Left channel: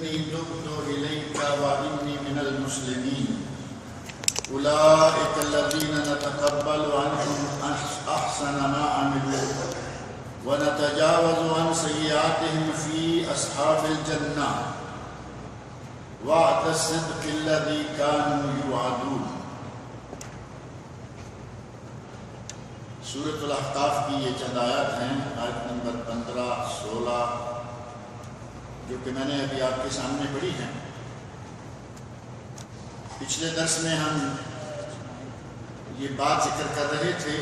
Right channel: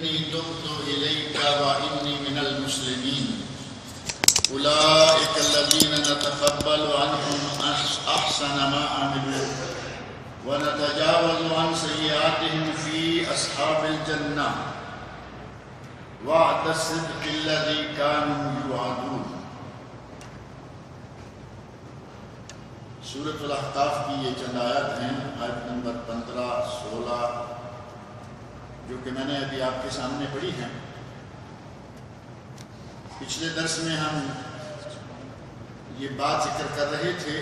إني تبت إليك وإني من المسلمين أولئك الذين نتقبل عنهم أحسن ما عملوا ونتجاوز عن سيئاتهم في أصحاب الجنة وعد الصدق الذي كانوا يوعدون۔ سورۃ الاحقاف کی یہ چند آیات ہیں، آیت نمبر 15، 16 جو کہ میں نے ابھی آپ کے سامنے پڑھی ہیں۔ پچھلے درس میں ہم یہ بات ذکر کر رہے تھے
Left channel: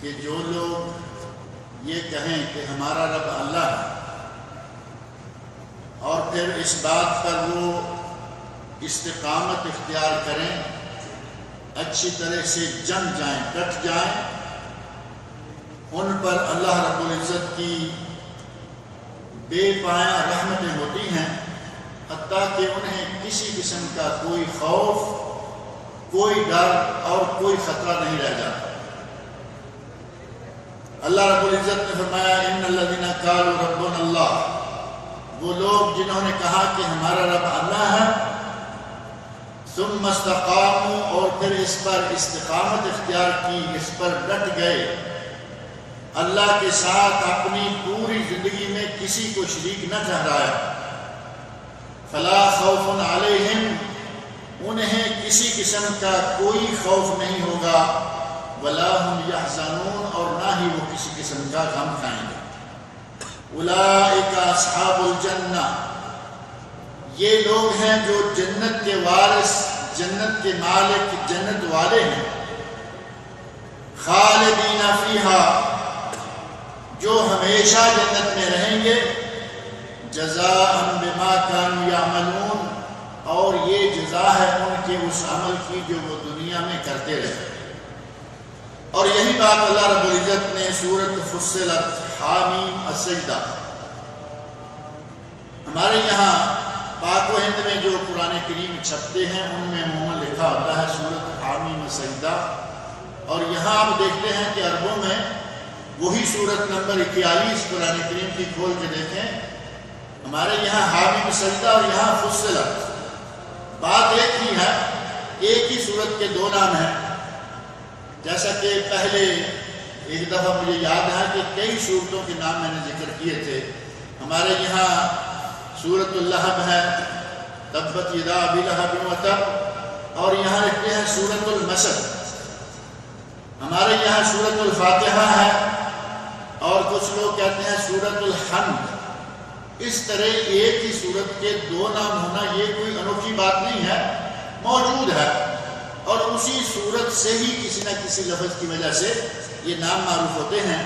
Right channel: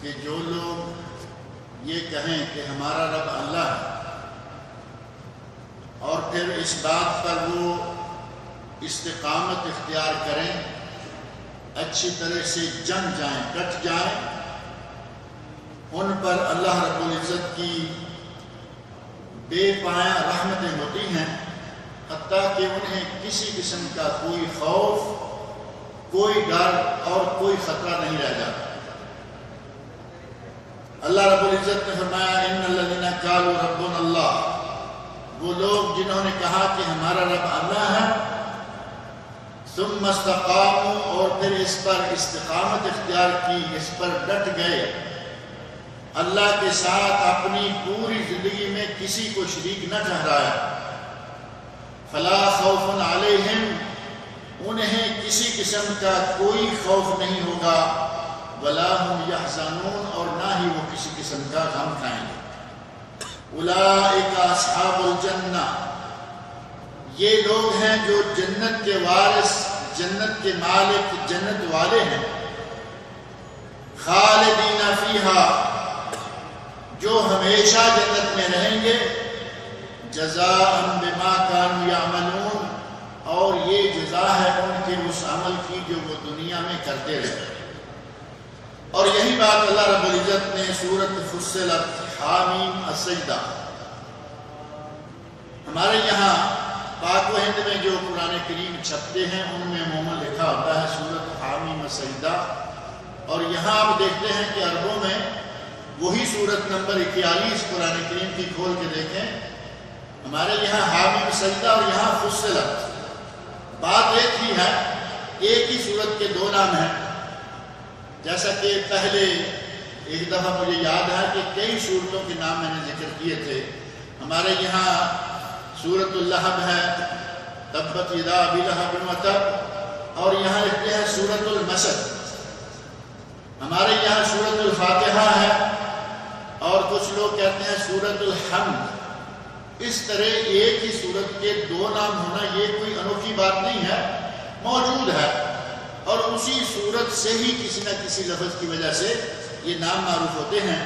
کہ جو لوگ یہ کہیں کہ ہمارا رب اللہ ہے اور پھر اس بات پر وہ استقامت اختیار کریں، اچھی طرح سے جم جائیں، ڈٹ جائیں، ان پر اللہ رب العزت کی بے پایہ رحمتیں ہوتی ہیں، حتیٰ کہ انہیں کسی قسم کا کوئی خوف، کوئی ڈر اور کوئی خطرہ نہیں رہ جاتا۔ اللہ رب العزت نے فرمایا ان الذین قالوا ربنا اللہ، وہ لوگ جنہوں نے کہا کہ ہمارا رب اللہ ہے، ثم استقاموا، اور پھر اس پر استقامت اختیار کی، اس پر ڈٹ گئے، اللہ کے ساتھ اپنی پوری زندگی میں کسی کو شریک نہ ٹھہرایا، فلا خوف علیہم، انہیں کسی قسم کا کوئی خوف نہیں ہوگا، ولا هم یحزنون، اور نہ ہی وہ کسی قسم کا غم کھائیں گے۔ اولئک اصحاب الجنہ، یہ لوگ ہیں جو جنت کے وارث، جنت کے مالک، جنت والے ہیں، خالدین فیہا، جو ہمیشہ جنت میں رہیں گے، جزاء بما کانوا یعملون، اور یہ جزا ہے ان کے اس عمل کی جو وہ دنیا میں کرتے رہے۔ اور یہی بات اللہ رب العزت نے سورۃ فصلت حامیم السجدہ، ہمارے یہاں پاک و ہند میں جو قرآن کریم چھپتے ہیں ان میں عموماً لکھا ہوتا ہے سورۃ حامیم السجدہ، اور یہاں آپ دیکھتے ہیں کہ عربوں میں وہی سورت نمبر 41 قرآن کریم کی کھول کے دیکھیں، ہمارے یہاں حامیم السجدہ اور یہاں فصلت، بات ایک ہی ہے، ایک ہی سورت کے دو نام ہیں۔ جیسا کہ پہلے ایک دفعہ مجھے یاد ہے کہ کئی سورتوں کے نام میں نے ذکر کیے تھے، ہمارے یہاں سورۃ اللہب ہے، تبت یدا ابی لہب وتب، اور یہاں لکھتے ہیں سورۃ المسد، ہمارے یہاں سورۃ الفاتحہ ہے، اور کچھ لوگ کہتے ہیں سورۃ الحمد۔ اس طرح ایک ہی سورت کے دو نام ہونا یہ کوئی انوکھی بات نہیں ہے، موجود ہے، اور اسی سورت سے ہی کسی نہ کسی لفظ کی وجہ سے یہ نام معروف ہوتے ہیں۔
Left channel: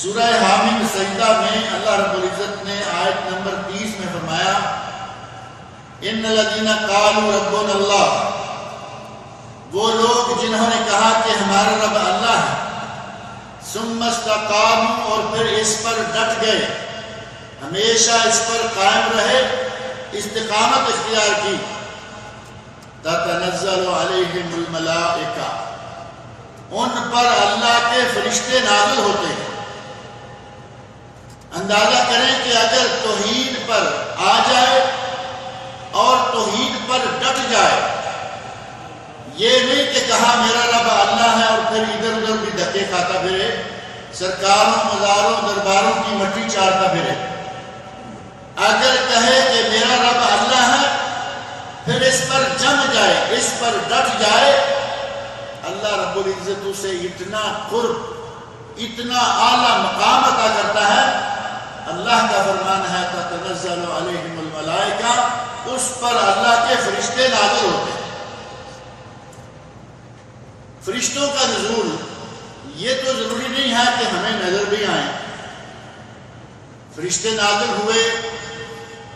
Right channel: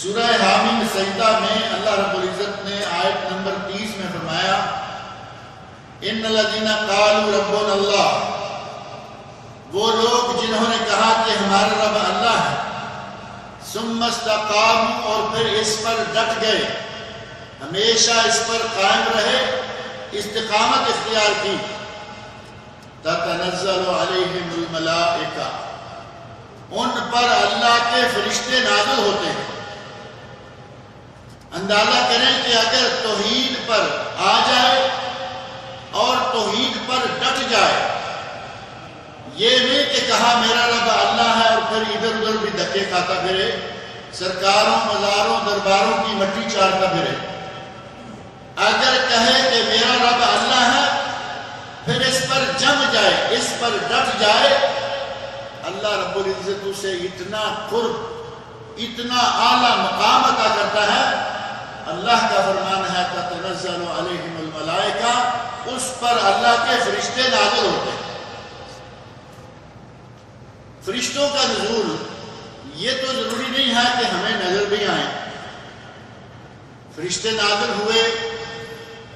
سورہ حامیم السجدہ میں اللہ رب العزت نے آیت نمبر 30 میں فرمایا ان الذین قالوا ربنا اللہ، وہ لوگ جنہوں نے کہا کہ ہمارا رب اللہ ہے، ثم استقاموا، اور پھر اس پر ڈٹ گئے، ہمیشہ اس پر قائم رہے، استقامت اختیار کی، تتنزل علیہم الملائکہ، ان پر اللہ کے فرشتے نازل ہوتے ہیں۔ اندازہ کریں کہ اگر توحید پر آ جائے اور توحید پر ڈٹ جائے، یہ نہیں کہ کہا میرا رب اللہ ہے اور پھر ادھر ادھر بھی دھکے کھاتا پھرے، سرکاروں، مزاروں، درباروں کی مٹی چارتا پھرے، اگر کہے کہ میرا رب اللہ ہے پھر اس پر جم جائے، اس پر ڈٹ جائے، اللہ رب العزت اسے اتنا قرب، اتنا اعلیٰ مقام عطا کرتا ہے۔ اللہ کا فرمان ہے تتنزل علیہم الملائکہ، اس پر اللہ کے فرشتے نازل ہوتے ہیں۔ فرشتوں کا نزول یہ تو ضروری نہیں ہے کہ ہمیں نظر بھی آئیں، فرشتے نازل ہوئے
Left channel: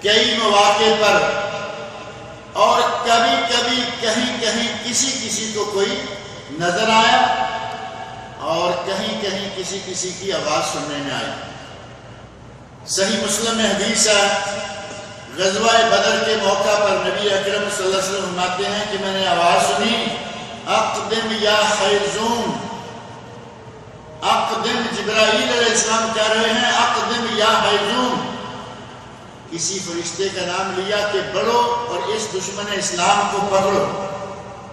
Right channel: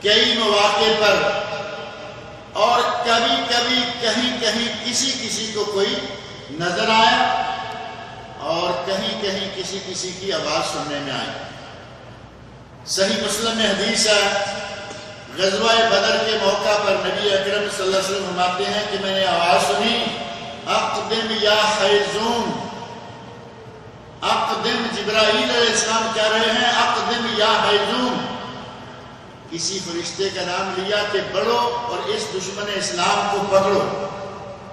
کئی مواقع پر، اور کبھی کبھی کہیں کہیں کسی کو کوئی نظر آیا، اور کہیں کہیں کسی کی آواز سننے میں آئی۔ صحیح مسلم میں حدیث ہے، غزوہ بدر کے موقع پر نبی اکرم صلی اللہ علیہ وسلم فرماتے ہیں کہ میں نے آواز سنی، اقدم یا حیزوم، اقدم، جبرائیل علیہ السلام کہہ رہے ہیں اقدم یا حیزوم، کسی فرشتے کا نام لیا کہ بڑھو اور اس دشمن اسلام کو پکڑو،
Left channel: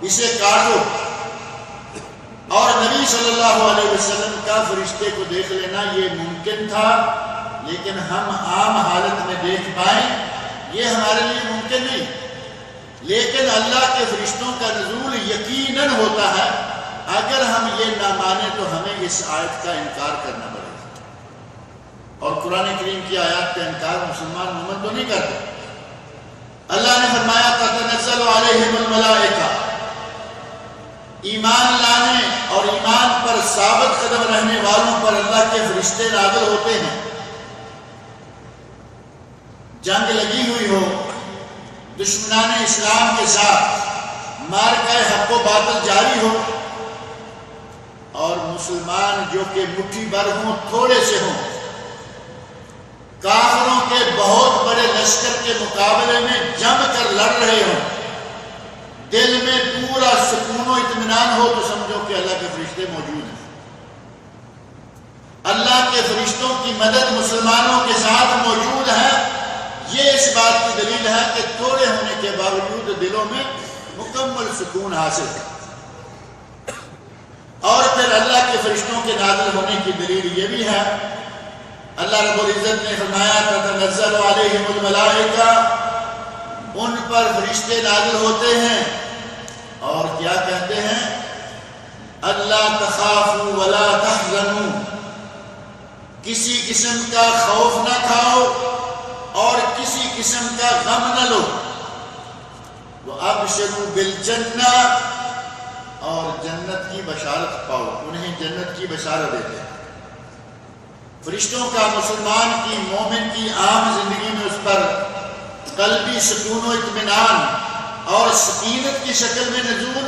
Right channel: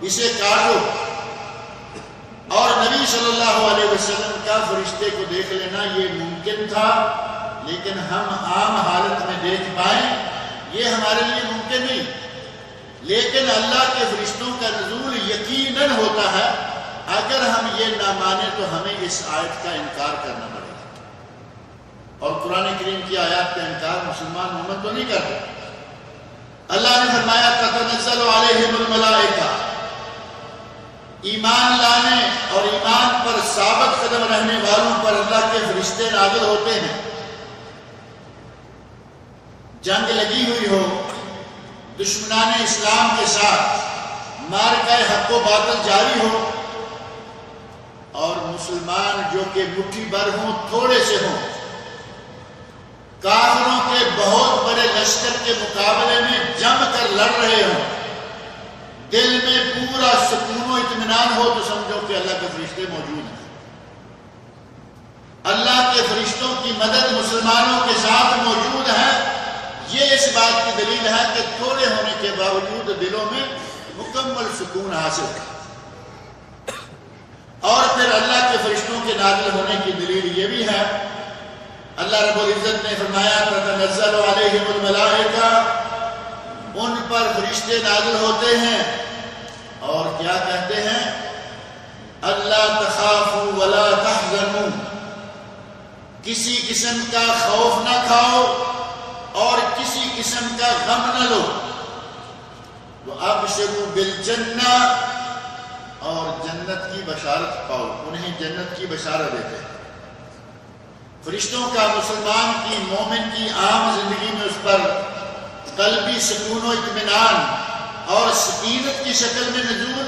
اسے کاٹو، اور نبی صلی اللہ علیہ وسلم کا فرشتے کو دیکھ لینا یہ ممکن تھا، لیکن ہم عام حالت میں دیکھ پائیں یہ ہمارے لیے ممکن نہیں، لیکن اللہ کے فرشتوں کا نزول یقیناً ہوتا ہے۔ اگر ہم یہ نہ مانیں تو ہمیں اس آیت کا انکار کرنا پڑے گا، اور قرآن کریم کی آیات کا انکار مسلمان مومن تو نہیں کرتے۔ اللہ نے فرمایا تتنزل علیہم الملائکہ، ایمان لانے اور ایمان پر ثابت قدم رہنے والوں پر اللہ کے فرشتے نازل ہوتے ہیں۔ جنگ لگی ہوئی ہو دشمنان اسلام کے ساتھ، معرکہ حق و باطل جاری ہو، اور مسلمان جو کہ مٹھی بھر ہوں، تھوڑے سے ہوں، کافروں کے بہت بڑے لشکر کے مقابلے میں جم کر لڑ رہے ہوں، دل میں پورا سکون و اطمینان ہو تو سمجھو کہ اللہ کے فرشتے موجود ہیں۔ اللہ کے فرشتوں کی مدد مسلمانوں کے ساتھ موجود ہے، یہ اس بات کی دلیل ہے کہ تھوڑے ہونے کے باوجود دلوں میں مکمل سکون حاصل ہے۔ اور پھر اللہ کے فرشتوں کے نازل ہونے کی دلیل یہ بھی ہے، اللہ رب العزت نے فرمایا تتنزل علیہم الملائکہ، ان پر فرشتے نازل ہوتے ہیں اور کیا کہتے ہیں؟ اللہ تخافوا ولا تحزنوا، کسی قسم کا خوف نہ کھاؤ اور کسی قسم کا غم نہ لو، وابشروا بالجنہ، اور جنت کی بشارت پاؤ، انہیں جنت کی بشارت دیتے ہیں۔ فرشتوں کا مسلمان کی، مومن کی عام زندگی میں اس پر قلبی سکون و اطمینان اور سکینت کی شکل میں نزول،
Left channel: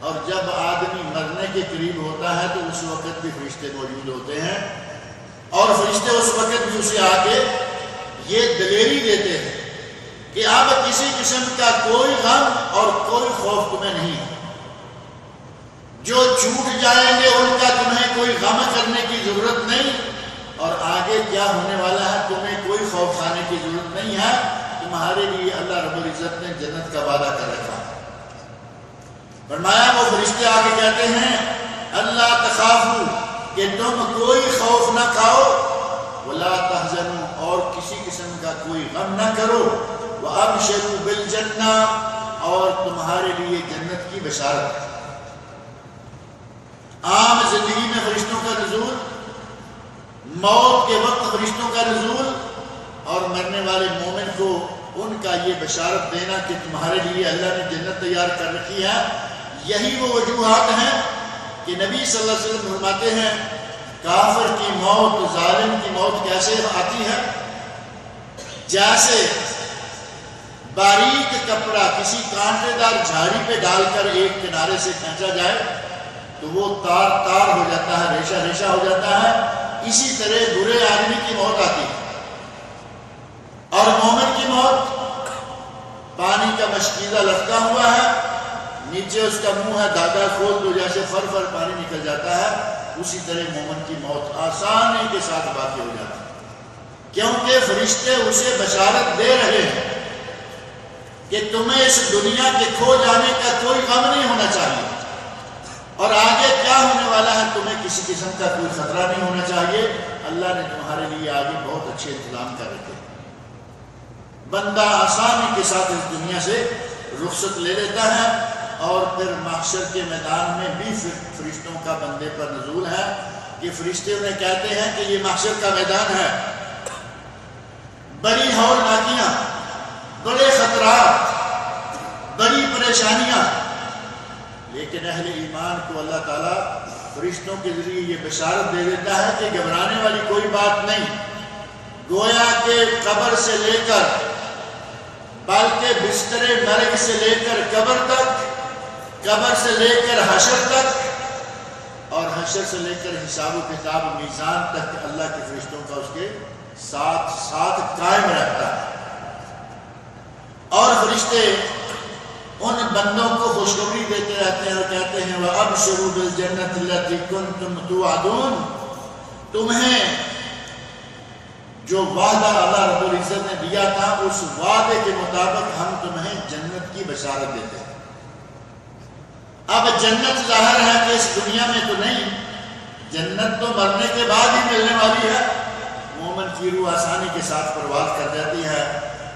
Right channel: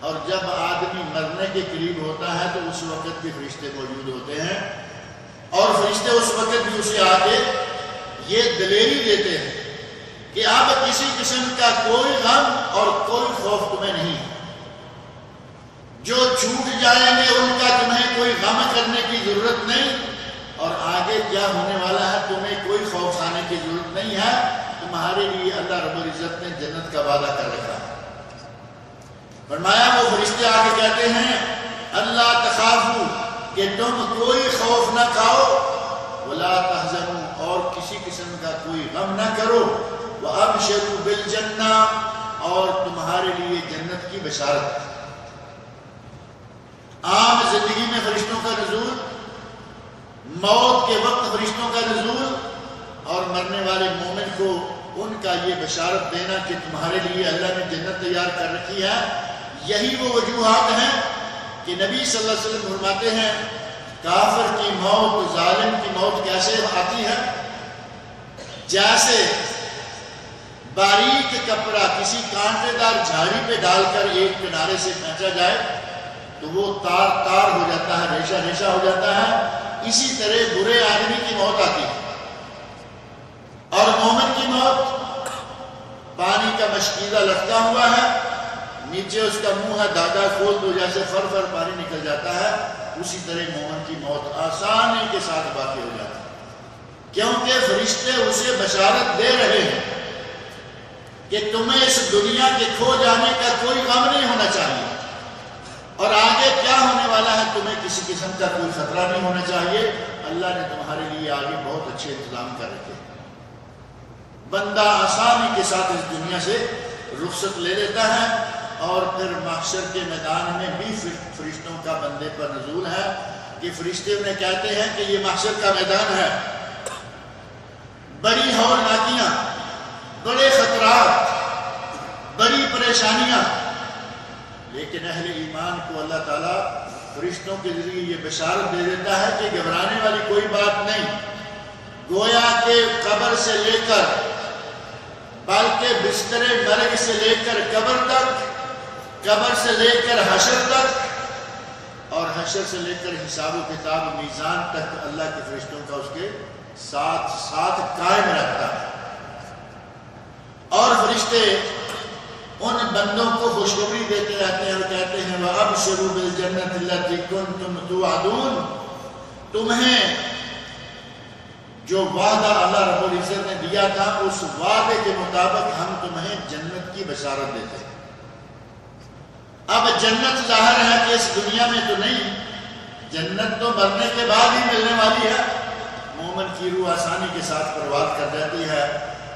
اور جب آدمی مرنے کے قریب ہوتا ہے تو اس وقت بھی فرشتے موجود ہوتے ہیں، اور فرشتے اس وقت بھی اسے آگے یہ دلیری دیتے ہیں کہ اب کسی قسم کا کوئی غم اور کوئی خوف تمہیں نہیں ہے، جو چھوٹ جائیں گے ان کا تمہیں کوئی غم کرنے کی ضرورت نہیں، اور آگے کیا ہونے والا ہے تمہیں کوئی خوف کھانے کی ضرورت نہیں ہے، تمہارے لیے اللہ رب العزت نے جنت کا وعدہ کر رکھا ہے۔ فرمایا وہ فرشتے آگے کہتے ہیں اللہ تخافوا، کہ تم کوئی خوف نہ کھاؤ، ولا تحزنوا، اور کسی قسم کا کوئی غم نہ کرو، وابشروا بالجنہ، اور تمہارے لیے جنت کی بشارت ہے۔ عام زندگی میں فرشتوں کا نزول، موت کے وقت فرشتوں کا نزول، اور مرنے والے مومن کو ان کا یہ بشارت دینا کہ تمہارے لیے اللہ نے جنت تیار کر رکھی ہے، یہی وہ وجوہات ہیں کہ نبی صلی اللہ علیہ وسلم فرماتے ہیں کافر کی موت، ظالم کی موت کیسے آتی ہے؟ جیسے باریک کپڑا کسی کانٹے دار جھاڑی پہ ڈال کر ایک کنارے سے کھینچا جائے تو وہ تار تار ہو جاتا ہے، ریشہ ریشہ ہو جاتا ہے، اسی طرح برے آدمی کی موت آتی ہے۔ اور مومن کی موت پانی کا مشکیزہ لٹکا ہوا ہے، نیچے اس کا منہ ہے، دادا کھول دو جیسے فر فر پانی نکل جاتا ہے، اسی طرح مومن کی موت آسانی کے ساتھ واقع ہو جاتی ہے، کیونکہ فرشتے اسے بشارت دے رہے ہیں کہ تمہیں اس دنیا کے کھو جانے کا کوئی غم نہیں ہونا چاہیے، اور آگے کیا ہونے والا ہے تمہیں کسی قسم کا کوئی خطرہ نہیں ہونا چاہیے، اللہ نے تمہارے لیے آگے بہت اچھے انتظام کر رکھے۔ بندہ آسانی کے ساتھ اس دنیا سے رخصت لے لیتا ہے، اور پھر محشر کے میدان میں بھی فرشتوں کا بندے پر نزول ہے کہ فرشتے انہیں کہتے ہیں کہ یہ محشر کا میدان ہے، بڑی ہولناکیاں، بڑے خطرات، بڑی پریشانیاں، لیکن اہل ایمان کو اللہ تعالیٰ فرشتوں کے ذریعے یہ بشارت دے دیتا ہے کہ گھبرانے والی کوئی بات نہیں، گویا کہ قبر سے لے کر، بلکہ بستر مرگ سے لے کر قبر تک، قبر سے لے کر حشر تک، اور حشر سے لے کر حساب و کتاب میزان تک اللہ کے فرشتوں کا اس کے ساتھ ساتھ قائم رہتا ہے۔ اور فرشتے ان بندوں کو خوشخبری دیتے رہتے ہیں اور کہتے ہیں وَأَبْشِرُوا بِالْجَنَّةِ الَّتِي كُنْتُمْ تُوعَدُونَ، تمہیں جو وعدہ اللہ رب العزت نے دیا تھا اس وعدے کے مطابق ہم تمہیں جنت کی بشارت دیتے ہیں۔ اب جنت ظاہر ہے کہ اس دنیا میں تو نہیں، جنت تو مرنے کے بعد ہی ملنے والی ہے۔ مومن کی روح آسانی کے ساتھ پرواز کر جاتی ہے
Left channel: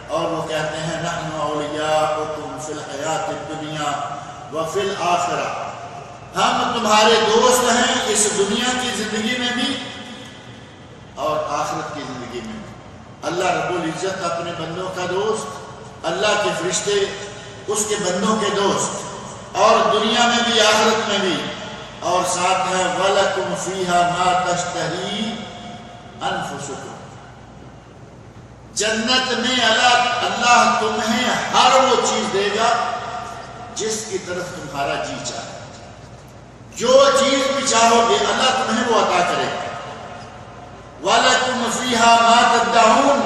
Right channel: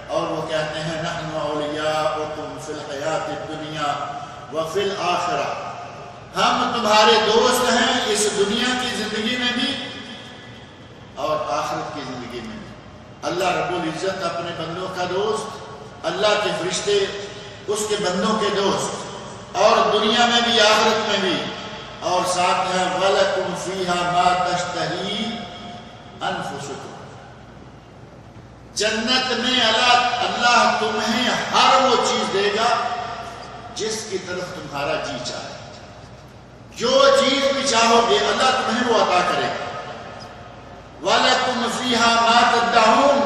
اور وہ کہتے ہیں نحن اولیاؤکم فی الحیات الدنیا وفی الآخرہ، ہم تمہارے دوست ہیں اس دنیا کی زندگی میں بھی اور آخرت کی زندگی میں بھی۔ اللہ رب العزت اپنے بندوں کا دوست، اللہ کے فرشتے اس کے بندوں کے دوست، اور دنیا میں بھی آخرت میں بھی، اور ساتھ ہے وَلَكُمْ فِيهَا مَا تَشْتَهِي أَنفُسُكُمْ، جنت میں اللہ تمہیں ہر وہ چیز دے گا جس کی طرف تمہارا جی چاہے، جو چیز بھی چاہو گے اللہ تمہیں وہ عطا کرے گا۔ وَلَكُمْ فِيهَا مَا تَدَّعُونَ،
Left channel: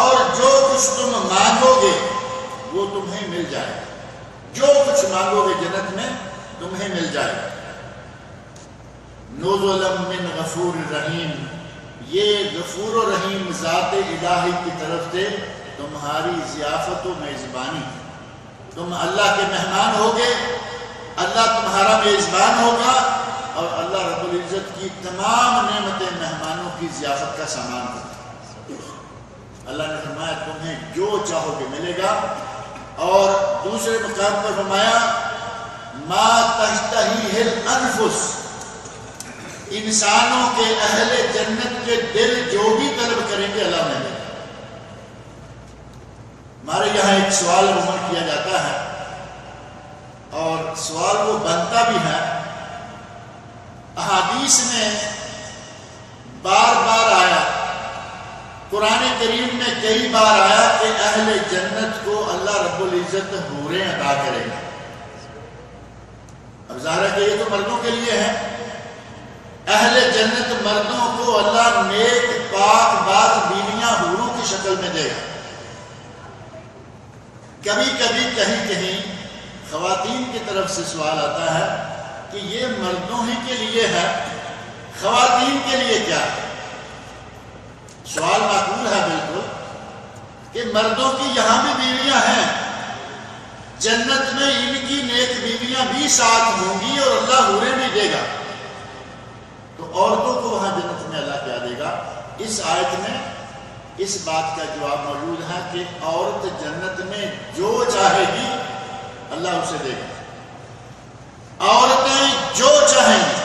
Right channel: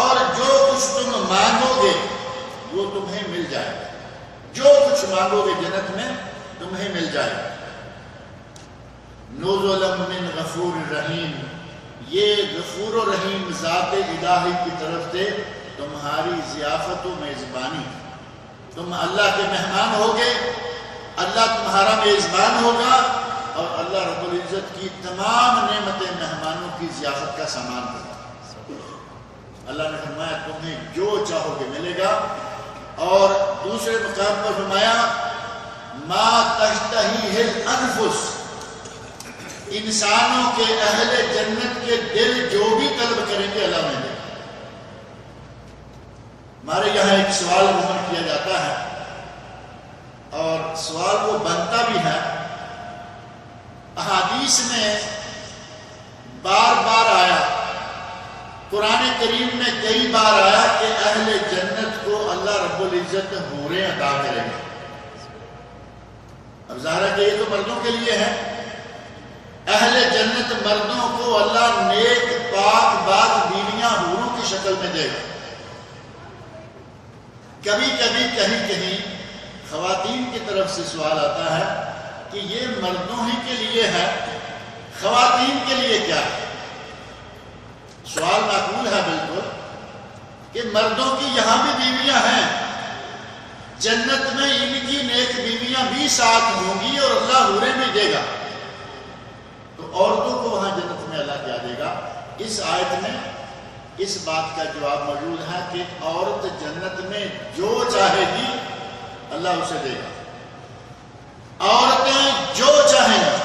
اور جو کچھ تم مانگو گے وہ تمہیں مل جائے گا، جو کچھ مانگو گے جنت میں تمہیں مل جائے گا۔ نُزُلًا مِّن غَفُورٍ رَحِيمٍ، یہ غفور و رحیم ذات الہی کی طرف سے تمہاری ضیافت و میزبانی، تم اللہ کے مہمان ہوگے، اللہ تمہارا میزبان ہوگا، اور اللہ رب العزت کی تمام نعمتیں مہمانوں کی ضیافت کا سامان ہوگا۔ اللہ نے فرمایا تمہیں جو چاہو گے ملے گا، اور دوسرے مقام پر فرمایا ما تشتہیہ الانفس، انسانوں کے اہل جنت کے دل جو بھی طلب کریں گے اللہ نے دے گا۔ ہمارے یہاں ایک سوال عموماً کیا جاتا ہے اور سوال وہ بنتا بھی ہے، احادیث میں بار بار آیا، قرآن کریم میں کئی بار آیا کہ اہل جنت کو اللہ رب العزت حوریں عطا کرے گا۔ اب ظاہر ہے کہ یہ تو مردوں کے لیے ہے، اہل جنت مردوں کو اللہ نیک پاک باز بیویاں حوروں کی شکل میں دے گا۔ کبھی کبھی کہیں کہیں خواتین کی طرف سے سوال آتا ہے کہ یہ مردوں ہی کے لیے ہے، خواتین کے لیے کیا ہے؟ سوال معقول ہے بالکل کہ مردوں کی یہاں بھی بیویاں ہیں، جنت میں ان کی نیک بیویاں بھی ساتھ ہوں گی اور اللہ حوریں بھی دے گا، تو عورتوں کو وہاں جنت میں اللہ کیا دے گا؟ اس آیت میں اس بات کا جواب موجود ہے کہ عورت جنت میں جو چاہے گی اللہ اسے دے گا۔ عورتیں جو چاہیں گی،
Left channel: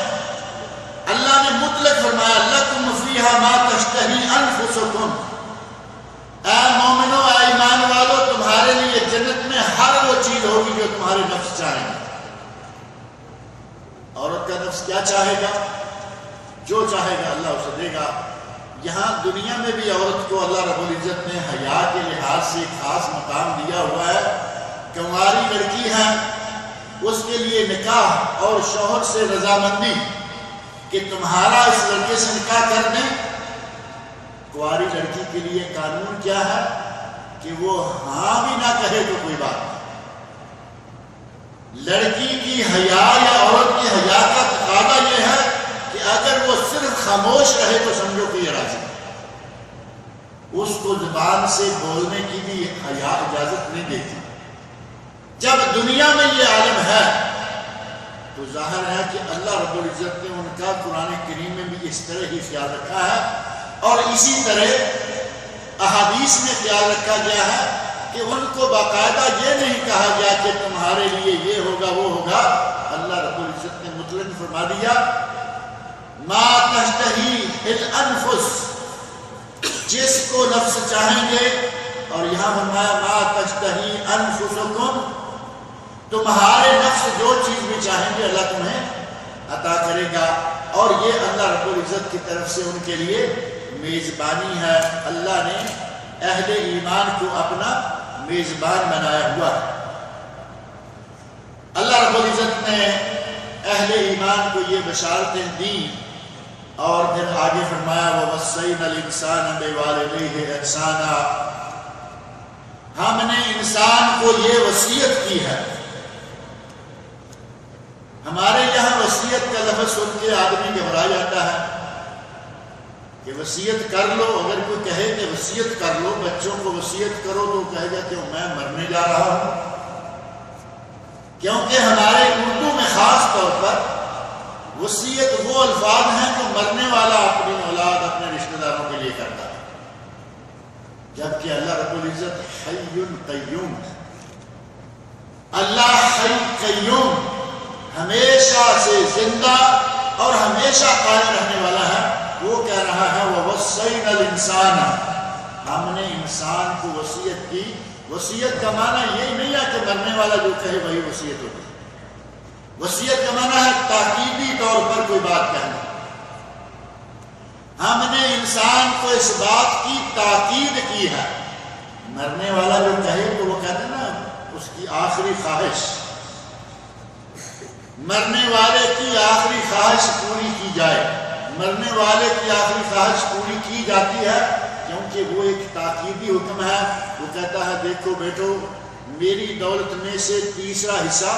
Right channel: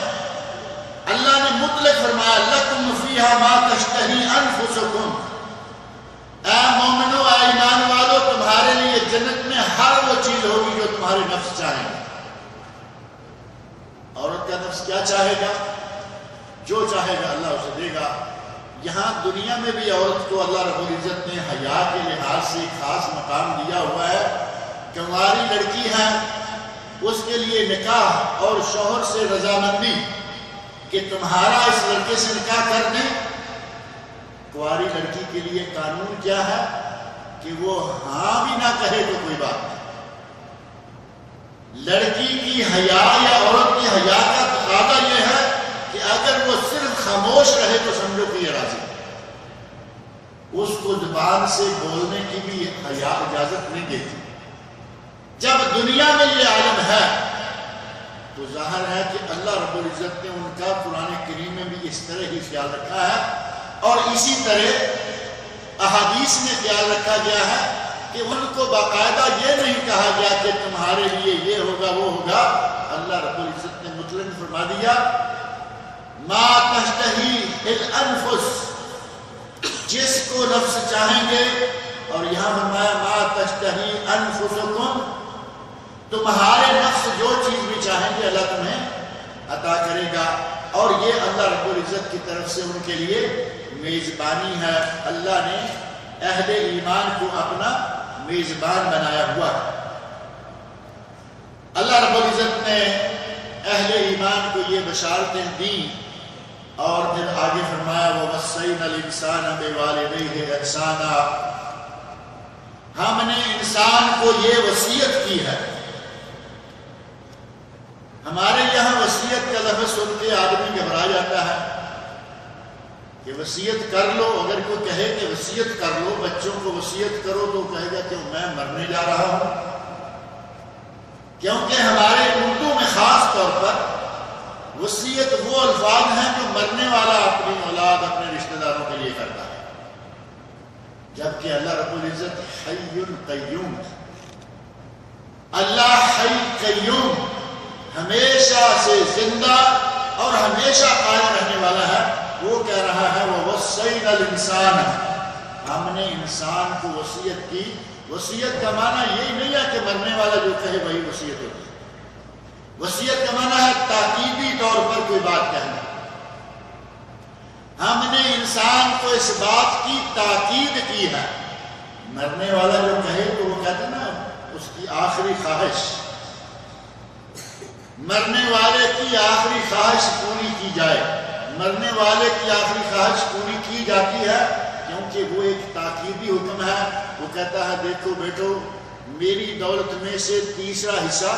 اللہ نے مطلق فرمایا لَكُمْ فِيهَا مَا تَشْتَهِي أَنفُسُكُمْ، اے مومنو، اے ایمان والو، تمہارے لیے جنت میں ہر وہ چیز ہوگی جو تمہارے نفس چاہیں گے۔ عورت کا نفس کیا چاہے گا؟ جو چاہے گا اللہ اسے دے گا۔ یہاں دنیا میں بھی عورت کو اللہ رب العزت نے حیا کے لحاظ سے ایک خاص مقام دیا ہوا ہے۔ کنواری لڑکی ہے، اس کے لیے نکاح اور شوہر سے رضامندی کہ تمہارا اس لڑکے سے نکاح کر دیں، کنواری لڑکی کے لیے قانون کیا ہے کہ وہ ہاں بھی نہ کہے تو کوئی بات نہیں۔ لڑکی کی حیا یا عورت کی حیا کا تقاضا یہ ہے کہ اگر وہ صرف خاموش رہے تو سمجھو کہ یہ راضی ہے، اس کو زبان سے بولنے کی بھی حیا اجازت نہیں دیتی۔ جب دنیا میں یہ عالم ہے تو ظاہر ہے کہ اللہ رب العزت نے ان کا قرآن کریم میں بھی اس طرح ہی خیال رکھا ہے، اور اسی طرح احادیث میں خیال رکھا گیا ہے کہ ان کو باقاعدہ یہ نہیں کہا گیا کہ تمہارے لیے یہ ہوگا وہ ہوگا۔ اللہ رب العزت نے مطلق فرما دیا ما تشتہی الانفس، جس کو نفس چاہیں گے، اور یہاں فرمایا ما تشتہی انفسکم، تمہارے نفس جو چیز بھی چاہیں گے اللہ تمہیں عطا کرے گا۔ اور یہ اللہ رب العزت کی طرف سے ان کے لیے میزبانی ہے۔ اللہ نے اہل ایمان کو اپنا میزبان بنایا ہوا ہے۔ اللہ رب العزت نے اہل ایمان کو یہ بشارتیں دیں، اور پھر آگے فرمایا وَوَصَّيْنَا الْإِنسَانَ بِوَالِدَيْهِ إِحْسَانًا، ہم نے انسان کو یہ وصیت کی ہے۔ ہمارے یہاں وصیت کا لفظ سن کے آدمی گھبرا جاتا ہے، کہ وصیت کر لو. اگر کوئی کہے کہ وصیت کر لو، بچوں کو وصیت کرو، تو کہے گا کہ میں مرنے جا رہا ہوں. کیونکہ ہمارے اردو میں خاص طور پر وصیت وہ الفاظ ہیں جو مرنے والا اپنی اولاد، اپنے رشتہ داروں کے لیے کرتا ہے، جبکہ اللہ رب العزت حی قیوم ہے. اللہ حی قیوم، ہمیشہ سے زندہ اور ہمیشہ قائم رہنے والا ہے. وہ کہہ رہا ہے وَوَصَّيْنَا الْإِنسَانَ، ہم نے انسان کو وصیت کی. وصیت کا معنی یہی نہیں ہے کہ مرنے والا جو کہے وہی وصیت ہوتی ہے. وصیت کا معنی ہے تاکیدی طور پر کوئی بات کہنا. ہم نے انسان کو اس بات کی تاکید کی ہے. مرنے والا جو کہے تو وہ کہتے ہیں نا اس کی آخری خواہش، مرنے والے کی آخری خواہش پوری کی جائے. مرنے والے کی آخری خواہش پوری کی جاتی ہے کیونکہ وہ ایک تاکیدی حکم ہے. وہ کہتا ہے دیکھو بیٹو، میری دولت میں سے تیسرا حصہ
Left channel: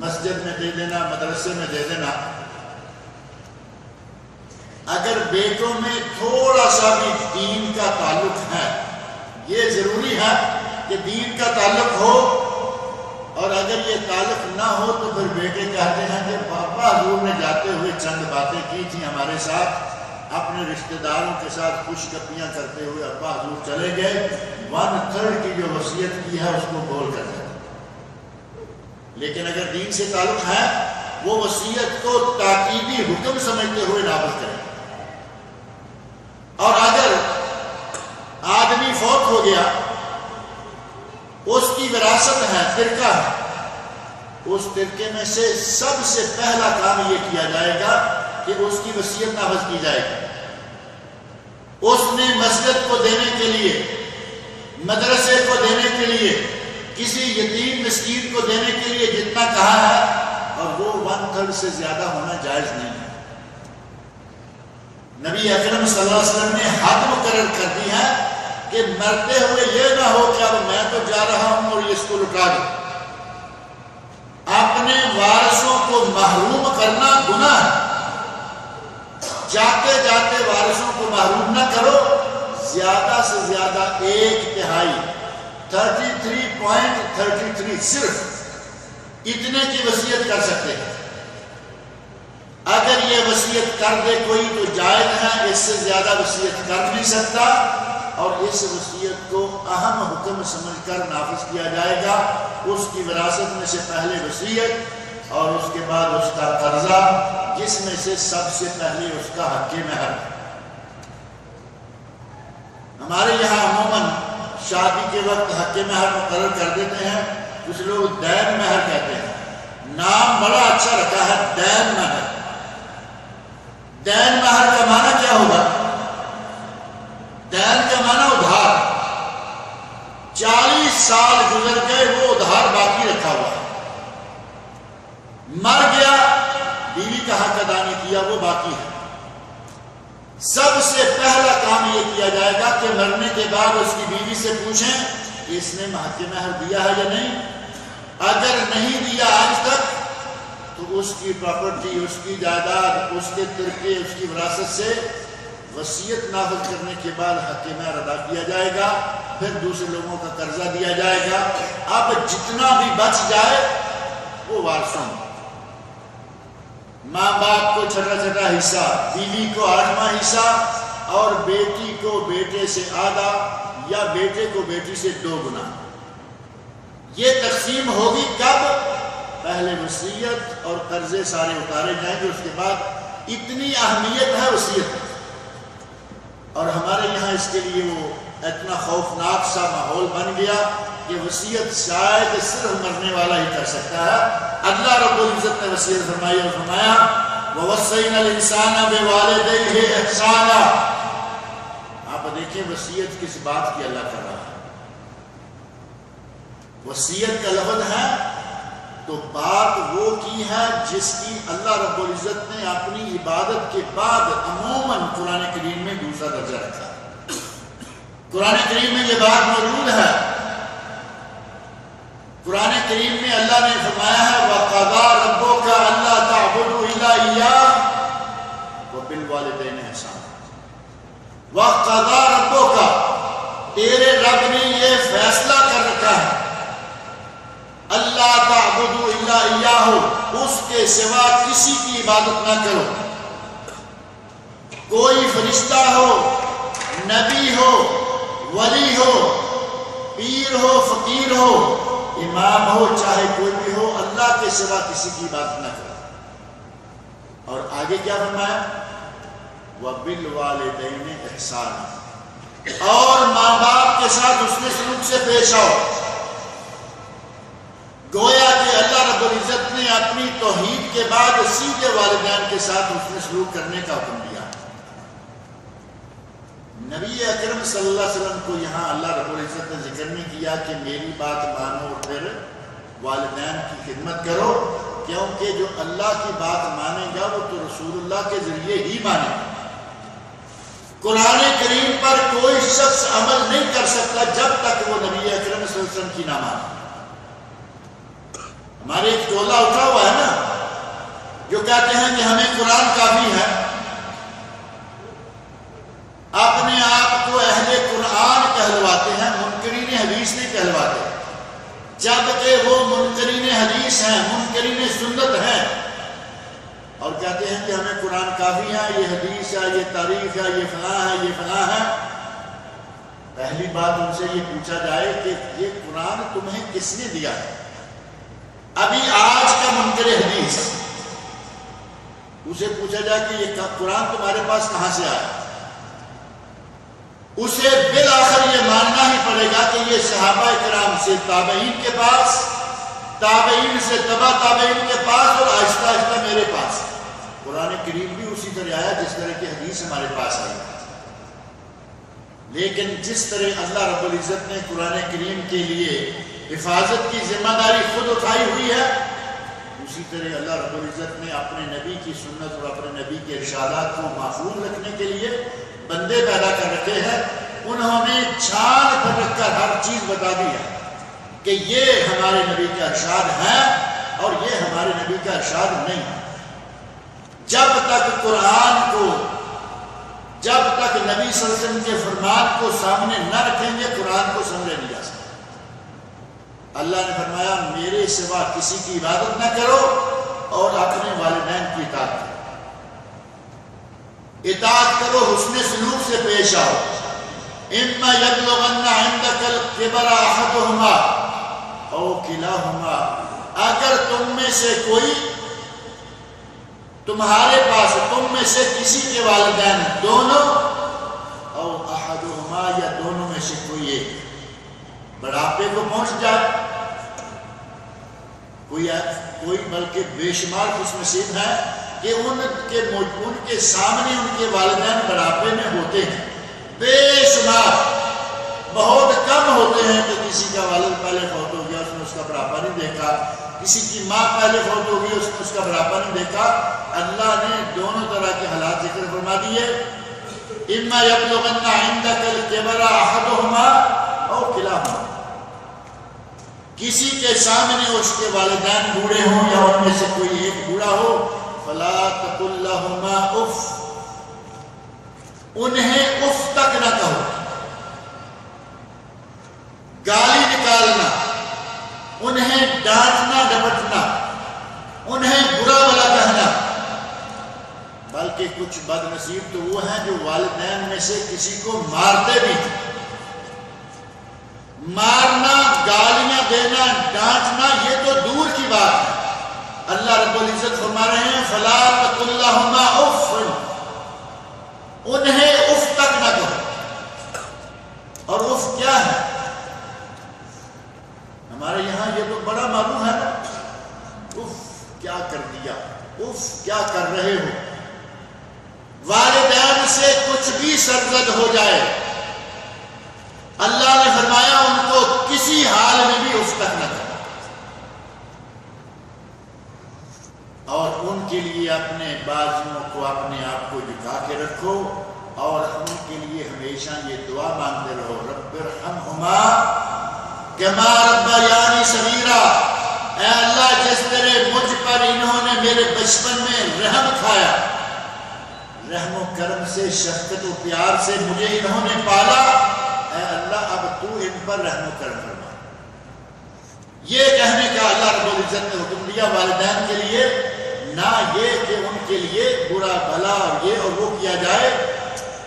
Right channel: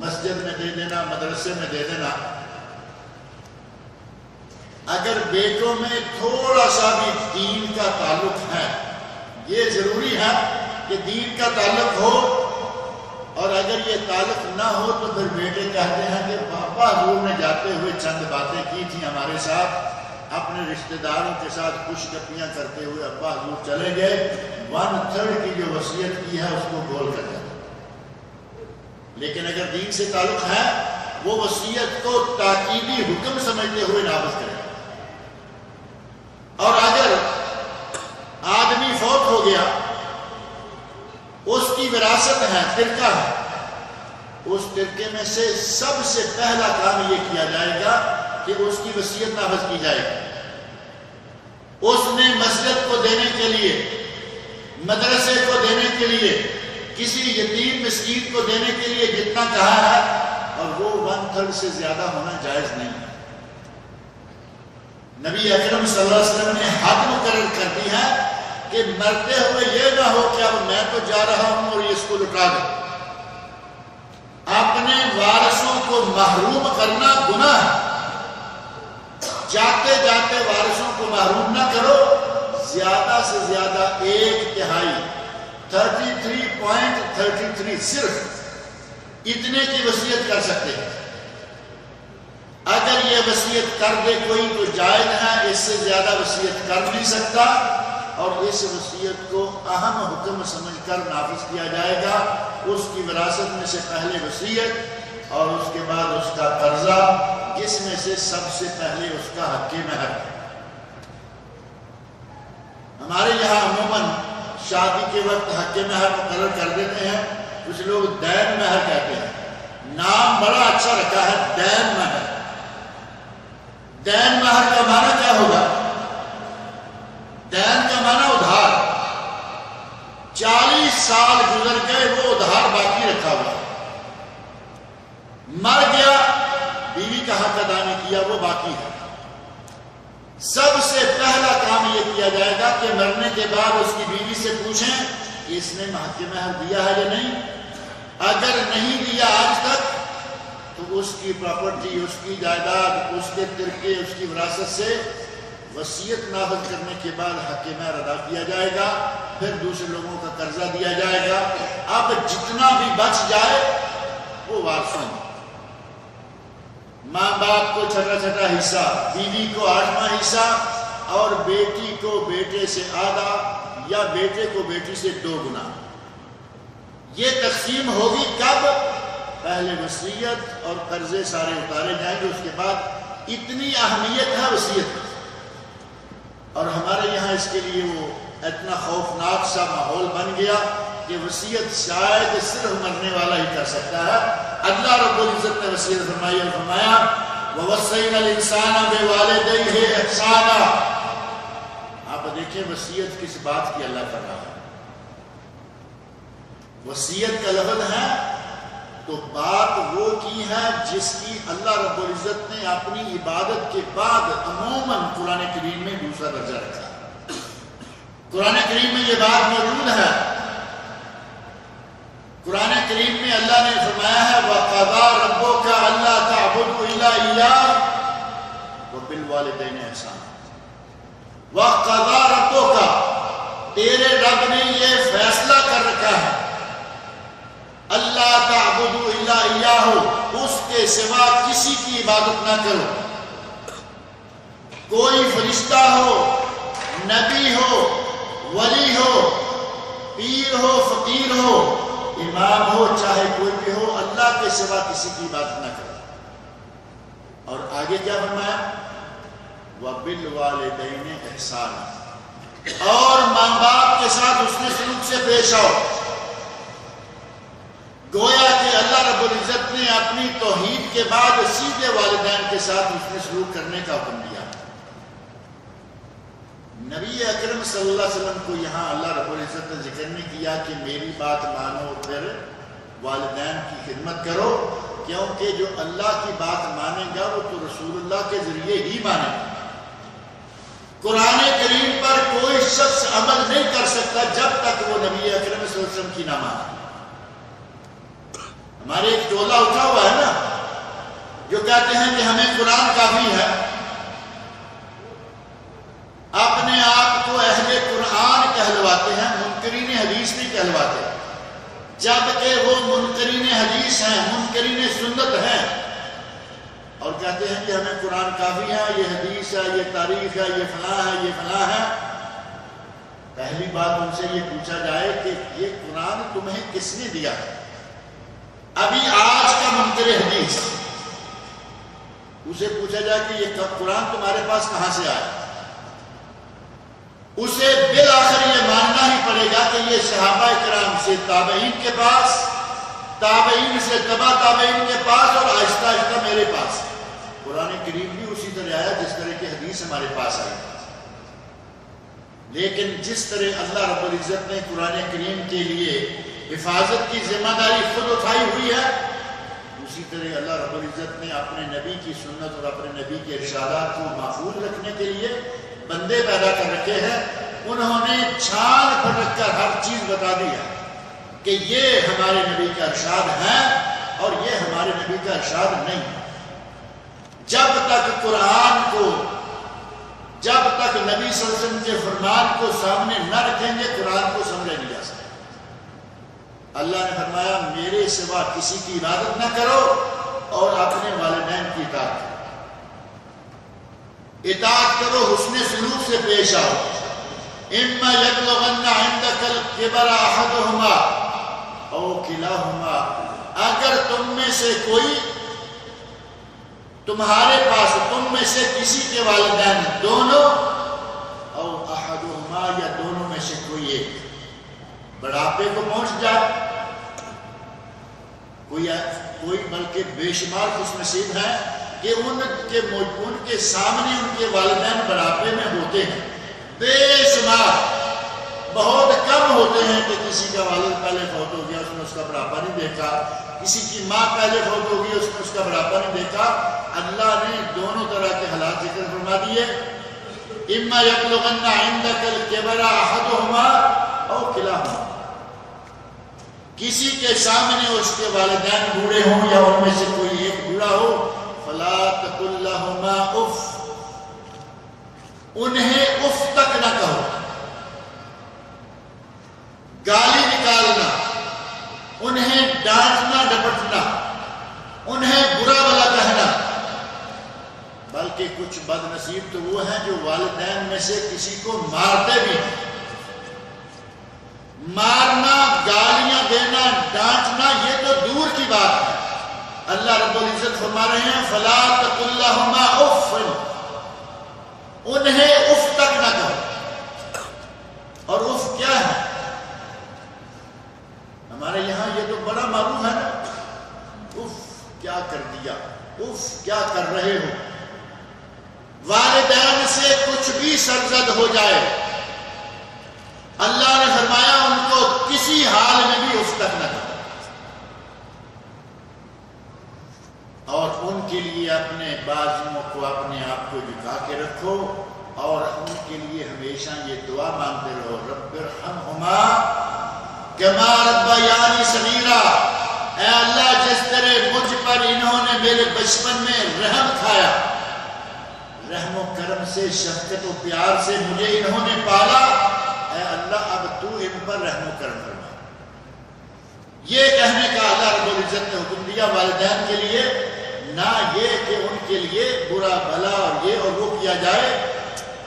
مسجد میں دے دینا، مدرسے میں دے دینا. اگر بیٹوں میں تھوڑا سا بھی دین کا تعلق ہے، یہ ضروری ہے کہ دین کا تعلق ہو، اور اگر یہ تعلق نہ ہو تو پھر بیٹے کہتے ہیں کہ پاپا حضور نے جاتے ہوئے چند باتیں کی تھیں ہمارے ساتھ، اپنے رشتہ داروں کے ساتھ خوش گپیاں کرتے ہوئے ابا حضور چلے گئے، 1/3 کی جو وصیت کی ہے اس کو گول کر دیتے. لیکن اگر دین سے تعلق ہے، وہ وصیت کو تاکیدی حکم سمجھتے ہوئے نافذ کرے. اور اگر آدمی فوت ہو گیا، اس کی وراثت ہے، ترکہ ہے، اس ترکے میں سے سب سے پہلا کام یہ کیا جائے گا کہ اس کی وصیت نافذ کی جائے گی. اس نے مسجد کو دینے کے لیے، مدرسے کو دینے کے لیے، کسی یتیم مسکین کو دینے کے لیے جتنا کہا ہے، اور وہ 1/3 سے زیادہ ہونا جائز نہیں ہے. نبی اکرم صلی اللہ علیہ وسلم نے حد مقرر کر دی ہے کہ مرتے ہوئے یہ نہ ہو کہ اب میں تو جا رہا ہوں اور یہ اس کو لٹا دوں. اپنے وارثوں کو محروم کرنا گناہ ہے. جاتے جاتے وارثوں کو محروم نہ کرو. زیادہ سے زیادہ 1/3 33.33 صرف اتنے کی وصیت کر سکتے ہیں. اگر یہ وصیت کر دے کوئی تو جائز ہے، اس سے زیادہ وصیت کر نہیں سکتا، اور اس وصیت کو اہم حکم سمجھ کر نافذ کیا جائے گا. اس کی وراثت میں سے پہلے وصیت اور اس کے بعد اس کا قرضہ، جس میں سے سب سے پہلے اس کا حق مہر. ہمارے یہاں عموماً شادی کے وقت حق مہر مقرر کر دیتے ہیں. کچھ لوگ دین مہر کہتے ہیں. نام بڑا اچھا رکھا ہے، دین مہر. دین مہر کا معنی کیا ہوگا؟ دین کا معنی ادھار. 40 سال گزر گئے، وہ ادھار باقی رکھا ہوا ہے. مر گیا، بیوی کا حق ادا نہیں کیا، وہ باقی ہے. سب سے پہلا کام یہ کیا جائے گا کہ مرنے کے بعد اس کی بیوی سے پوچھیں کہ اس نے حق مہر دیا ہے یا نہیں. اگر نہیں دیا آج تک تو اس کی پراپرٹی، اس کی جائیداد، اس کے ترکے، اس کی وراثت سے وصیت نافذ کرنے کے بعد حق مہر ادا کیا جائے گا. پھر دوسرے لوگوں کا قرضہ دیا جائے گا. اب جتنا بھی بچ جائے وہ وارثوں، ماں باپ کو چھٹا چھٹا حصہ، بیوی کو 8واں حصہ، اور بیٹی کو بیٹے سے آدھا یا بیٹے کو بیٹی سے 2 گنا. یہ تقسیم ہوگی کب؟ پہلے وصیت اور قرضے سارے اتارے جائیں گے. اس کے بعد اتنی اہمیت ہے وصیت، اور ہمارے یہاں اس کے لیے وہ اتنا خوفناک سا ماحول بن گیا کہ وصیت شاید صرف مرنے والا ہی کر سکتا ہے. اللہ رب العزت نے وصیت فرمائی اور فرمایا وَوَصَّيْنَا الْإِنسَانَ بِوَالِدَيْهِ إِحْسَانًا. آپ دیکھیں وصیت کس بات کی اللہ کر رہا ہے. وصیت کا لفظ ہے تو بات وہ کی ہے جس کی اللہ رب العزت نے اپنی عبادت کے بعد عموماً قرآن کریم میں دوسرا درجہ رکھا. قرآن کریم میں یہ بات موجود ہے. قرآن کریم میں اللہ نے فرمایا ہے وَقَضَىٰ رَبُّكَ أَلَّا تَعْبُدُوا إِلَّا إِيَّاهُ وَبِالْوَالِدَيْنِ إِحْسَانًا. وَقَضَى رَبُّكَ، تیرے رب نے یہ فیصلہ کر رکھا ہے، اللہ تعبدوا الا ایاہ، اس کے سوا کسی کی عبادت نہ کرو. کوئی فرشتہ ہو، نبی ہو، ولی ہو، پیر ہو، فقیر ہو، امام ہو، چاہے کوئی بھی ہو، اللہ کے سوا کسی کی عبادت نہ کرو. اور آگے کیا فرمایا؟ وَبِالْوَالِدَيْنِ إِحْسَانًا، اور ماں باپ کے ساتھ حسن سلوک سے پیش آؤ. گویا کہ اللہ رب العزت نے اپنی توحید کے بعد سیدھے والدین کے ساتھ حسن سلوک کرنے کا حکم دیا. نبی اکرم صلی اللہ علیہ وسلم کو یہاں اللہ رب العزت نے ذکر نہیں کیا کہ میری بات مانو اور پھر والدین کی خدمت کرو، کیونکہ جو اللہ کی بات مانے گا وہ تو رسول اللہ کے ذریعے ہی مانے گا. قرآن کریم پر کوئی شخص عمل نہیں کر سکتا جب تک وہ نبی اکرم صلی اللہ علیہ وسلم کی نہ مانے. ہمارے ایک ٹولہ اٹھا ہوا ہے نا جو کہتے ہیں کہ ہمیں قرآن کافی ہے، اپنے آپ کو اہل قرآن کہلواتے ہیں، منکرین حدیث نہیں کہلواتے، جبکہ وہ منکرین حدیث ہیں، منکرین سنت ہیں، اور کہتے ہیں کہ ہمیں قرآن کافی ہے، یہ حدیث ہے، یہ تاریخ ہے، یہ فلاں ہے، یہ فلاں ہے. پہلی بات ان سے یہ پوچھا جائے کہ یہ قرآن تمہیں کس نے دیا ہے؟ ابھی آج کا منکر حدیث اسے پوچھا جائے کہ یہ قرآن تمہارے پاس کہاں سے آیا، اسے بالآخر یہ ماننا ہی پڑے گا کہ یہ صحابہ کرام سے تابعین کے پاس، تابعین سے تبع تابعین کے پاس، اور آہستہ آہستہ میرے پاس. قرآن کریم بھی اسی طرح آیا جس طرح کی حدیث ہمارے پاس آئی. لیکن جس طرح اللہ رب العزت نے قرآن کریم کے لیے حفاظت کی ذمہ داری خود اٹھائی ہوئی ہے، اسی طرح اللہ رب العزت نے اپنے نبی کی سنت اور اپنے نبی کے ارشادات کو محفوظ رکھنے کے لیے بندے پیدا کر رکھے ہیں. انہوں نے چھان پھٹک کر ہر چیز بتا دی ہے کہ یہ ہمارے نبی کا ارشاد ہے اور یہ ہمارے نبی کا ارشاد نہیں. جب تک قرآن کو، جب تک نبی صلی اللہ علیہ وسلم کے فرمان کو سامنے نہ رکھیں گے قرآن کو سمجھا نہیں جا سکتا. اللہ نے فرمایا میرے سوا کسی کی عبادت نہ کرو اور اپنے والدین کی اطاعت کرو. اطاعت کرو، حسن سلوک سے پیش آؤ. اما یبلغن عندک الکبر احدہما او کلاہما، اگر تم میں سے کوئی، تمہارے پاس، تم میں سے کسی کے والدین دونوں، او احدہما، یا دونوں میں سے کوئی ایک بڑھاپے کو پہنچ جائے، کوئی بلکہ بے شمار خوش نصیب ہے کہ ان کے سامنے ان کے والدین بڑھاپے میں ہوتے ہیں. بے شمار، بہت کم ہوتے ہیں کہ کسی کا والد پہلے فوت ہو گیا، اس نے اس کا بڑھاپا نہیں دیکھا، کسی کی ماں پہلے فوت ہو گئی، اس نے اس کا بڑھاپا نہیں دیکھا. اللہ نے دونوں طرح کے حالات ذکر فرما دیے. اما یبلغن عندک الکبر احدہما او کلاہما، کسی کے سامنے اس کے والدین بوڑھے ہوں یا ان میں سے کوئی ایک بوڑھا ہو، فلا تقل لہما اف، انہیں اف تک نہ کہو. گالی نکالنا، انہیں ڈانٹنا ڈپٹنا، انہیں برا بھلا کہنا. بلکہ کچھ بد نصیب تو وہ ہیں جو والدین میں سے کسی کو مارتے بھی ہیں. مارنا، گالیاں دینا، ڈانٹنا یہ تو دور کی بات ہے. اللہ رب العزت فرما رہے ہیں فلا تقل لہما اف، انہیں اف تک نہ کہو. اور اف کیا ہے؟ ہمارے یہاں یہ تو بڑا معروف ہے نا، اف کیا کر دیا، اف کیا کر رہے ہو. والدین سے کچھ بھی سرزد ہو جائے، اللہ نے فرمایا ان کو کسی حال میں بھی اف تک نہ کرو. اور ان کے لیے اپنے بازوؤں کو، اپنے آپ کو جھکا کے رکھو اور ان کے لیے ہمیشہ یہ دعا مانگتے رہو رب ارحمہما کما ربیانی صغیرا. اے اللہ جس طرح مجھ پر انہوں نے میرے بچپن میں رحم کھایا، رحم و کرم سے، شفقت و پیار سے مجھے انہوں نے پالا، اے اللہ اب تو ان پر رحم و کرم فرما۔ یہ کہنے کا اللہ رب العزت نے حکم دیا والدین کے لیے، نہ یہ کہ ان کے لیے برا بھلا اور یہ اور وہ کیا جائے۔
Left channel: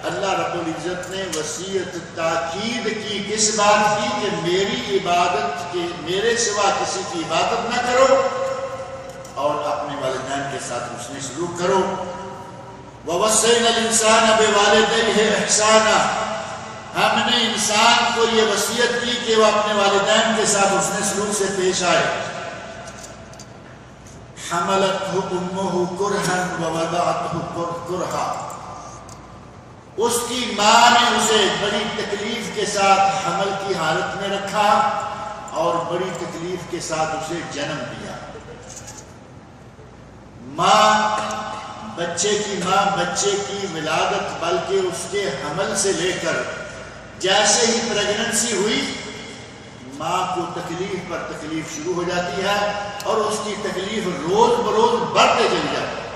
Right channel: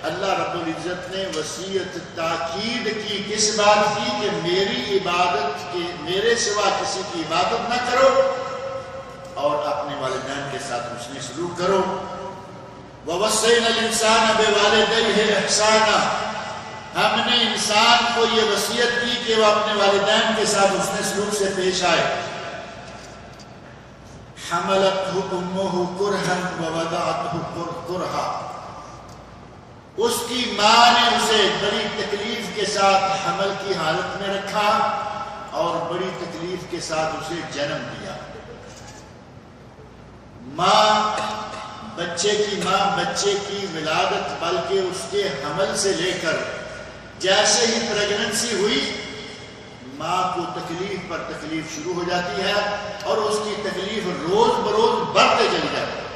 اللہ رب العزت نے وصیت تاکید کی، کس بات کی؟ کہ میری عبادت کے، میرے سوا کسی کی عبادت نہ کرو اور اپنے والدین کے ساتھ حسن سلوک کرو۔ وَوَصَّيْنَا الْإِنسَانَ بِوَالِدَيْهِ إِحْسَانًا، ہم نے انسان کو یہ وصیت کی کہ وہ اپنے والدین کے ساتھ حسن سلوک سے پیش آئے۔ حَمَلَتْهُ أُمُّهُ كُرْهًا وَوَضَعَتْهُ كُرْهًا، اس کی ماں نے اسے بڑی تکلیف کے ساتھ حمل کی حالت میں رکھا اور بڑی تکلیف کے ساتھ اسے جنم دیا۔ بچے کی ولادت بلکہ اس کے حمل سے لے کر جیسے ہی پریگننسی ہوئی، ماں کو تکلیف پر تکلیف شروع ہو جاتی ہے اور اس کی تکلیف روز بروز بڑھتے چلی جاتی ہے۔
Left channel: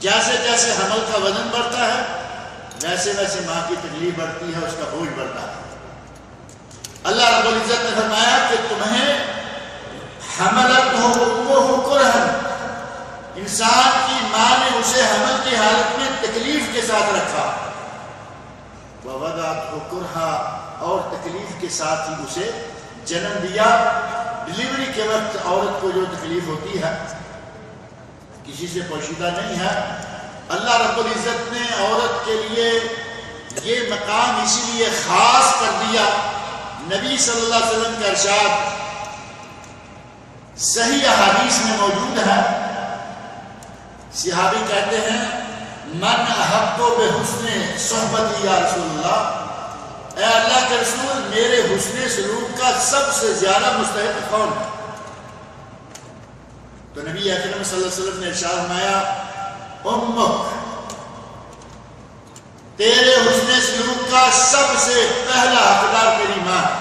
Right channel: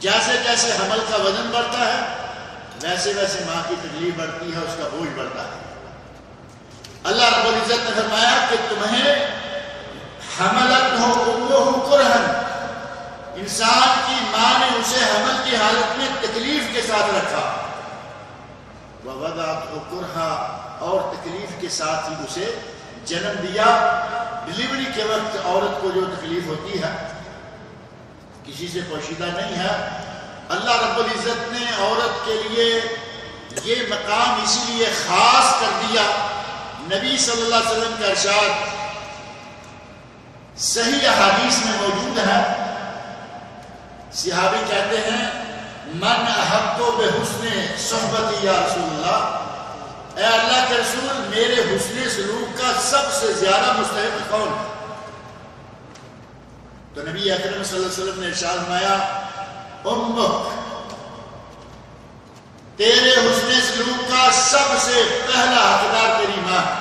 جیسے جیسے حمل کا وزن بڑھتا ہے ویسے ویسے ماں کی تکلیف بڑھتی ہے، اس کا بوجھ بڑھتا ہے۔ اللہ رب العزت نے فرمایا کہ تمہیں حملتہ امہ کرہن، انسان کی ماں نے اسے حمل کی حالت میں تکلیف کے ساتھ رکھا، ووضعتہ کرہا، اور تکلیف کے ساتھ ہی اسے جنم دیا۔ ڈلیوری کے وقت عورت کو جو تکلیف ہوتی ہے کسی سے پوشیدہ نہیں ہے۔ اللہ رب العزت نے عورت کے لیے یہ مقام اسی لیے خاص کر دیا۔ نبی صلی اللہ علیہ وسلم کا ارشاد صحیح احادیث میں موجود ہے، صحابی کہتے ہیں من احق بحسن صحبتی یا رسول اللہ، اے اللہ کے رسول میرے حسن سلوک کا سب سے زیادہ مستحق کون ہے؟ تو نبی اکرم صلی اللہ علیہ وسلم نے ارشاد فرمایا امک، تیرے حسن سلوک کا سب سے پہلا حقدار تیری ماں ہے۔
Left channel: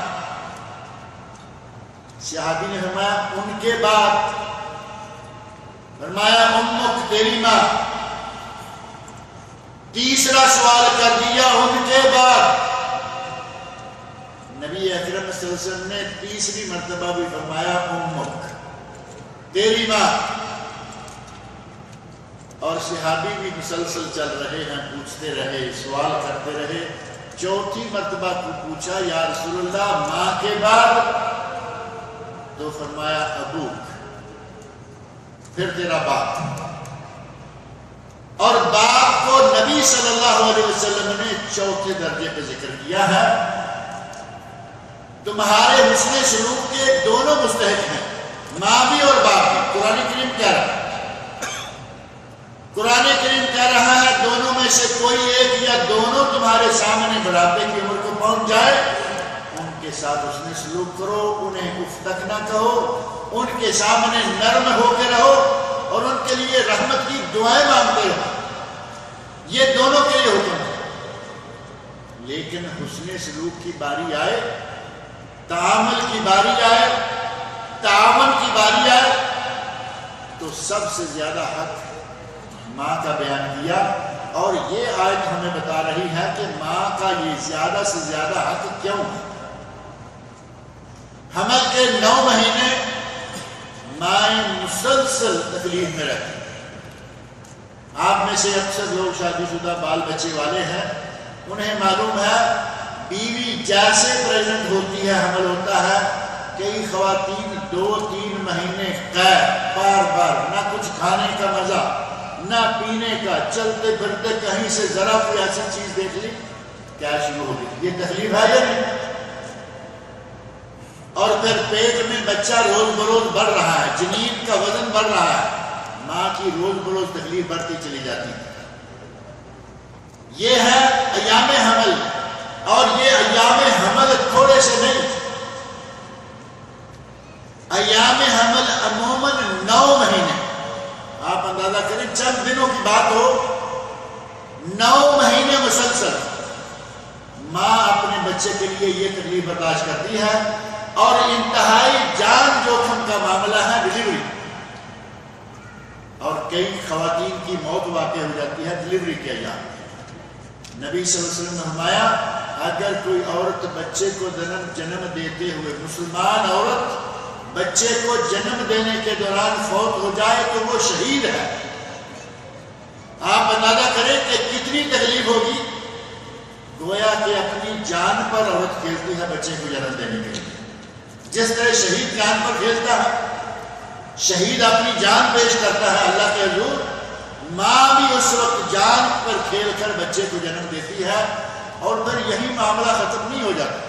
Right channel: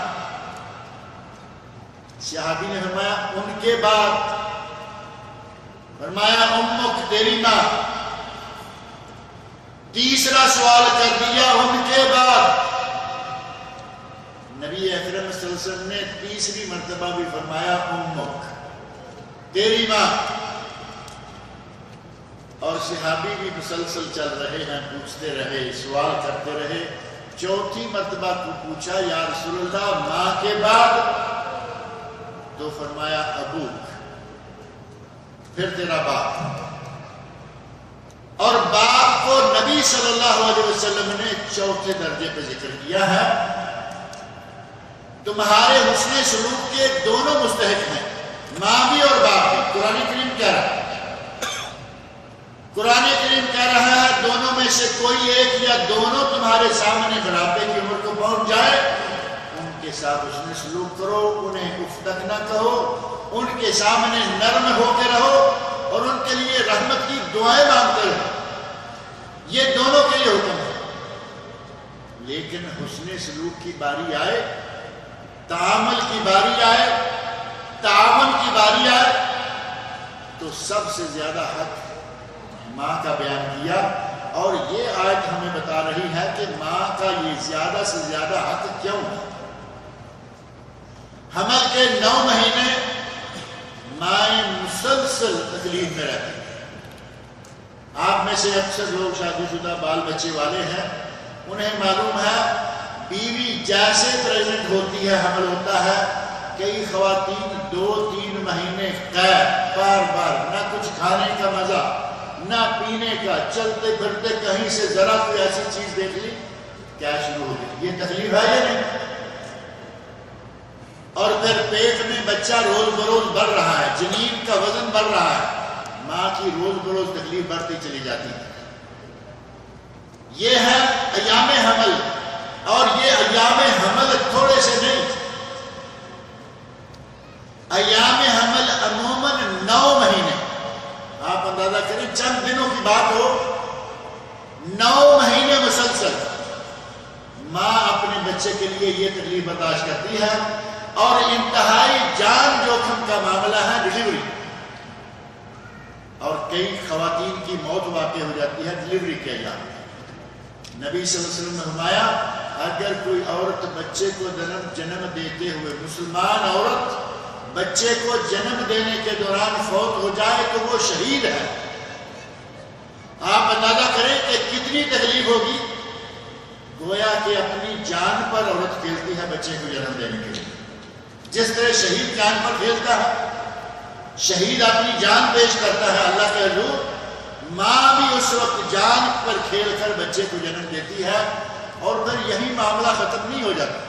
صحابی نے فرمایا ان کے بعد؟ فرمایا امک، تیری ماں۔ تیسرا سوال کر دیا ان کے بعد؟ نبی اکرم صلی اللہ علیہ وسلم نے تیسری مرتبہ بھی فرمایا امک، تیری ماں۔ اور صحابی بھی مسلسل چل رہے ہیں، پوچھتے رہے، سوال کرتے رہے۔ چوتھی مرتبہ کو پوچھا یا رسول اللہ ماں کے بعد؟ تو فرمایا ابوک، پھر تیرا باپ۔ اور باپ کو نبی صلی اللہ علیہ وسلم نے چوتھے درجے پہ ذکر کیا ہے۔ تمہارے حسن سلوک کے دونوں مستحق ہیں، ماں بھی اور باپ بھی۔ قرآن کریم کہہ رہا ہے، قرآن کریم کہہ رہا ہے دونوں میں سے کوئی ایک یا دونوں تمہارے سامنے بڑھاپے کی عمر کو پہنچ جائے، ان کے ساتھ حسن سلوک کرو، انہیں اف تک نہ کہو، ان کے سامنے نرم ہو کے رہو اور ان کے لیے رحمت کی دعائیں مانگتے رہو۔ یہ دونوں کے لیے حکم ہے۔ لیکن حسن سلوک کی باری آئے، تعامل کی باری آئے، تعاون کی باری آئے، تو سب سے زیادہ حق ماں کا بیان کیا۔ اور یہ آیت ہمیں بتا رہی ہے کہ ماں کا یہ زیادہ سے زیادہ حق کیوں ہے۔ حمل کے 9 مہینے مائیں مسلسل تکلیف میں رہتی ہیں۔ آپ میں سے اکثر لوگ شادی شدہ بال بچے والے ہیں، انہیں معلوم ہے بیوی جیسے پریگننٹ ہوتی ہے، حمل ہوتا ہے، کئی خواتین 2-3 مہینے قید، بار بار نہ کچھ کھانے کا مزہ نہ پینے کا، چلتے پھرتے کہیں سے ذرا کوئی ایسی چیز دیکھ لی کیا شروع ہو گئی۔ یہ تکلیف ہے یا نہیں؟ اور پھر پیٹ میں بچہ روز بروز بڑھ رہا ہے، جنین کا وزن بڑھ رہا ہے، ماں کی روز بروز تکلیف بڑھتی چلی جاتی ہے۔ یہ ہے ایام حمل، اور یہ ایام حمل تھوڑے سے نہیں، ایام حمل عموماً 9 مہینے، آپ اندازہ کریں چند دنوں کی بات ہو، 9 مہینے مسلسل ماں اپنے بچے کے لیے یہ تکلیف برداشت کرتی ہے۔ اور انتہائی جان جوخم کا معاملہ ہے ڈیلیوری، اور کئی خواتین کی موت واقع ہو جاتی ہے ڈلیوری کے ایام۔ نبی صلی اللہ علیہ وسلم نے فرمایا اگر کوئی عورت بچے کو جنم دیتے ہوئے، مسلمان عورت بچے کو جنم دینے کے دوران فوت ہو جائے تو وہ شہید ہے۔ آپ اندازہ کریں کہ کتنی تکلیف ہوگی، گویا کہ اپنی جان پر عورت کھیلتی ہے بچے کو جنم دینے کے لیے، جس طرح شہید جان پر کھیلتا ہے، شہید اپنی جان پیش کرتا ہے اللہ کے حضور، ماں بھی اس وقت جان پر کھیل کر بچے کو جنم دیتی ہے، اور پھر یہی معاملہ ختم نہیں ہو جاتا۔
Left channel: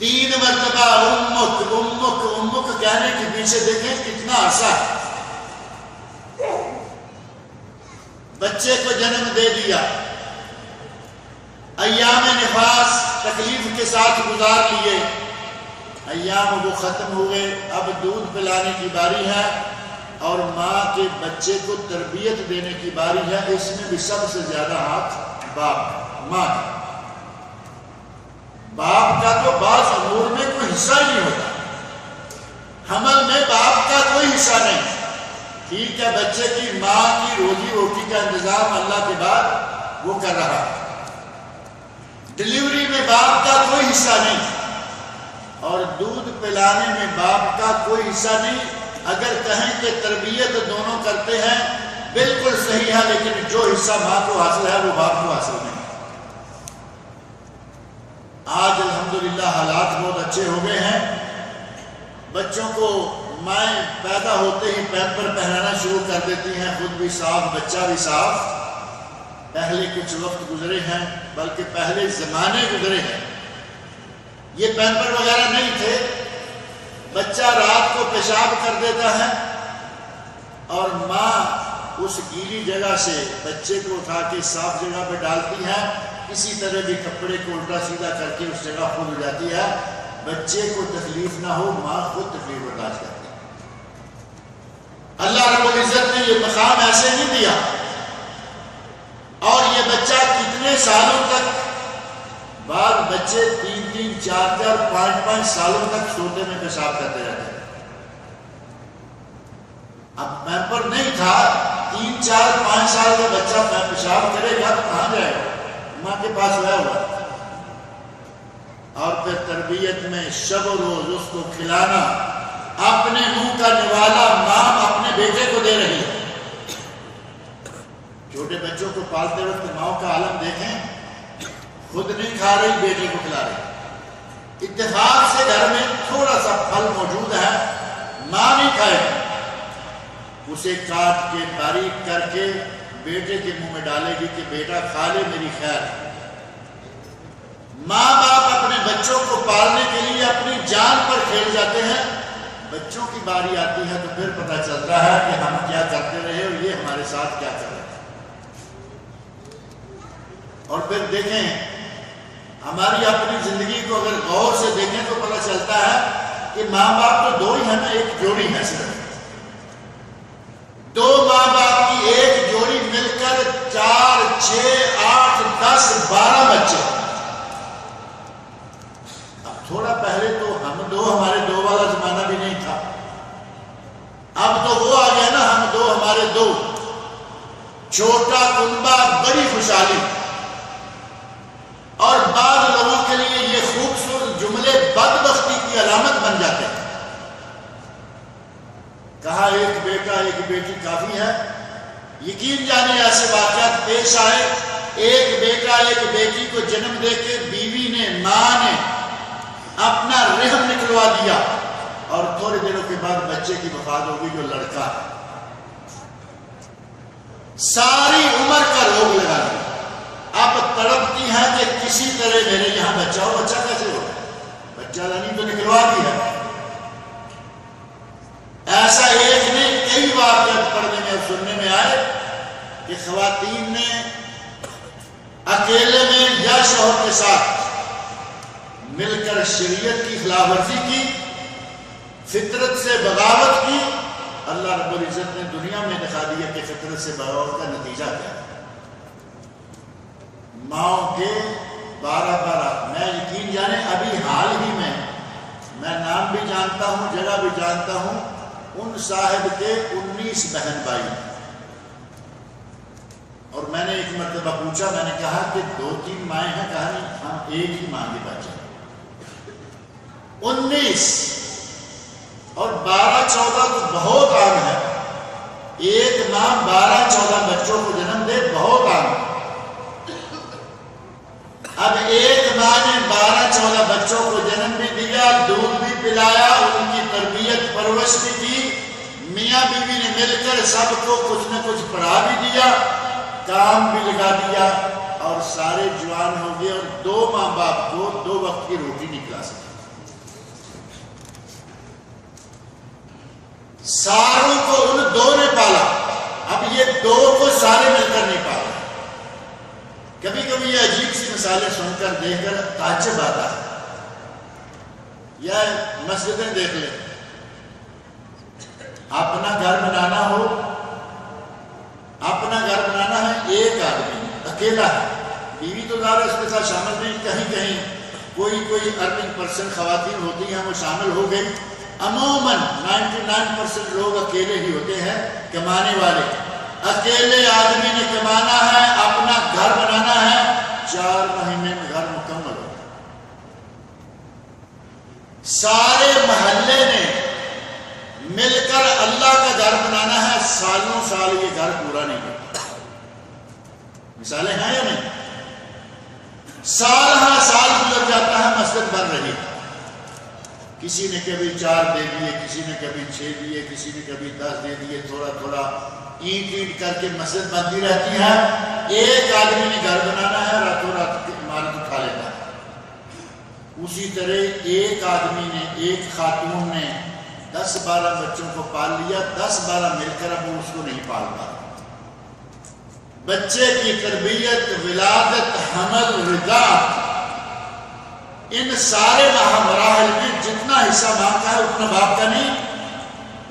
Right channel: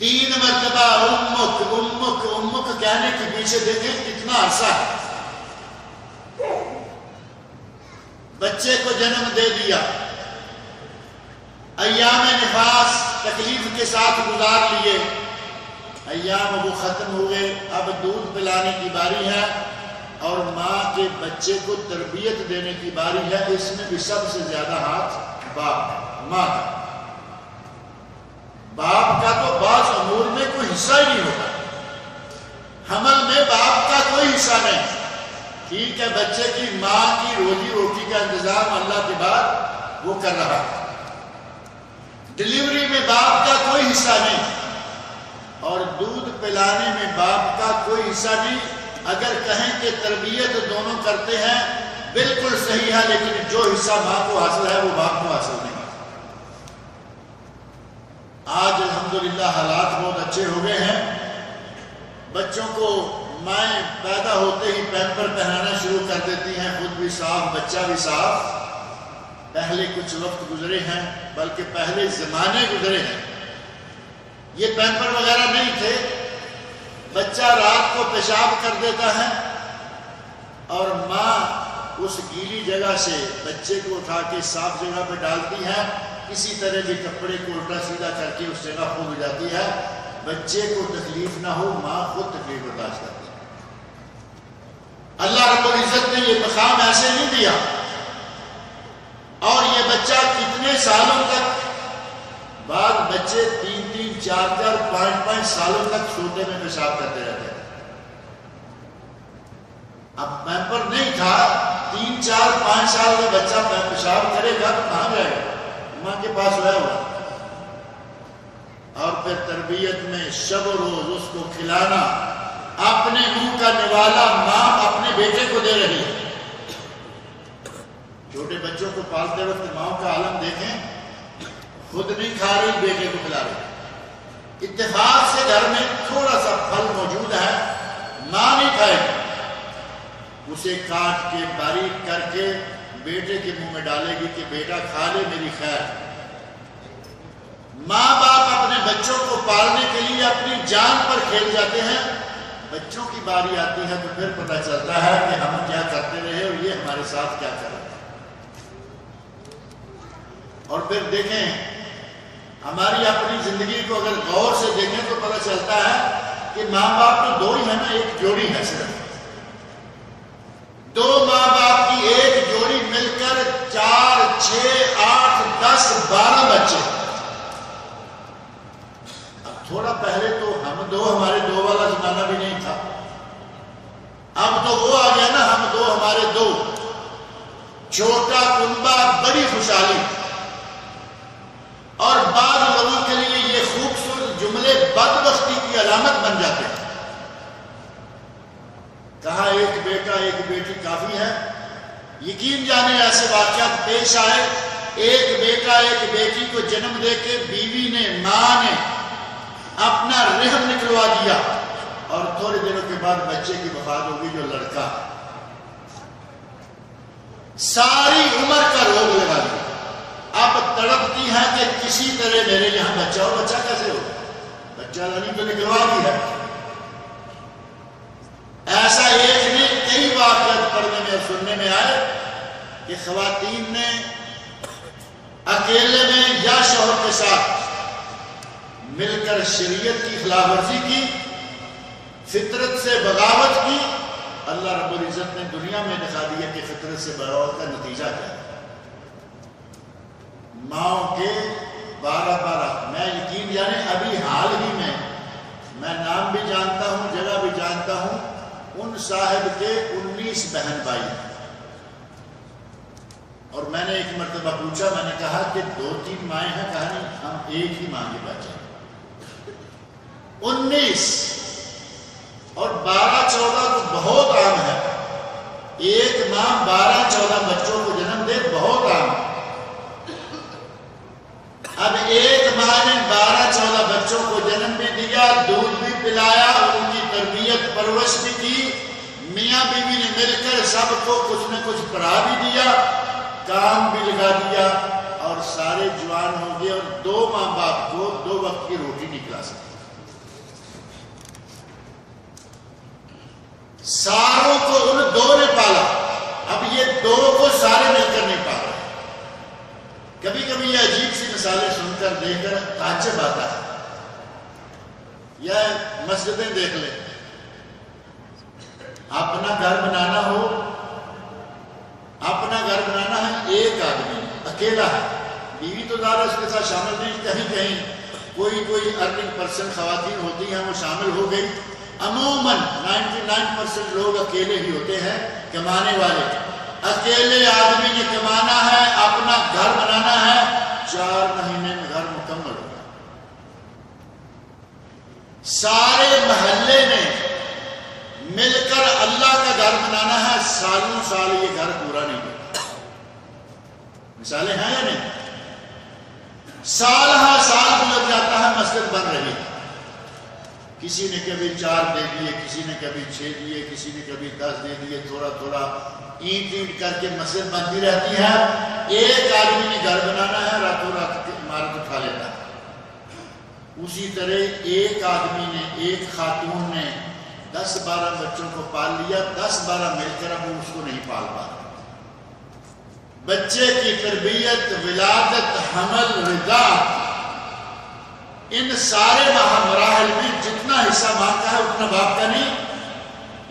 3 مرتبہ امک امک امک کہنے کے پیچھے دیکھیں کتنا عرصہ ہے۔ بچے کو جنم دے دیا، ایام نفاس تکلیف کے ساتھ گزار لیے، ایام وہ ختم ہو گئے، اب دودھ پلانے کی باری ہے اور ماں کے بچے کو تربیت دینے کی باری ہے۔ اس میں بھی سب سے زیادہ ہاتھ باپ کا، ماں کا۔ باپ کا تو بعض امور میں کوئی حصہ ہی نہیں ہوتا، حمل میں باپ کا کوئی حصہ نہیں۔ ٹھیک ہے بچے کی ماں کی روزی روٹی کا انتظام اللہ کے بعد وہ کر رہا ہے، ڈلیوری میں باپ کا کوئی حصہ نہیں، اور دودھ پلانے میں باپ کا کوئی حصہ نہیں۔ اگر کہیں کہ تربیت دونوں کرتے ہیں بالکل صحیح ہے، لیکن جو حصہ ماں کو حاصل ہے وہ باپ کو حاصل نہیں۔ آج الحمدللہ حالات بہت اچھے ہو گئے ہیں، بچوں کو مائیں پیدا ہوتے ہی پیمپر پہنانا شروع کر دیتی ہیں، خود بھی صاف بچہ بھی صاف۔ پہلے کچھ وقت گزرے ہیں، بلکہ پہلے زمانے گزرے ہیں، یہ پیمپر وغیرہ نہیں تھے، بچہ رات کو پیشاب کر دیتا ہے اور ماں اس گیلی جگہ سے بچے کو اٹھا کے صاف جگہ پہ ڈالتی ہے، کسی طرح بھی کپڑے کو الٹا سیدھا کر کے اس جگہ خود ہو جاتی ہے، بچے کو تکلیف نہ ہو، ماں خود تکلیف برداشت کرتی ہے۔ اللہ رب العزت نے یہ مقام ایسے نہیں دیا، اور یہ بچہ کتنے سالوں تک، بعض بچے 3 4 5 سالوں تک سوتے میں پیشاب کرتے رہتے ہیں۔ اب پیمپر نہیں تھا، 3 4 5 سال کا بچہ پیشاب کرے گا تو کہاں جائے گا، ماں کے پاس سویا ہوا، اور پھر تربیت میں شب و روز اس کو کھلانا، اپنے منہ کا نوالا ماں اپنے بیٹے کو دے رہی ہے۔ چھوٹے بچوں کو پالتے وقت ماں کا عالم دیکھیں، خود نہیں کھا رہی بیٹے کو کھلا رہی، اتفاق سے گھر میں تھوڑا سا پھل موجود ہے، ماں نہیں کھائے گی، اسے کاٹ کے باریک کر کے بیٹے کے منہ میں ڈالے گی کہ بیٹا کھا لے میری خیر۔ ماں باپ اپنے بچوں کو پالنے کے لیے اپنی جان پر کھیل جاتے ہیں، بچوں کی باری آتی ہے تو پھر پتہ چلتا ہے کہ ہم کیا کرتے رہے اور یہ ہمارے ساتھ کیا کر رہے ہیں۔ اور پھر دیکھیں ہماری اپنی زندگی کو اگر غور سے دیکھیں تو پتہ چلتا ہے کہ ماں باپ تو 2 ہی ہیں نا، ایک جوڑی ہے صرف، 2 ماں باپ کی ایک جوڑی مل کر 4 6 8 10 12 بچے۔ اب تھوڑا پہلے تو ہم 2 ہمارے 2 والا زمانہ بھی نہیں تھا، اب تو وہ آ گیا نا ہم 2 ہمارے 2، چھوٹا کنبہ بڑی خوشحالی۔ اور بعض لوگوں کے لیے یہ خوبصورت جملے بدبختی کی علامت بن جاتے ہیں۔ کہا ایک بیٹا ایک بیٹی کافی ہے، یقین جانے ایسے واقعات پیش آئے، ایک بیٹا ایک بیٹی کو جنم دے کے بیوی نے، ماں نے اپنا رحم نکلوا دیا، اور تھوڑے دنوں کے بعد بچے کی وفات ہوگی جو لڑکا ہے، ساری عمر کا روگ لگا دیا، اب تڑپتی ہے کہ کسی طرح میرے یہاں بچہ ہو۔ بچہ کیسے ہوگا، بچہ لانی تو نکلوا دی ہے۔ ایسا ایک نہیں کئی واقعات پڑھنے میں اور سننے میں آئے کہ خواتین نے اکیلے میں یا شوہر کے ساتھ مل کر شریعت کی خلاف ورزی کی، فطرت سے بغاوت کی۔ اللہ رب العزت نے دنیا میں دکھا دیا کہ فطرت سے بغاوت کا نتیجہ کیا ہے۔ ماؤں کے 12 میں یقین جانے ابھی حال ہی میں نام بھی جانتا ہوں، جگہ بھی جانتا ہوں، ان صاحب کے 19 بہن بھائی ہیں۔ اور میں نے ایک مرتبہ پوچھا، میں نے کہا کہ 2-3 مائیں ہیں؟ کہا نہیں، ہم ایک ہی ماں کے بچے ہیں۔ 19 اور 12-14 تو بہت عام ہے، ایک ماں 12-14 بچوں کو جنم دے، بہت عام ہے۔ اب ایک ماں نے 12-14 بچوں کو جنم بھی دیا، دودھ بھی پلایا، ان کی تربیت پرورش بھی کی، میاں بیوی نے مل کر سب کو کچھ نہ کچھ پڑھا بھی دیا، کام بھی لگا دیا، اور سارے جوان ہو گئے، اور 2 ماں باپ کو 2 وقت کی روٹی نہیں کھلا سکے۔ ساروں کو ان 2 نے پالا، اب یہ 2 کو سارے مل کر نہیں پال رہے۔ کبھی کبھی یہ عجیب سی مثالیں سن کر دیکھ کر تعجب آتا ہے۔ یا مسجدیں دیکھ لیں، اپنا گھر بنانا ہو، اپنا گھر بنانا ہے، ایک آدمی اکیلا ہے، بیوی تو ظاہر اس کے ساتھ شامل نہیں، کہیں کہیں کوئی ارننگ پرسن خواتین ہوتی ہیں وہ شامل ہو گئی، عموماً 99% لوگ اکیلے ہی ہوتے ہیں کمانے والے۔ اکیلے آدمی نے کمانا ہے، اپنا گھر بنانا ہے، 4 مہینے میں گھر مکمل ہو۔ سارے محلے نے مل کر اللہ کا گھر بنانا ہے، سالوں سال یہ گھر پورا نہیں ہوتا۔ مثالیں ہیں یا نہیں؟ سال ہاں سال گزر جاتا ہے، مسجد بن رہی ہے، کسی نے کبھی 4 دے دیے، کسی نے کبھی 6 دیے، کسی نے کبھی 10 دے دیے، تھوڑا تھوڑا اینٹ کر کے مسجد بنتی رہتی ہے۔ ایک آدمی نے گھر بنانا ہے، راتوں رات عمارت اٹھا لیتا ہے۔ اسی طرح ایک آدمی نے، ایک خاتون نے 10-12 بچوں کو پال لیا، 10-12 مل کر اب وہ اس کو نہیں پال پا رہا۔ بچے کی تربیت، ولادت، حمل، رضاعت، ان سارے مراحل میں جتنا حصہ ماں کا ہے اتنا باپ کا نہیں،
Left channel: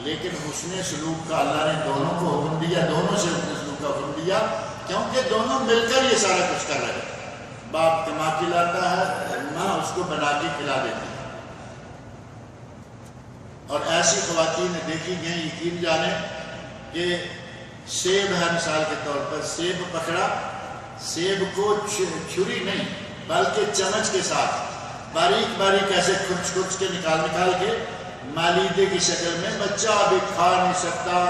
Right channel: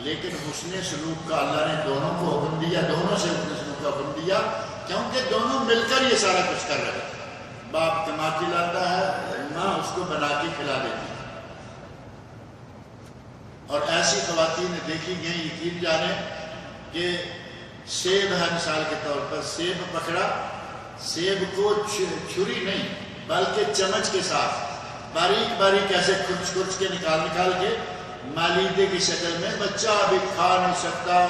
لیکن حسن سلوک کا اللہ نے دونوں کو حکم دیا، دونوں سے حسن سلوک کا حکم دیا، کیونکہ دونوں مل کر یہ سارا کچھ کر رہے ہیں۔ باپ کما کے لاتا ہے، ماں اس کو بنا کے کھلا دیتی ہے۔ اور ایسی خواتین دیکھی گئیں، یقین جانے کہ سیب ہے، مثال کے طور پر سیب پکڑا، سیب کو چھری نہیں بلکہ چمچ کے ساتھ باریک باریک ایسے کھرچ کھرچ کے نکال کے مالیدے کی شکل میں، بچہ ابھی کھا نہیں سکتا،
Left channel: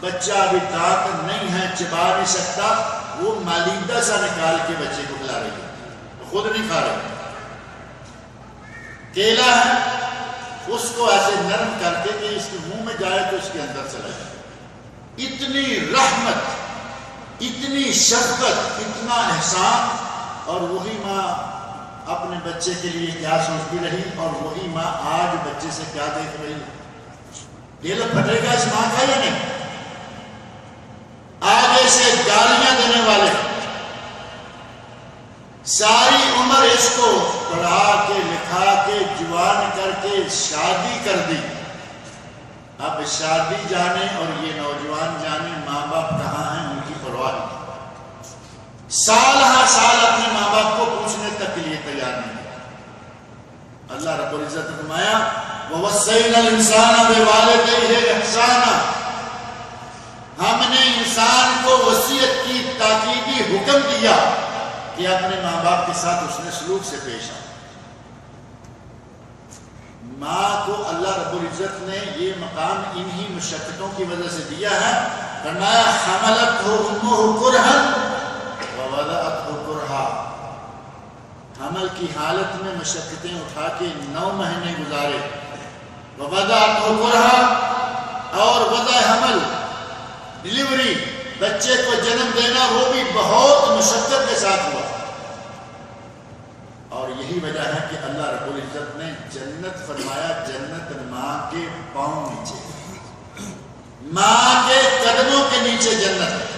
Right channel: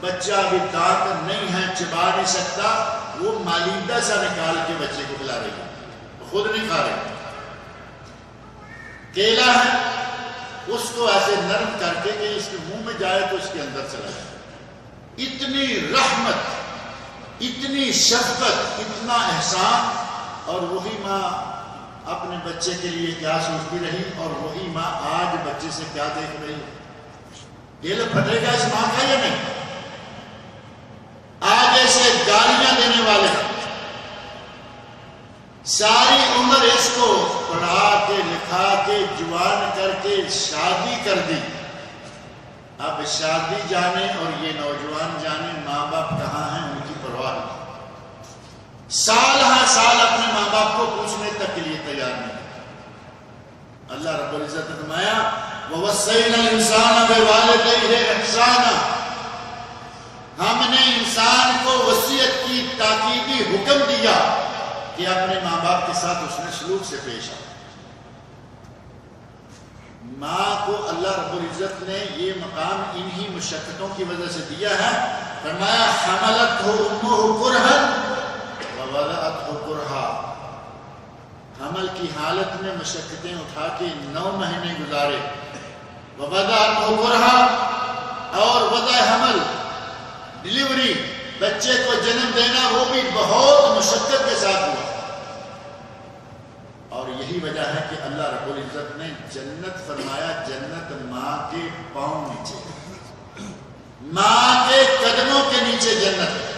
بچہ ابھی دانت نہیں ہے، چبا نہیں سکتا، وہ مالیدہ سا نکال کے بچے کو کھلا رہی ہے، خود نہیں کھا رہی۔ کیلا ہے، اس کو ایسے نرم کر کے کہ اس کے منہ میں جائے تو اس کے اندر چلا جائے۔ اتنی رحمت، اتنی شفقت، اتنا احسان، اور وہی ماں اپنے بچے کے لیے کیا سوچتی رہی، اور وہی ماں آج بچے سے کیا دیکھ رہی۔ دل پھٹے گا اس ماں کا یا نہیں؟ آگے سے گالیاں دینے والے ساری عمر اس کو پڑھا کے لکھا کے جوان کر کے شادی کر دی، اب شادی جانے اور یہ نوجوان جانے ماں باپ کہاں ہیں ان کی پرواہ نہیں۔ سال ہر سال اپنے ماں باپ کو پوچھنے تک کے لیے تیار نہیں۔ اللہ رب العزت نے فرمایا وَوَصَّيْنَا الْإِنسَانَ بِوَالِدَيْهِ إِحْسَانًا، ہم نے انسان کو وصیت کی، تاکیدی حکم دیا کہ اپنے ماں باپ کے ساتھ اس نے سلوک سے پیش آ۔ ماں کو اللہ رب العزت نے یہ مقام انہی مشقتوں کی وجہ سے دیا ہے۔ فرمایا حملتہ امہ کرہا ووضعتہ کرہا، حمل کی حالت میں مشقتیں اٹھا کے 9 مہینے گزارے، ووضعتہ کرہا، اور وضع حمل ڈلیوری، بچے کو جنم دینا، وہ بھی بہت مشقت کے ساتھ ہوا۔ اور یہی وجہ ہے کہ اللہ رب العزت نے جنت فرمایا، جنت ماں کے پاؤں نیچے، ماں کے قدموں کے نیچے جنت۔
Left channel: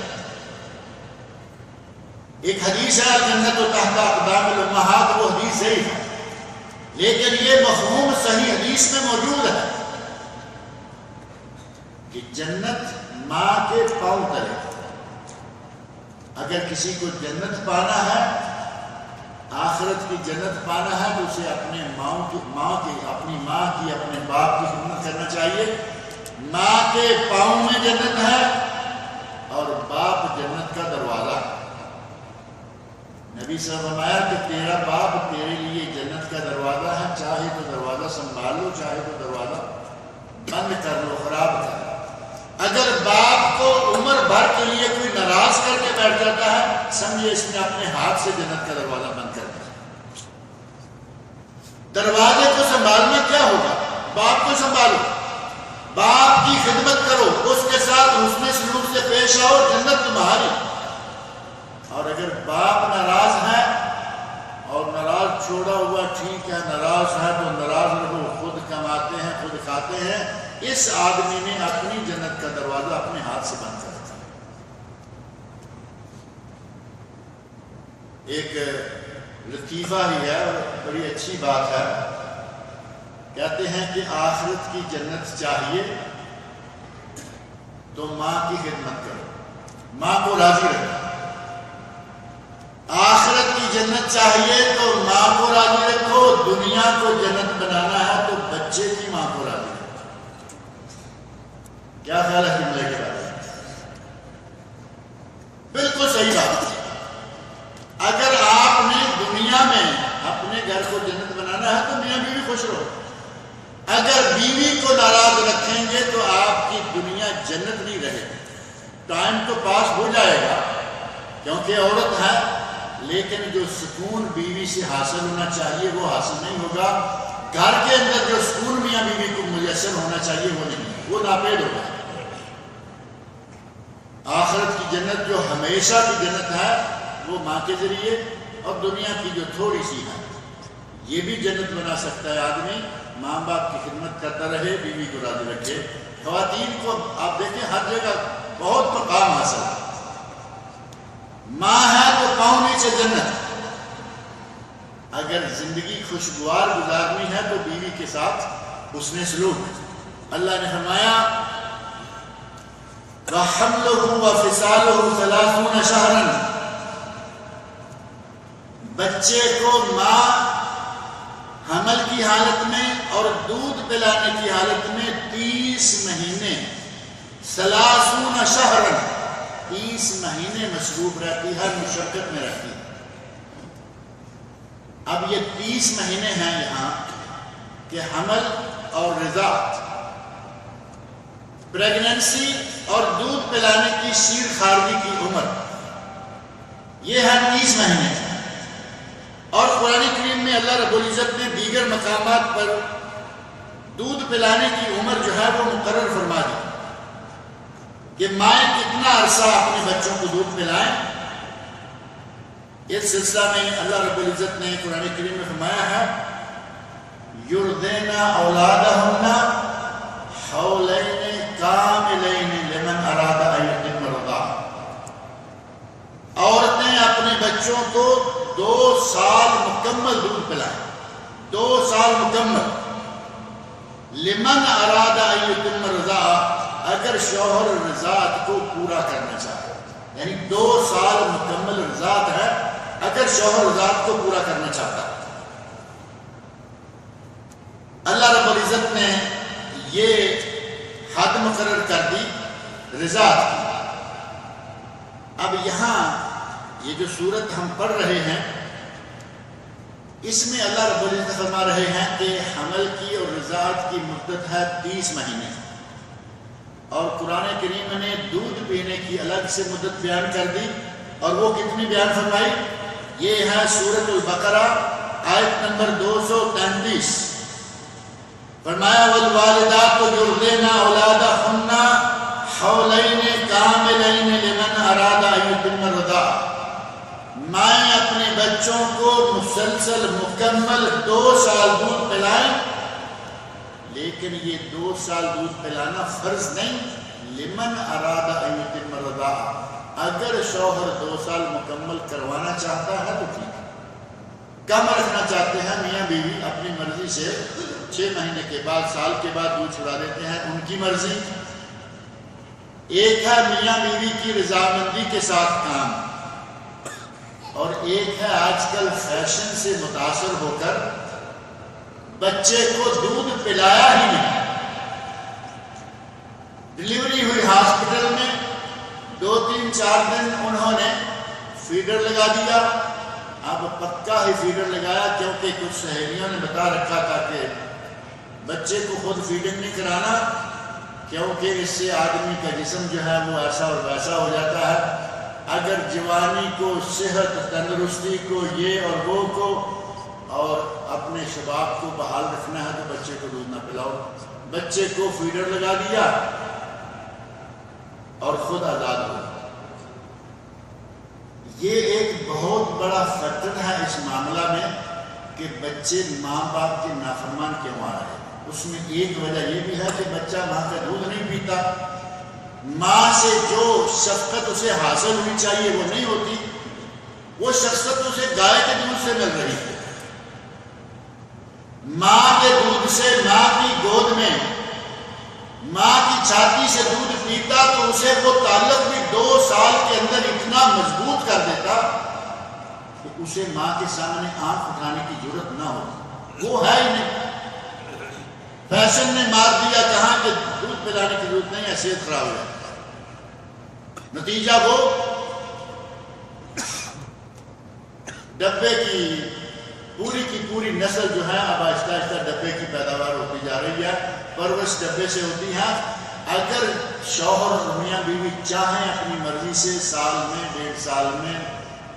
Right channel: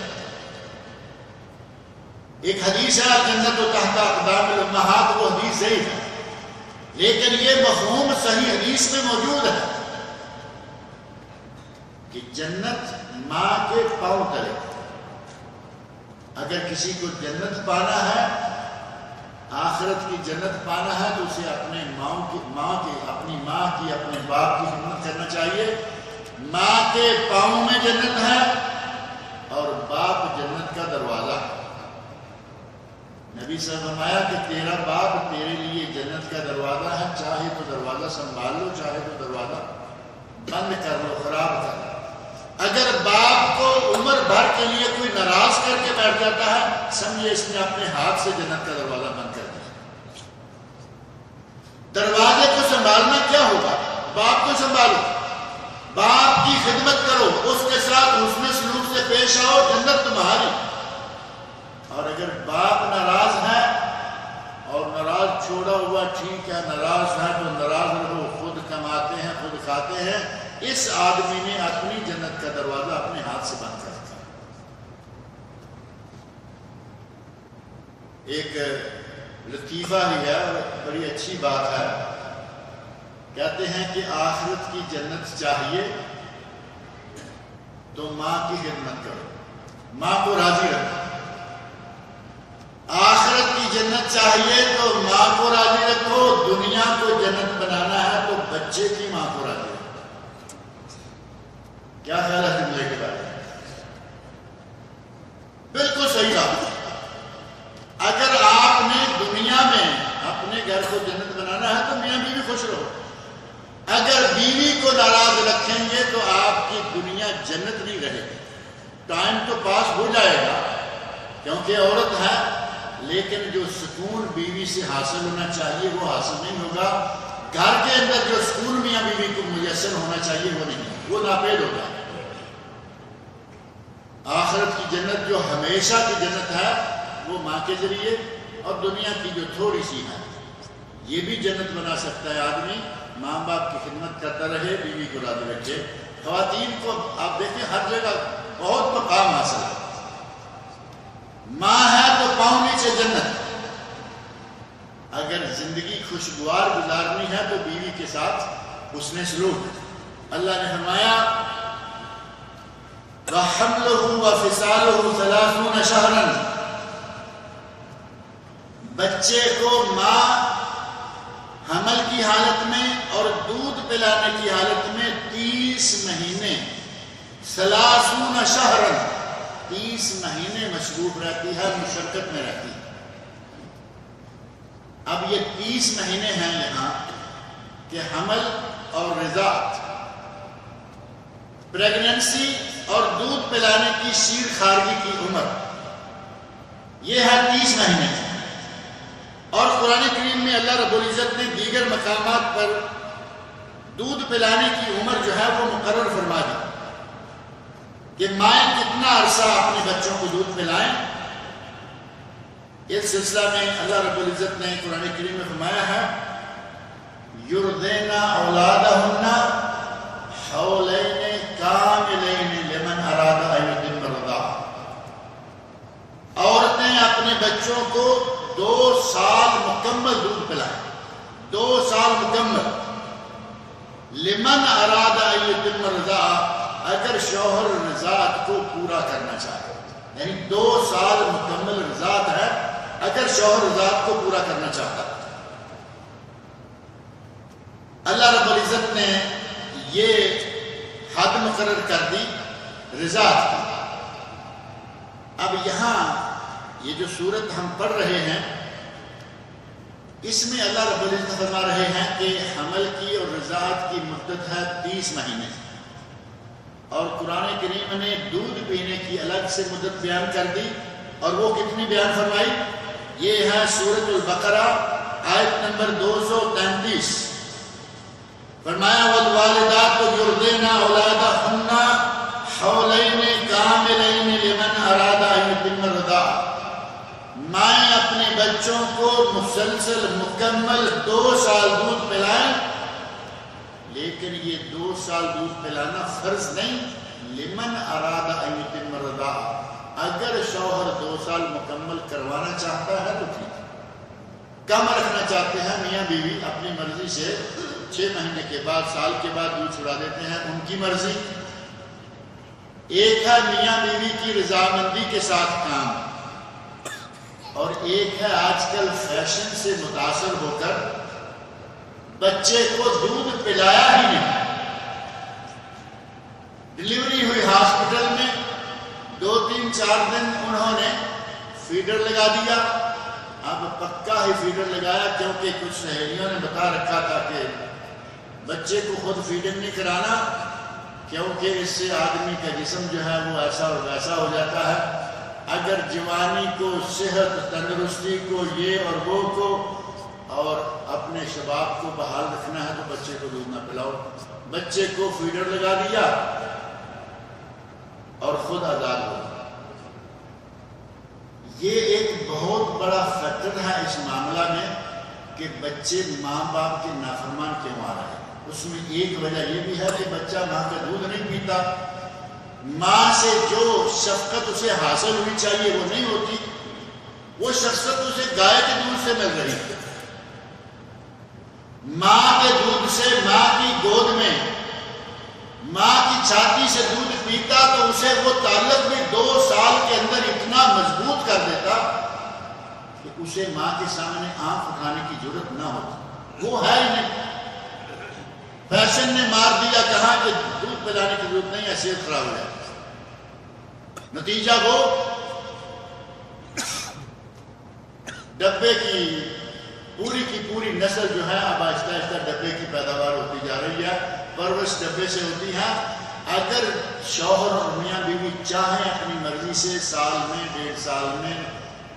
ایک حدیث ہے جنت و تحت اقدام الامہات، وہ حدیث ضعیف ہے، لیکن یہ مفہوم صحیح حدیث میں موجود ہے کہ جنت ماں کے پاؤں تلے۔ اگر کسی کو جنت پانا ہے، آخرت کی جنت پانا ہے، تو اسے اپنے اپنی ماں کی، اپنے باپ کی خدمت کرنا چاہیے، ماں کے پاؤں میں جنت ہے اور باپ جنت کا دروازہ. نبی صلی اللہ علیہ وسلم نے فرمایا کہ تیرا باپ تیرے لیے جنت کا دروازہ ہے، چاہے تو دروازہ سنبھال لو، چاہے تو دروازہ بند کر لو، خراب کر لو. اگر باپ کو عمر بھر کے لیے کوئی ناراض کر کے بیٹھ جاتا ہے، سمجھے اس نے اپنے ہاتھ سے جنت کا دروازہ بند کر دیا. دروازے کو سنبھالنا کیا ہوگا؟ باپ کو سنبھالو، باپ کی خدمت کرو، اس کے ساتھ حسن سلوک سے پیش آؤ، جنت تمہاری. اور اگر باپ ناراض ہے اور ناراض چھوڑا ہوا ٹھیک ہے، ناراض ہے تو ناراض رہو، خود کماتے ہیں خود کھاتے ہیں، اس آدمی نے اپنی جنت کا دروازہ اپنے ہاتھ سے بند کر دیا. ایک لطیفہ ہی ہے اور بڑی اچھی بات ہے. کہتے ہیں کہ آخرت کی جنت چاہیے تو ماں کی خدمت کرو، ماں کو راضی رکھو. آخرت کی جنت چاہیے تو ماں کو راضی رکھو. دنیا کو جنت بنانا ہے تو بچے کی ماں کو راضی رکھو. کیا خیال ہے جملے کے بارے میں؟ بالکل صحیح بات ہے. اگر آپ نے دنیا میں اپنے گھر کو جنت بنانا ہے تو میاں بیوی خوش رہو. اگر بیوی کو ناراض رکھیں گے تو آپ کی دنیا جنت نہیں رہے گی. ٹائم تو پاس ہو جائے گا کیونکہ عورت ہے، لیکن جو سکون بیوی سے حاصل ہونا چاہیے وہ حاصل نہیں ہوگا. گھر کے اندر جو سکون میاں بیوی کو میسر ہونا چاہیے وہ نہیں، وہ ناپید ہوگا. آخرت کی جنت جو ہمیشہ کی جنت ہے وہ ماں کے ذریعے، اور دنیا کی جو تھوڑی سی ہے یہ بھی جنت بنا سکتا ہے آدمی. ماں باپ کی خدمت کرتا رہے، بیوی کو راضی رکھے. خواتین کو آپ دیکھیں ہر جگہ بہت مقام حاصل ہے. ماں ہے تو پاؤں نیچے جنت. اگر زندگی خوشگوار گزارنی ہے تو بیوی کے ساتھ حسن سلوک. اللہ نے فرمایا وَحَمْلُهُ وَفِصَالُهُ 30 شَهْرًا. بچے کو ماں حمل کی حالت میں اور دودھ پلانے کی حالت میں 30 مہینے 30 شہرن 30 مہینے مصروف رہتی ہے، مشقت میں رہتی ہے. اب یہ 30 مہینے ہیں یہاں کہ حمل اور رضاعت، پریگننسی اور دودھ پلانے کی شیر خارگی کی عمر، یہ ہے 30 مہینے. اور قرآن کریم میں اللہ رب العزت نے دیگر مقامات پر دودھ پلانے کی عمر جو ہے وہ مقرر فرما دی کہ مائیں کتنا عرصہ اپنے بچوں کو دودھ پلائیں. اس سلسلہ میں اللہ رب العزت نے قرآن کریم میں فرمایا ہے یُرْضِعْنَ أَوْلَادَهُنَّ حَوْلَيْنِ كَامِلَيْنِ لِمَنْ أَرَادَ أَن يُتِمَّ الرَّضَاعَةَ. عورتیں اپنے بچوں کو 2 سال مکمل دودھ پلائیں، 2 سال مکمل. لمن اراد ان یتم الرضاعہ، اگر شوہر رضاعت کو پورا کرنا چاہے، یعنی 2 سال مکمل رضاعت ہے اگر شوہر رضاعت کو پورا کرنا چاہتا ہے. اللہ رب العزت نے یہ حد مقرر کر دی رضاعت کی. اب یہاں یہ جو صورت ہم پڑھ رہے ہیں اس میں اللہ رب العزت فرما رہے ہیں کہ حمل کی اور رضاعت کی مدت ہے 30 مہینے، اور قرآن کریم نے دودھ پینے کی الگ سے مدت بیان کر دی. اور وہ کتنی بیان فرمائی؟ یہ ہے سورۃ البقرہ آیت نمبر 233. فرمایا والوالدات یرضعن اولادهن حولین کاملین لمن اراد ان یتم الرضاعہ. مائیں اپنے بچوں کو مسلسل مکمل 2 سال دودھ پلائیں، لیکن یہ 2 سال دودھ پلانا فرض نہیں. لمن اراد ان یتم الرضاعہ، اگر شوہر 2 سال مکمل کروانا چاہتا ہے تو ٹھیک ہے، کم رکھنا چاہتے ہیں میاں بیوی اپنی مرضی سے 6 مہینے کے بعد سال کے بعد دودھ چھڑا دیتے ہیں، ان کی مرضی. ایک ہے میاں بیوی کی رضامندی کے ساتھ کام، اور ایک ہے آج کل فیشن سے متاثر ہو کر بچے کو دودھ پلایا ہی نہیں. ڈلیوری ہوئی ہاسپٹل میں، 2-3-4 دن انہوں نے فیڈر لگا دیا. اب پکا ہی فیڈر لگایا، کیونکہ کچھ سہیلیوں نے بتا رکھا تھا کہ بچے کو خود فیڈنگ نہیں کرانا، کیونکہ اس سے آدمی کا جسم جو ہے وہ ایسا اور ویسا ہو جاتا ہے. اگر جوانی کو، صحت، تندرستی کو، یہ اور وہ کو، اور اپنے شباب کو بحال رکھنا ہے تو بچے کو دودھ نہ پلاؤ. بچے کو فیڈر لگا دیا اور خود آزاد ہو. یہ ایک بہت بڑا فیکٹر ہے اس معاملہ میں کہ بچے ماں باپ کے نافرمان کیوں آ رہے ہیں. اس میں ایک وجہ یہ بھی ہے کہ بچہ ماں کا دودھ نہیں پیتا، ماں سے جو شفقت اسے حاصل ہونی چاہیے وہ نہیں ہوتی، وہ شفقت اسے گائے کے دودھ سے مل رہی ہے. ماں کے دودھ سے، ماں کی گود میں، ماں کی چھاتی سے دودھ پیتا تو اسے وہ تعلق بھی 2 سال کے اندر اتنا مضبوط کر دیتا کہ اسے ماں کے سامنے آنکھ اٹھانے کی ضرورت نہ ہوتی. وہ ہے ہی نہیں. فیشن نے مار دیا، کہا کہ دودھ پلانے کی ضرورت نہیں ہے، صحت خراب ہو جائے. نتیجہ وہ ڈبے کی پوری نسل جو ہے اب آہستہ آہستہ ڈبے کی پیداوار ہوتی جا رہی ہے، پرورش ڈبے سے ہوتی ہے. اگر شوہر اور میاں بیوی چاہیں اپنی مرضی سے سال میں 1.5 سال میں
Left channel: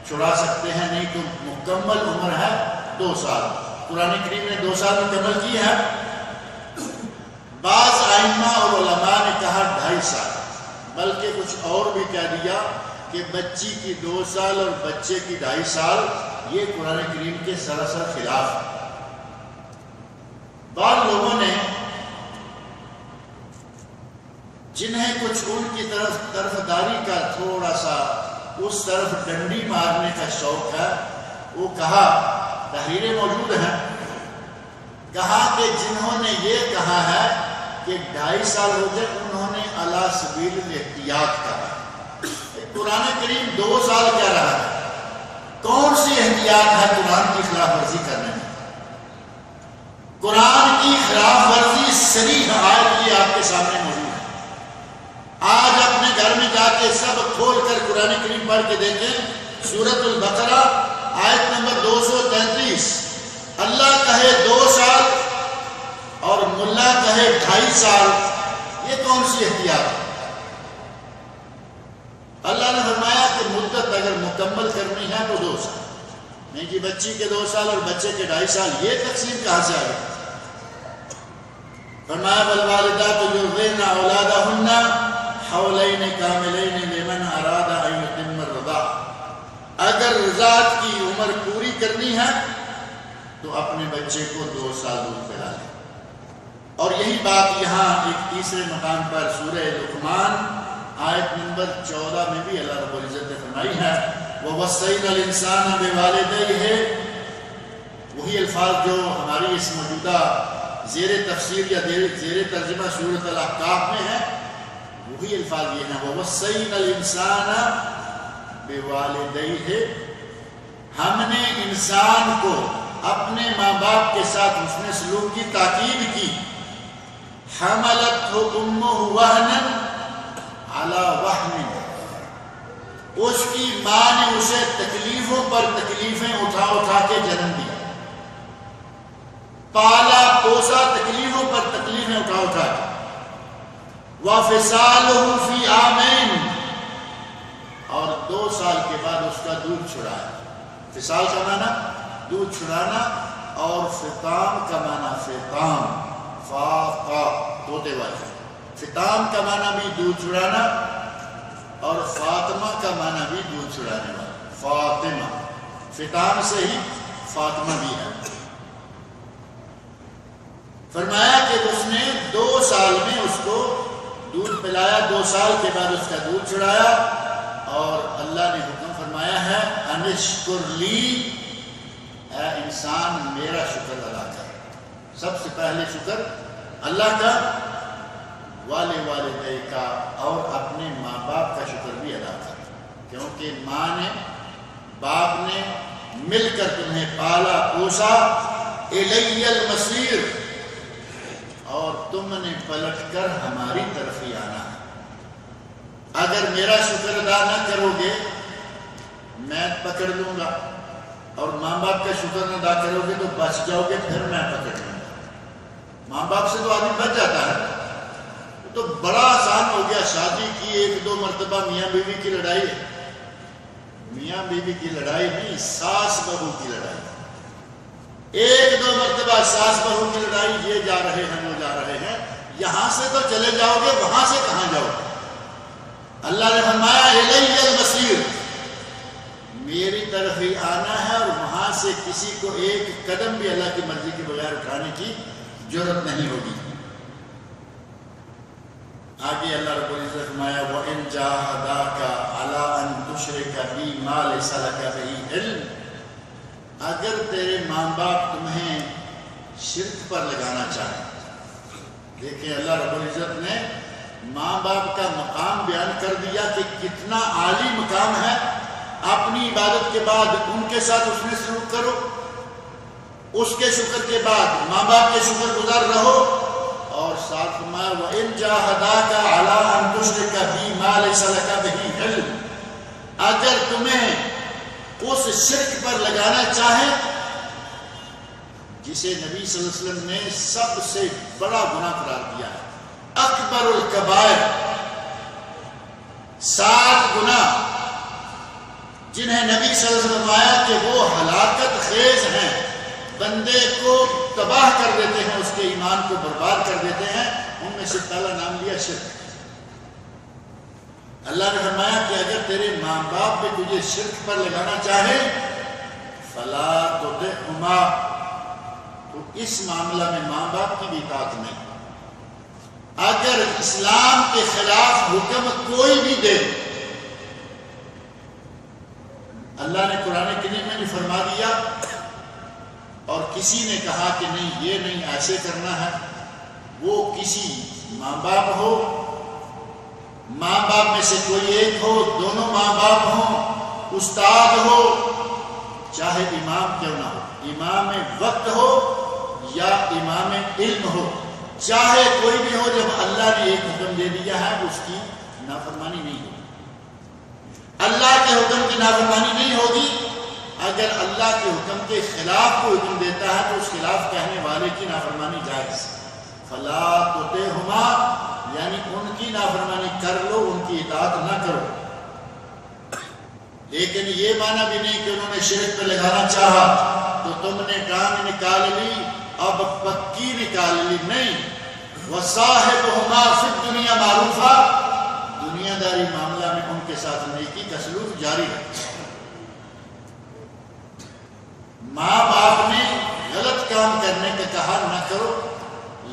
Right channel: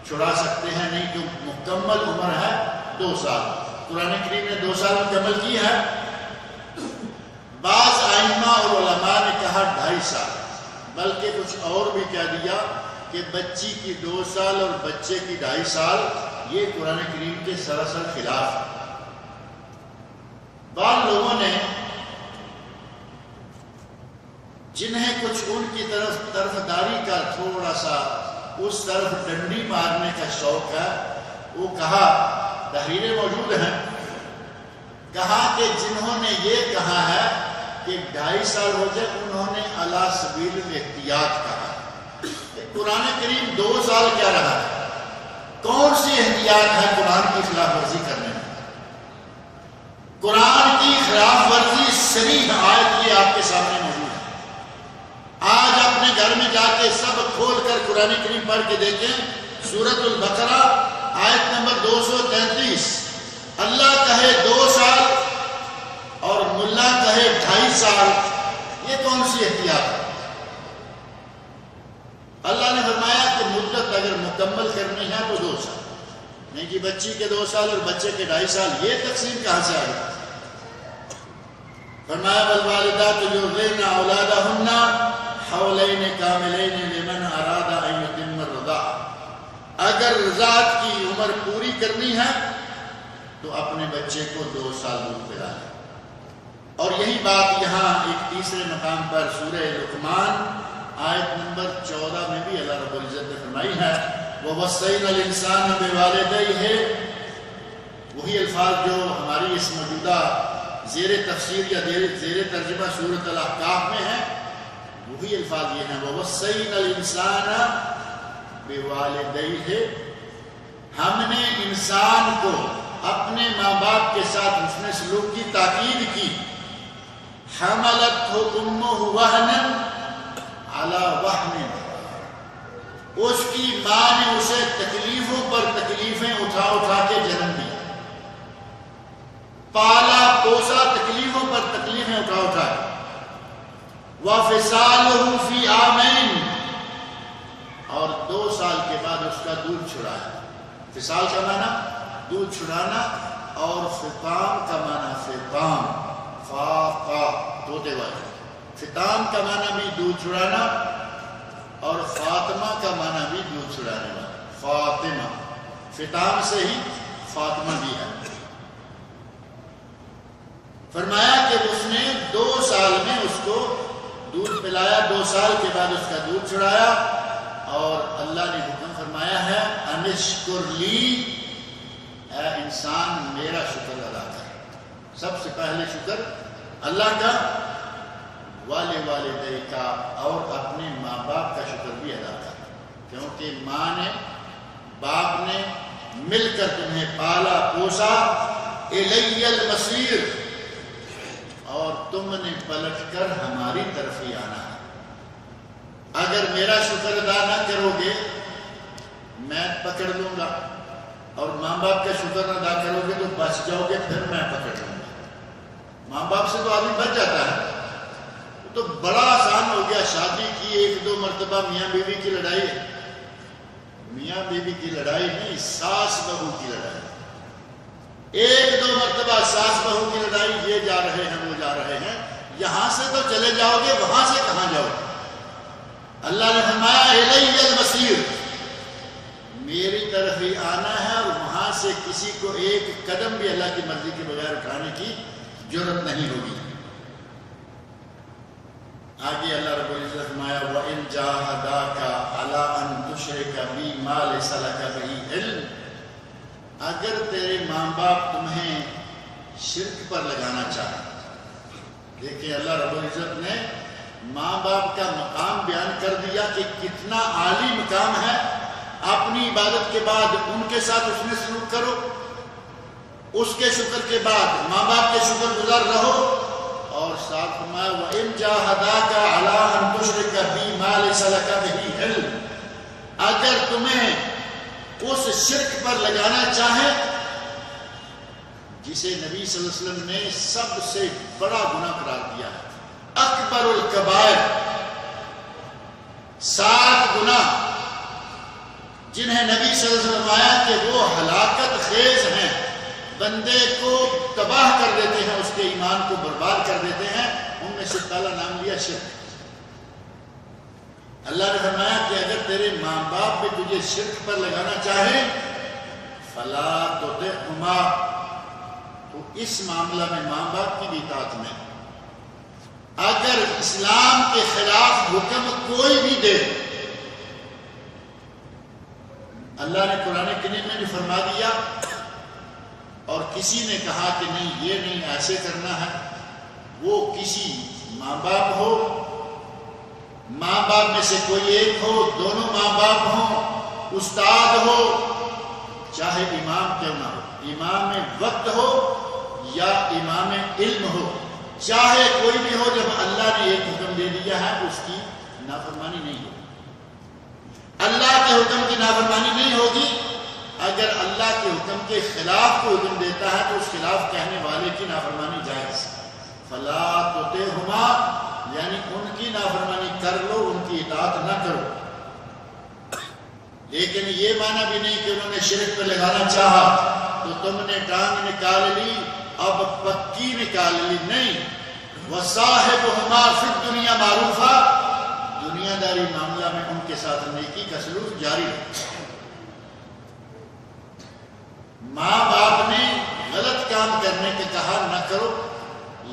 چھڑا سکتے ہیں، نہیں تو مکمل عمر ہے 2 سال. قرآن کریم نے 2 سال مکمل کی ہے. بعض ائمہ اور علماء نے کہا 2.5 سال، بلکہ کچھ اور بھی کہہ دیا کہ بچی کی 2 سال اور بچے کی 2.5 سال. یہ قرآن کریم کے سراسر خلاف. بعض لوگوں نے جنہیں کچھ ان کی طرفداری کا تھوڑا سا اس طرف ڈنڈی مارنے کا شوق ہے، وہ کہا، تحریریں موجود ہیں، کہا کہ جنہوں نے یہ کہا ہے کہ 2.5 سال ہو جائے انہوں نے علی سبیل الاحتیاط کہا. قرآن کریم 2 سال کہہ رہا ہے. کون سی احتیاط ہے قرآن کی خلاف ورزی کرنے میں؟ قرآن کی خلاف ورزی صریح آیت یہ آپ کے سامنے موجود ہے. آج اپنے گھر میں جا کے سب کھول کر قرآن کریم پڑھ کے دیکھیں. سورۃ البقرہ آیت نمبر 233. اللہ کہے 2 سال اور ملا کہے 2.5 سال. یہ کون سی احتیاط ہے؟ اللہ نے فرمایا کہ مدت اگر مکمل کرنی ہے تو 2 سال. نہیں جی، بچی کے 2 سال اور بچے کے 2.5 سال، یہ تقسیم کہاں سے آ گئی؟ فرمایا والوالدات یرضعن اولادہن حولین کاملین لمن اراد ان یتم الرضاعہ. اگر رضاعت کی عمر پوری کرنی ہے تو اپنے بچے کو 2 سال دودھ پلا لیں. اور یہی بات یہاں ایک تیسرے مقام پر سورہ لقمان آیت نمبر 14 میں بھی اللہ رب العزت نے فرمائی ہے، وَوَصَّيْنَا الْإِنسَانَ بِوَالِدَيْهِ. وہی الفاظ جو ہماری اس موجودہ زیر تفسیر یا زیر ترجمہ سورۃ الاحقاف میں ہے، وہی الفاظ یہ ہیں، وَوَصَّيْنَا الْإِنسَانَ بِوَالِدَيْهِ. ہم نے انسان کو اپنے ماں باپ کے ساتھ حسن سلوک کی تاکید کی. حَمَلَتْهُ أُمُّهُ وَهْنًا عَلَى وَحْنٍ. اس کی ماں نے اسے تکلیفوں پر تکلیفیں اٹھا اٹھا کے جنم دیا، پالا پوسا تکلیفوں پر تکلیفیں اٹھا اٹھا کے. وَفِصَالُهُ فِي عَامَيْنِ. اور 2 سال کے بعد اس کا دودھ چھڑایا. فصال کا معنی دودھ چھڑانا، اور فطام کا معنی فطام، فاقا طوطے والی. فطام کا معنی بھی دودھ چھڑانا، اور فاطمہ کا معنی بھی دودھ چھڑانے والا. فاطمہ، فطام سے ہی فاطمہ بھی ہے. فرمایا کہ اس نے 2 سال میں اس کو دودھ پلایا، 2 سال کے بعد اس کا دودھ چھڑایا. اور اللہ نے حکم فرمایا ہے، انشکر لی، اے انسان میرا شکر ادا کر. سب سے پہلے شکر اللہ کا، والدے کا، اور اپنے ماں باپ کا شکر بھی ادا کر، کیونکہ ماں نے باپ نے مل کر تمہیں پالا پوسا. الی المصیر. اور تم نے پلٹ کر ہماری طرف ہی آنا ہے۔ اگر میرا شکر ادا نہ کرو گے میں پکڑ لوں گا، اور ماں باپ کا شکر نہ ادا کرو گے تو بچ جاؤ گے، پھر میں پکڑ لوں گا۔ ماں باپ سے تو آدمی بچ جاتا ہے، تو بڑا آسان ہو گیا۔ شادی کی 1-2 مرتبہ میاں بیوی کی لڑائی ہے، میاں بیوی کی لڑائی نہیں، ساس بہو کی لڑائی۔ 1-2 مرتبہ ساس بہو کی لڑائی، یہ جا رہے ہیں وہ جا رہے ہیں، یہاں سے تو چلے جاؤ گے، وہاں سے کہاں جاؤ گے؟ اللہ نے فرمایا الیہ المصیر، میری طرف ہی آنا ہے، اور وہاں سے کسی کو ایک قدم بھی اللہ کی مرضی کے بغیر اٹھانے کی جرات نہیں ہوگی۔ آگے اللہ رب العزت فرمایا وَإِن جَاهَدَاكَ عَلَىٰ أَن تُشْرِكَ بِي مَا لَيْسَ لَكَ بِهِ عِلْمٌ، اگر تیرے ماں باپ تمہیں شرک پر لگانا چاہیں۔ دیکھیں اللہ رب العزت نے ماں باپ کا مقام بیان کر دیا کہ کتنا عالی مقام ہے۔ اپنی عبادت کے بعد ان کے ساتھ حسن سلوک کرو، اس کے شکر کے بعد ماں باپ کے شکر گزار رہو، اور ساتھ فرمایا وَإِن جَاهَدَاكَ عَلَىٰ أَن تُشْرِكَ بِي مَا لَيْسَ لَكَ بِهِ عِلْمٌ، اگر تمہیں اس شرک پر لگانا چاہیں جسے نبی صلی اللہ علیہ وسلم نے سب سے بڑا گناہ قرار دیا ہے، اکبر الکبائر، 7 گناہ جنہیں نبی صلی اللہ علیہ وسلم فرمایا کہ وہ ہلاکت خیز ہیں، بندے کو تباہ کر دیتے ہیں، اس کے ایمان کو برباد کر دیتے ہیں، ان میں سے پہلا نام لیا شرک۔ اللہ نے فرمایا کہ اگر تیرے ماں باپ بھی تجھے شرک پر لگانا چاہیں فلا تطعهما، تو اس معاملہ میں ماں باپ کی بھی اطاعت نہیں۔ اگر اسلام کے خلاف حکم کوئی بھی دے، اللہ نے قرآن کریم میں نے فرما دیا، اور کسی نے کہا کہ نہیں یہ نہیں ایسے کرنا ہے، وہ کسی ماں باپ ہو، ماں باپ میں سے کوئی ایک ہو، دونوں ماں باپ ہوں، استاد ہو، چاہے امام کیوں نہ ہو، امام وقت ہو یا امام علم ہو، چاہے کوئی بھی ہو، جب اللہ نے ایک حکم دے دیا ہے اس کی نافرمانی نہیں ہوگی۔ اللہ کے حکم کی نافرمانی نہیں ہوگی۔ اگر اللہ کے حکم کے خلاف کوئی حکم دیتا ہے تو اس خلاف کہنے والے کی نافرمانی جائز۔ فلا تطعهما، یعنی ان کی نافرمانی کر لو، ان کی اطاعت نہ کرو، لیکن یہ معنی بھی نہیں کہ انہوں نے شرک پہ لگانا چاہا تو تم نے ٹانگ نکال لی اب پکی نکال لی، نہیں۔ وَصَاحِبْهُمَا فِي الدُّنْيَا مَعْرُوفًا، دنیا داری معاملہ میں ان کے ساتھ نیکی کا سلوک جاری رکھو۔ ماں باپ نے غلط کام کرنے کا کہا نہ کرو،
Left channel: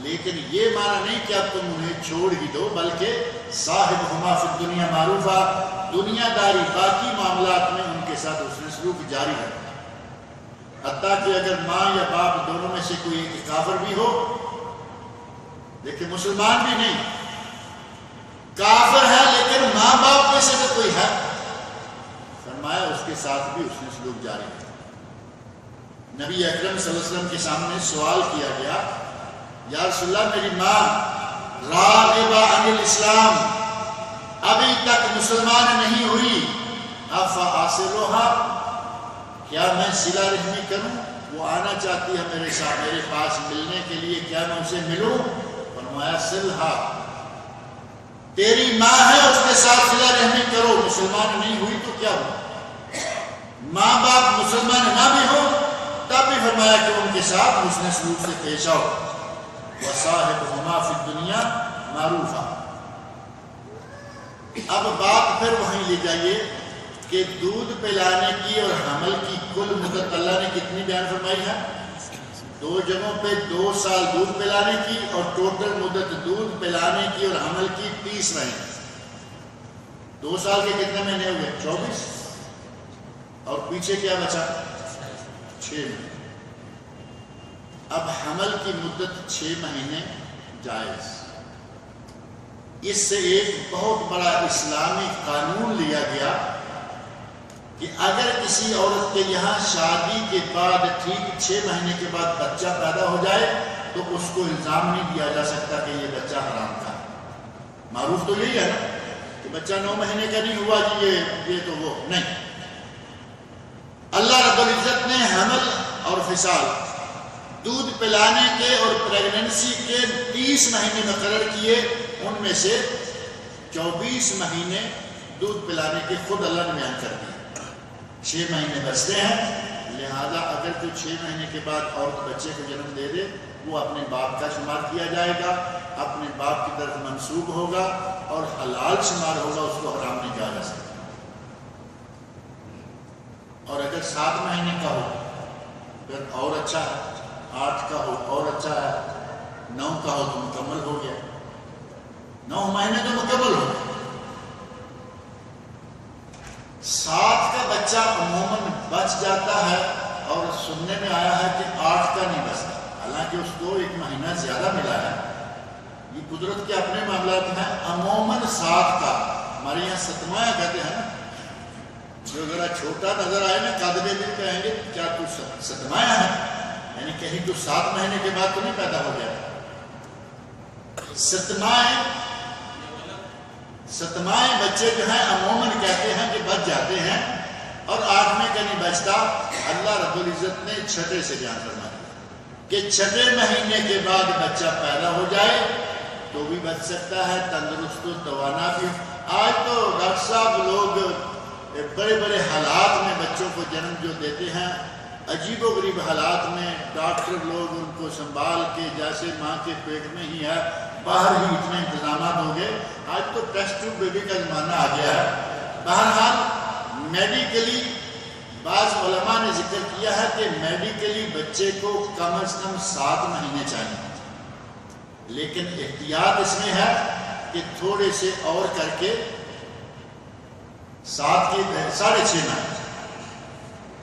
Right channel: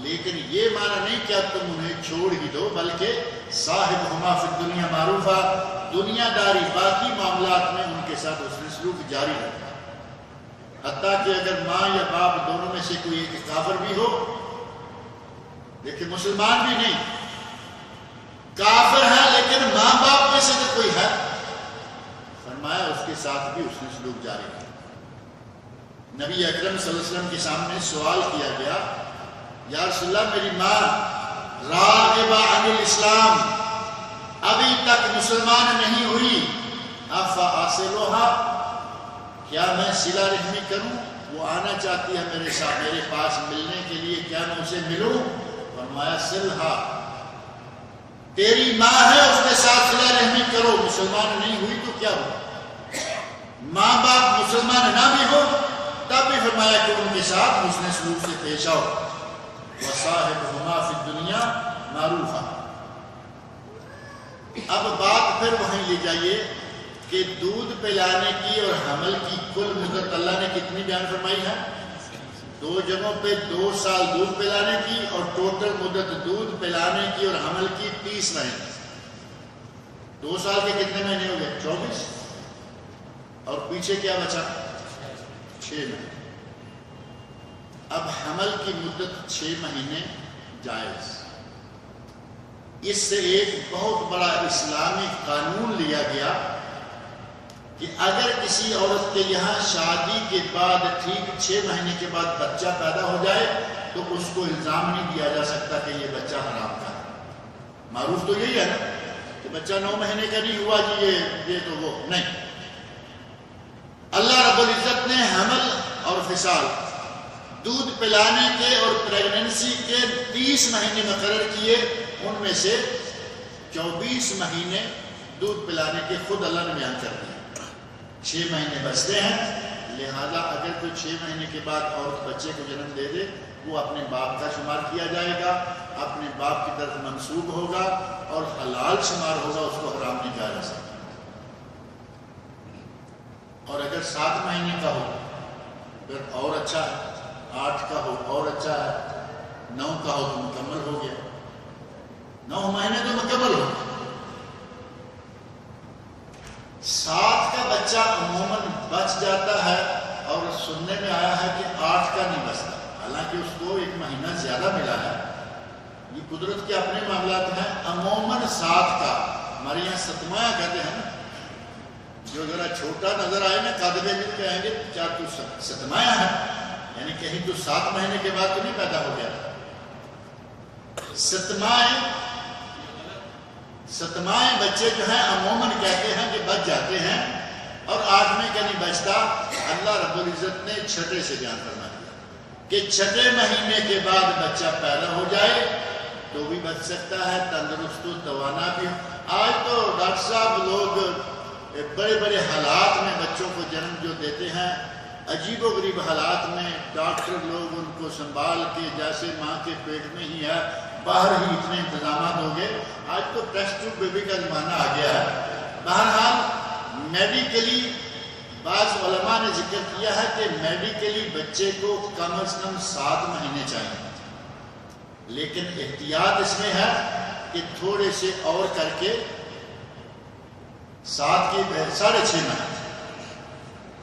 لیکن یہ معنی نہیں کہ اب تم انہیں چھوڑ ہی دو، بلکہ صاحبہما فی الدنیا معروفہ، دنیا داری باقی معاملات میں ان کے ساتھ حسن سلوک جاری رکھو۔ حتیٰ کہ اگر ماں یا باپ دونوں میں سے کوئی ایک کافر بھی ہو، دیکھیں مسلمان بھی نہیں، کافر ہے لیکن ماں باپ میں سے جو کوئی ہے، فرمایا اس کے ساتھ بھی حسن سلوک جاری رکھو۔ نبی اکرم صلی اللہ علیہ وسلم کے سامنے سوال کیا گیا، یا رسول اللہ میری ماں راغبہ عن الاسلام، ابھی تک مسلمان نہیں ہوئی، افاصلها، کیا میں صلہ رحمی کروں؟ وہ آنا چاہتی ہے میرے ساتھ میرے پاس ملنے کے لیے، کیا میں اسے ملوں؟ فرمایا صلھا، تیری ماں ہے اس کے ساتھ صلہ رحمی کرو۔ مسلمان نہیں ہوئی تو کیا ہوا؟ ماں باپ مسلمان نہ بھی ہو تب بھی فرمایا کہ ان کے ساتھ حسن سلوک سے پیش آؤ۔ وَصَاحِبْهُمَا فِي الدُّنْيَا مَعْرُوفًا۔ اب بات پھر وہیں لے جائیے کہ دودھ پلانے کی اور حمل کی کل مدت اللہ نے کتنی بیان فرمائی ہے؟ 2 جگہوں پہ 2 سال دودھ پلانے کی، اور ٹوٹل مدت دودھ پلانے کی اور حمل کی 30 مہینے۔ 2 سال کے کتنے مہینے ہو گئے؟ 24، اور پیچھے کیا بچا؟ 6 مہینے۔ اب حمل کی مدت 6 مہینے جائز۔ اس سے ایک بہت بڑا اسلامی قانون لیا گیا کہ اگر کسی عورت کے یہاں شادی کے بعد ٹھیک 6 مہینے کے بعد بچہ پیدا ہو جائے تو اس کو الزام نہیں دیا جا سکتا کہ یہ بچہ حرام کا ہے۔ معروف تو یہی ہے نا کہ بچہ 9 مہینے کا نہیں ہوا جی یہ تو وہ نہیں۔ اللہ رب العزت نے حمل اور فصال، دودھ پلانے کے اور پریگننسی کے 30 مہینے مقرر کیے، ان میں سے 24 مہینے دودھ پلانے کے خود اللہ نے بیان کر دیے۔ 6 مہینے بچتے ہیں، لہذا اگر کوئی 6 مہینے کے بعد عورت بچے کو جنم دے دے وہ اپنے باپ کا شمار کیا جائے گا، اپنے باپ کی طرف منسوب ہوگا اور حلال شمار ہوگا، اس کو حرام نہیں کہا جا سکتا۔ اور اگر 7 مہینے کا ہو پھر اور اچھا ہے، 8 کا ہو اور اچھا ہے، 9 کا ہو تو مکمل ہو گیا، 9 مہینے تو مکمل ہو گیا۔ 7 کا بچہ عموماً بچ جاتا ہے اور سننے میں آیا ہے کہ 8 کا نہیں بچتا، حالانکہ اس کو 1 مہینہ زیادہ ملا ہے۔ یہ قدرت کے اپنے معاملات ہیں۔ عموماً 7 کا، ہمارے یہاں ستمایا کہتے ہیں نا، جو ذرا چھوٹا نظر آئے نا قد میں بھی کہیں گے کیا تو ستمایا ہے، یعنی کہیں تو 7 مہینے کے بعد تو نہیں پیدا ہو گیا۔ ستمائے بچے جو ہیں عموماً کہتے ہیں کہ بچ جاتے ہیں، اور 8ویں کا نہیں بچتا۔ اللہ رب العزت نے 6 سے بیان فرما دیا کہ 6 مہینے کے بعد بچہ پیدا ہو جائے تو بھی بچ سکتا ہے، تندرست و توانا بھی۔ آج تو ڈاکٹر صاحب لوگ بڑے بڑے حالات میں بچوں کو جنم جو دیتے ہیں، عجیب و غریب حالات میں ڈاکٹر لوگ ان کو سنبھال کے جیسے ماں کے پیٹ میں ہی ہے، باہر ہی اتنے انتظامات ہو گئے۔ آج تو ٹیسٹ ٹیوب بیبی کا زمانہ آ گیا ہے۔ بہرحال میڈیکلی بعض علماء نے ذکر کیا ہے کہ میڈیکلی بچے کو کم از کم 7 مہینے چاہیے، لیکن احتیاط اس میں ہے کہ تھوڑے سے اور کر کے 7 کے 6.5 مہینے،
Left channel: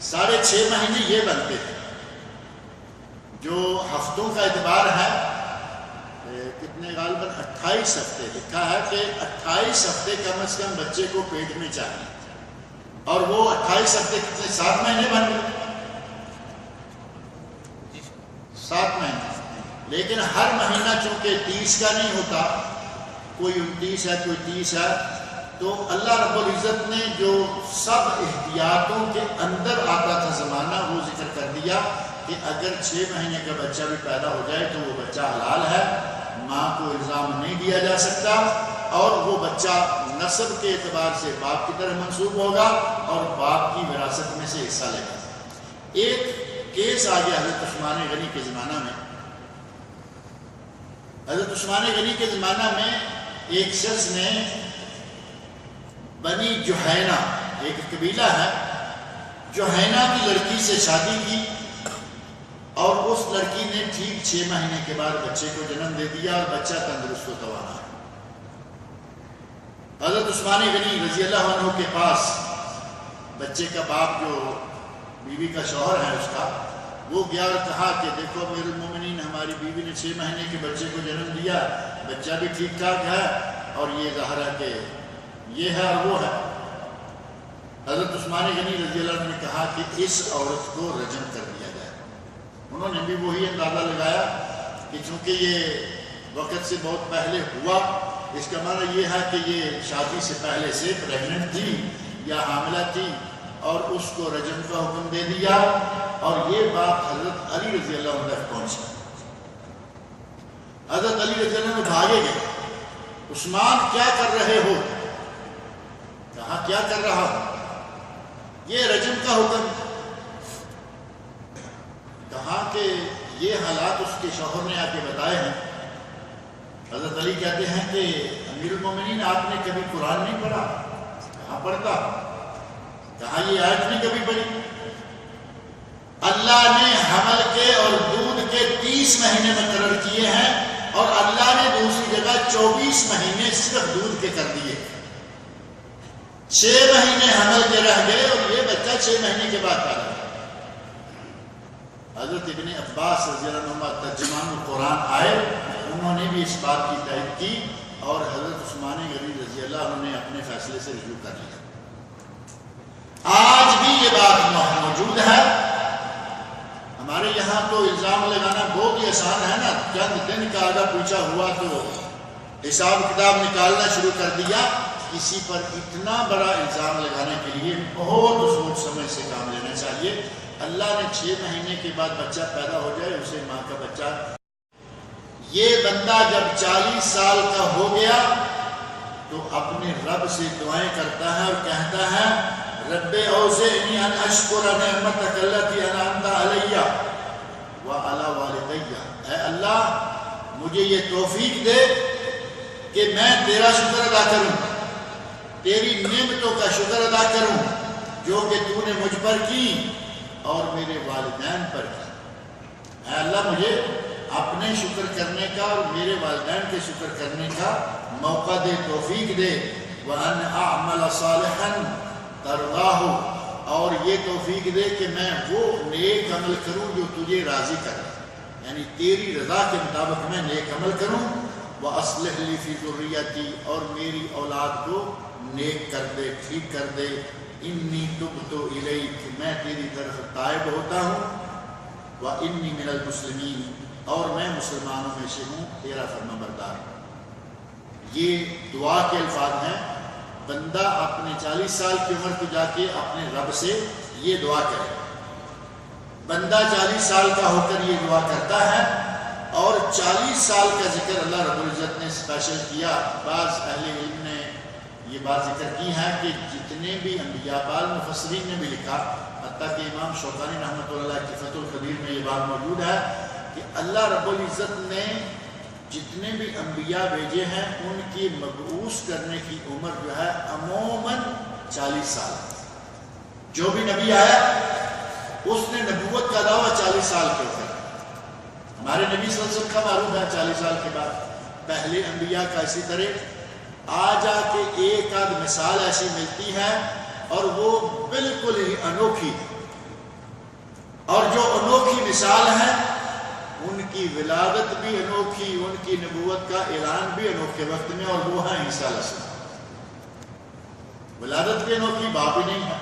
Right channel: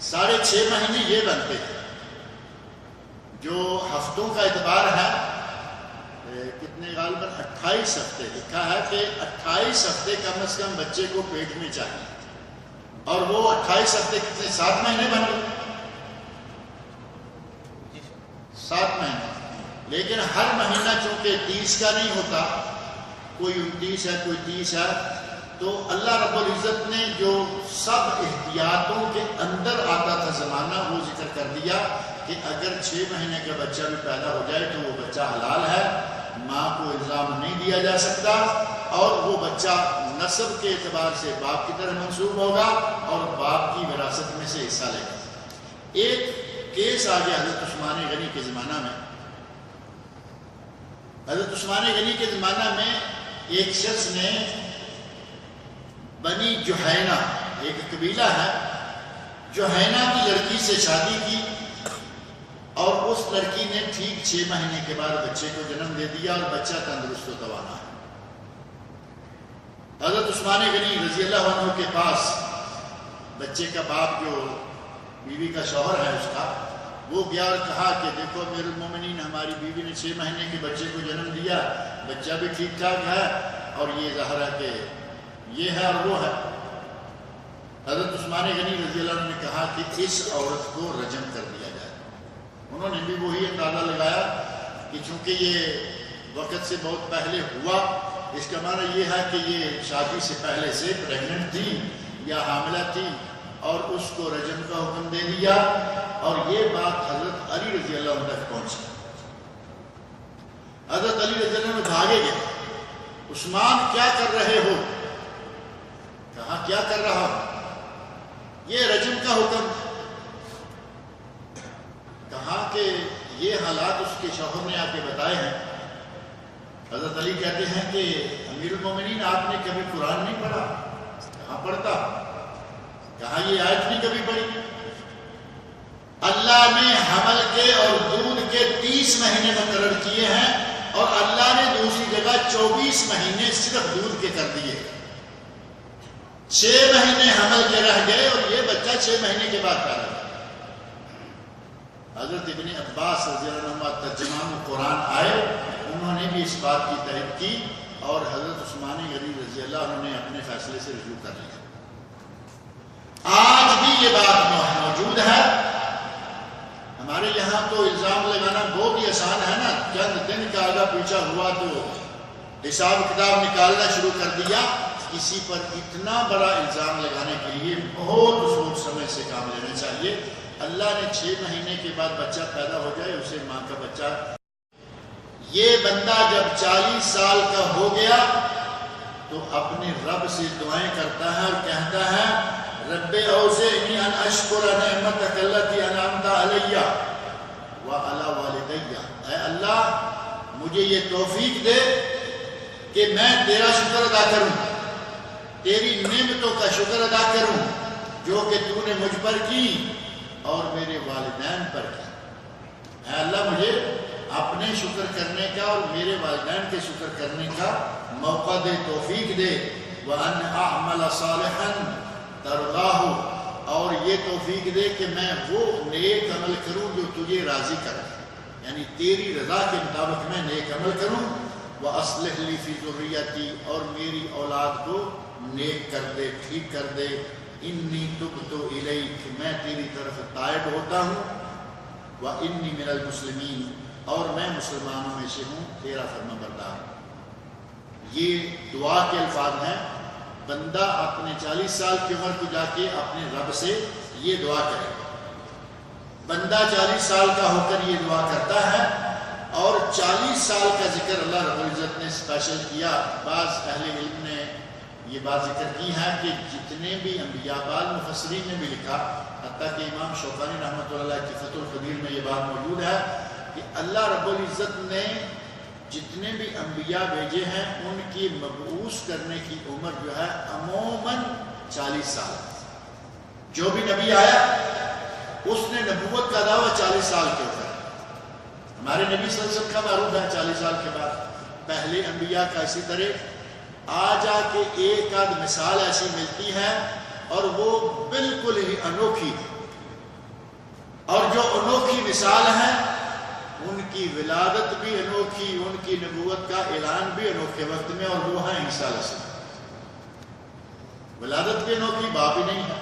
6.5 مہینے یہ بنتے تھے۔ جو ہفتوں کا اعتبار ہے کتنے غالباً 28 ہفتے لکھا ہے کہ 28 ہفتے کم از کم بچے کو پیٹ میں چاہیے، اور وہ 28 ہفتے کتنے 7 مہینے بن گئے، 7 مہینے۔ لیکن ہر مہینہ چونکہ 30 کا نہیں ہوتا، کوئی 29 ہے کوئی 30 ہے، تو اللہ رب العزت نے جو سب احتیاطوں کے اندر آتا تھا زمانہ وہ ذکر کر دیا کہ اگر 6 مہینے کا بچہ بھی پیدا ہو جائے تو وہ بچہ حلال ہے، ماں کو الزام نہیں دیا جا سکتا، اور وہ بچہ نسب کے اعتبار سے باپ کی طرح منسوب ہوگا اور باپ کی وراثت میں سے حصہ لے گا۔ ایک کیس آ گیا حضرت عثمان غنی کے زمانہ میں۔ حضرت عثمان غنی کے زمانہ میں ایک شخص نے بنی جوہینہ، ایک قبیلہ ہے، جوہینہ کی لڑکی سے شادی کی، اور اس لڑکی نے ٹھیک 6 مہینے کے بعد بچے کو جنم دے دیا، اور بچہ تندرست و توانا ہے۔ حضرت عثمان غنی رضی اللہ عنہ کے پاس بچے کا باپ جو بیوی کا شوہر ہے اس کا، وہ گیا اور کہا کہ دیکھو امیر المومنین، ہماری بیوی نے 6 مہینے کے بچے کو جنم دیا، بچہ بھی ٹھیک ٹھاک ہے، اور یہ ظاہر ہے کہ یہ ہے اور وہ ہے۔ حضرت عثمان غنی رضی اللہ عنہ نے کہا کہ اس عورت کو رجم کر دیا جائے۔ انہوں نے بھی وہی اندازہ لگایا کہ چونکہ یہ وقت سے بہت پہلے ہوا، اس کا معنی یہ ہے کہ یہ شادی سے پہلے سے پریگننٹ تھی یا حاملہ تھی، اور اس کو رجم کا حکم دے دیا، اور یہ بات حضرت علی رضی اللہ عنہ تک پہنچی۔ حضرت علی رضی اللہ عنہ بھاگے گئے، عثمان کیا کر رہے ہو؟ کہا کیا کر رہا ہوں؟ یہ رجم کا حکم۔ کہا کہ یہ حالات اس کے شوہر نے آ کے بتائے ہیں۔ حضرت علی کہتے ہیں کہ امیر المومنین آپ نے کبھی قرآن نہیں پڑھا؟ کہاں پڑھتا؟ کہا یہ آیت نہیں کبھی پڑھی؟ اللہ نے حمل کے اور دودھ کے 30 مہینے مقرر کیے ہیں، اور اللہ نے دوسری جگہ 24 مہینے صرف دودھ کے کر دیے۔ 6 مہینے حمل کے رہ گئے، اور یہ بچہ 6 مہینے کے بعد پیدا ہوا۔ حضرت ابن عباس رضی اللہ عنہ ترجمان القرآن آئے، انہوں نے بھی اس بات کی تائید کی، اور حضرت عثمان غنی رضی اللہ عنہ نے اپنے فیصلے سے رجوع کر لیا۔ آج یہ بات موجود ہے. ہمارے یہاں تو الزام لگانا بہت ہی آسان ہے نا، چند دن کا آگا پیچھا ہوا تو حساب کتاب نکالنا شروع کر دیا. کسی پر اتنا بڑا الزام لگانے کے لیے بہت سوچ سمجھ سے کام لینا چاہیے. اللہ نے 6 مہینے کے بعد بچہ پیدا ہو جائے، اسے ماں کا بچہ. یہ بندہ جب 40 سال کا ہو گیا تو اپنے رب سے دعائیں کرتا ہے اور کہتا ہے رب اوزعنی ان اشکر نعمتک التی انعمت علی وعلی والدی. اے اللہ مجھے یہ توفیق دے کہ میں تیرا شکر ادا کروں، تیری نعمتوں کا شکر ادا کروں جو کہ تو نے مجھ پر کی اور میرے والدین پر کی. اے اللہ مجھے اپنے شکر کرنے کا اور میرے والدین کے شکر کرنے کا موقع دے، توفیق دے. وَأَنْ أَعْمَلَ صَالِحًا تَرْضَاهُ، اور یہ توفیق دے کہ میں وہ نیک عمل کروں جو تجھے راضی کر دے، یعنی تیری رضا کے مطابق میں نیک عمل کروں. وَأَصْلِحْ لِي فِي ذُرِّيَّتِي، اور میری اولاد کو نیک کر دے، ٹھیک کر دے. اِنِّي تُبْتُ إِلَيْكَ، میں تیری طرف تائب ہوتا ہوں. وَإِنِّي مِنَ الْمُسْلِمِينَ، اور میں مسلمانوں میں سے ہوں، تیرا فرما بردار. یہ دعا کے الفاظ ہیں. بندہ اپنے 40 سال کی عمر کو جا کے اپنے رب سے یہ دعا کرے. بندہ 40 سال کا ہو کر یہ دعا کرتا ہے. اور 40 سال کا ذکر اللہ رب العزت نے اسپیشل کیا. بعض اہل علم نے یہ بات ذکر کی ہے کہ جتنے بھی انبیاء، بعض مفسرین نے بھی لکھا، حتیٰ کہ امام شوکانی رحمۃ اللہ علیہ کی فتح القدیر میں یہ بات موجود ہے کہ اللہ رب العزت نے جتنے بھی انبیاء بھیجے ہیں ان کی مبعوث کرنے کی عمر جو ہے عموماً 40 سال. جو بھی نبی آیا اس نے نبوت کا دعویٰ 40 سال کے اوپر. ہمارے نبی صلی اللہ علیہ وسلم کا معروف ہے 40 سال کے بعد پہلے انبیاء کا. اسی طرح آ جا کے ایک آدھ مثال ایسی ملتی ہے اور وہ بالکل ہی انوکھی ہے. اور جو انوکھی مثال ہے ان کی ولادت بھی انوکھی، ان کی نبوت کا اعلان بھی انوکھے وقت میں، اور وہ ہیں عیسیٰ علیہ السلام. ولادت بھی انوکھی، باپ ہی نہیں ہے،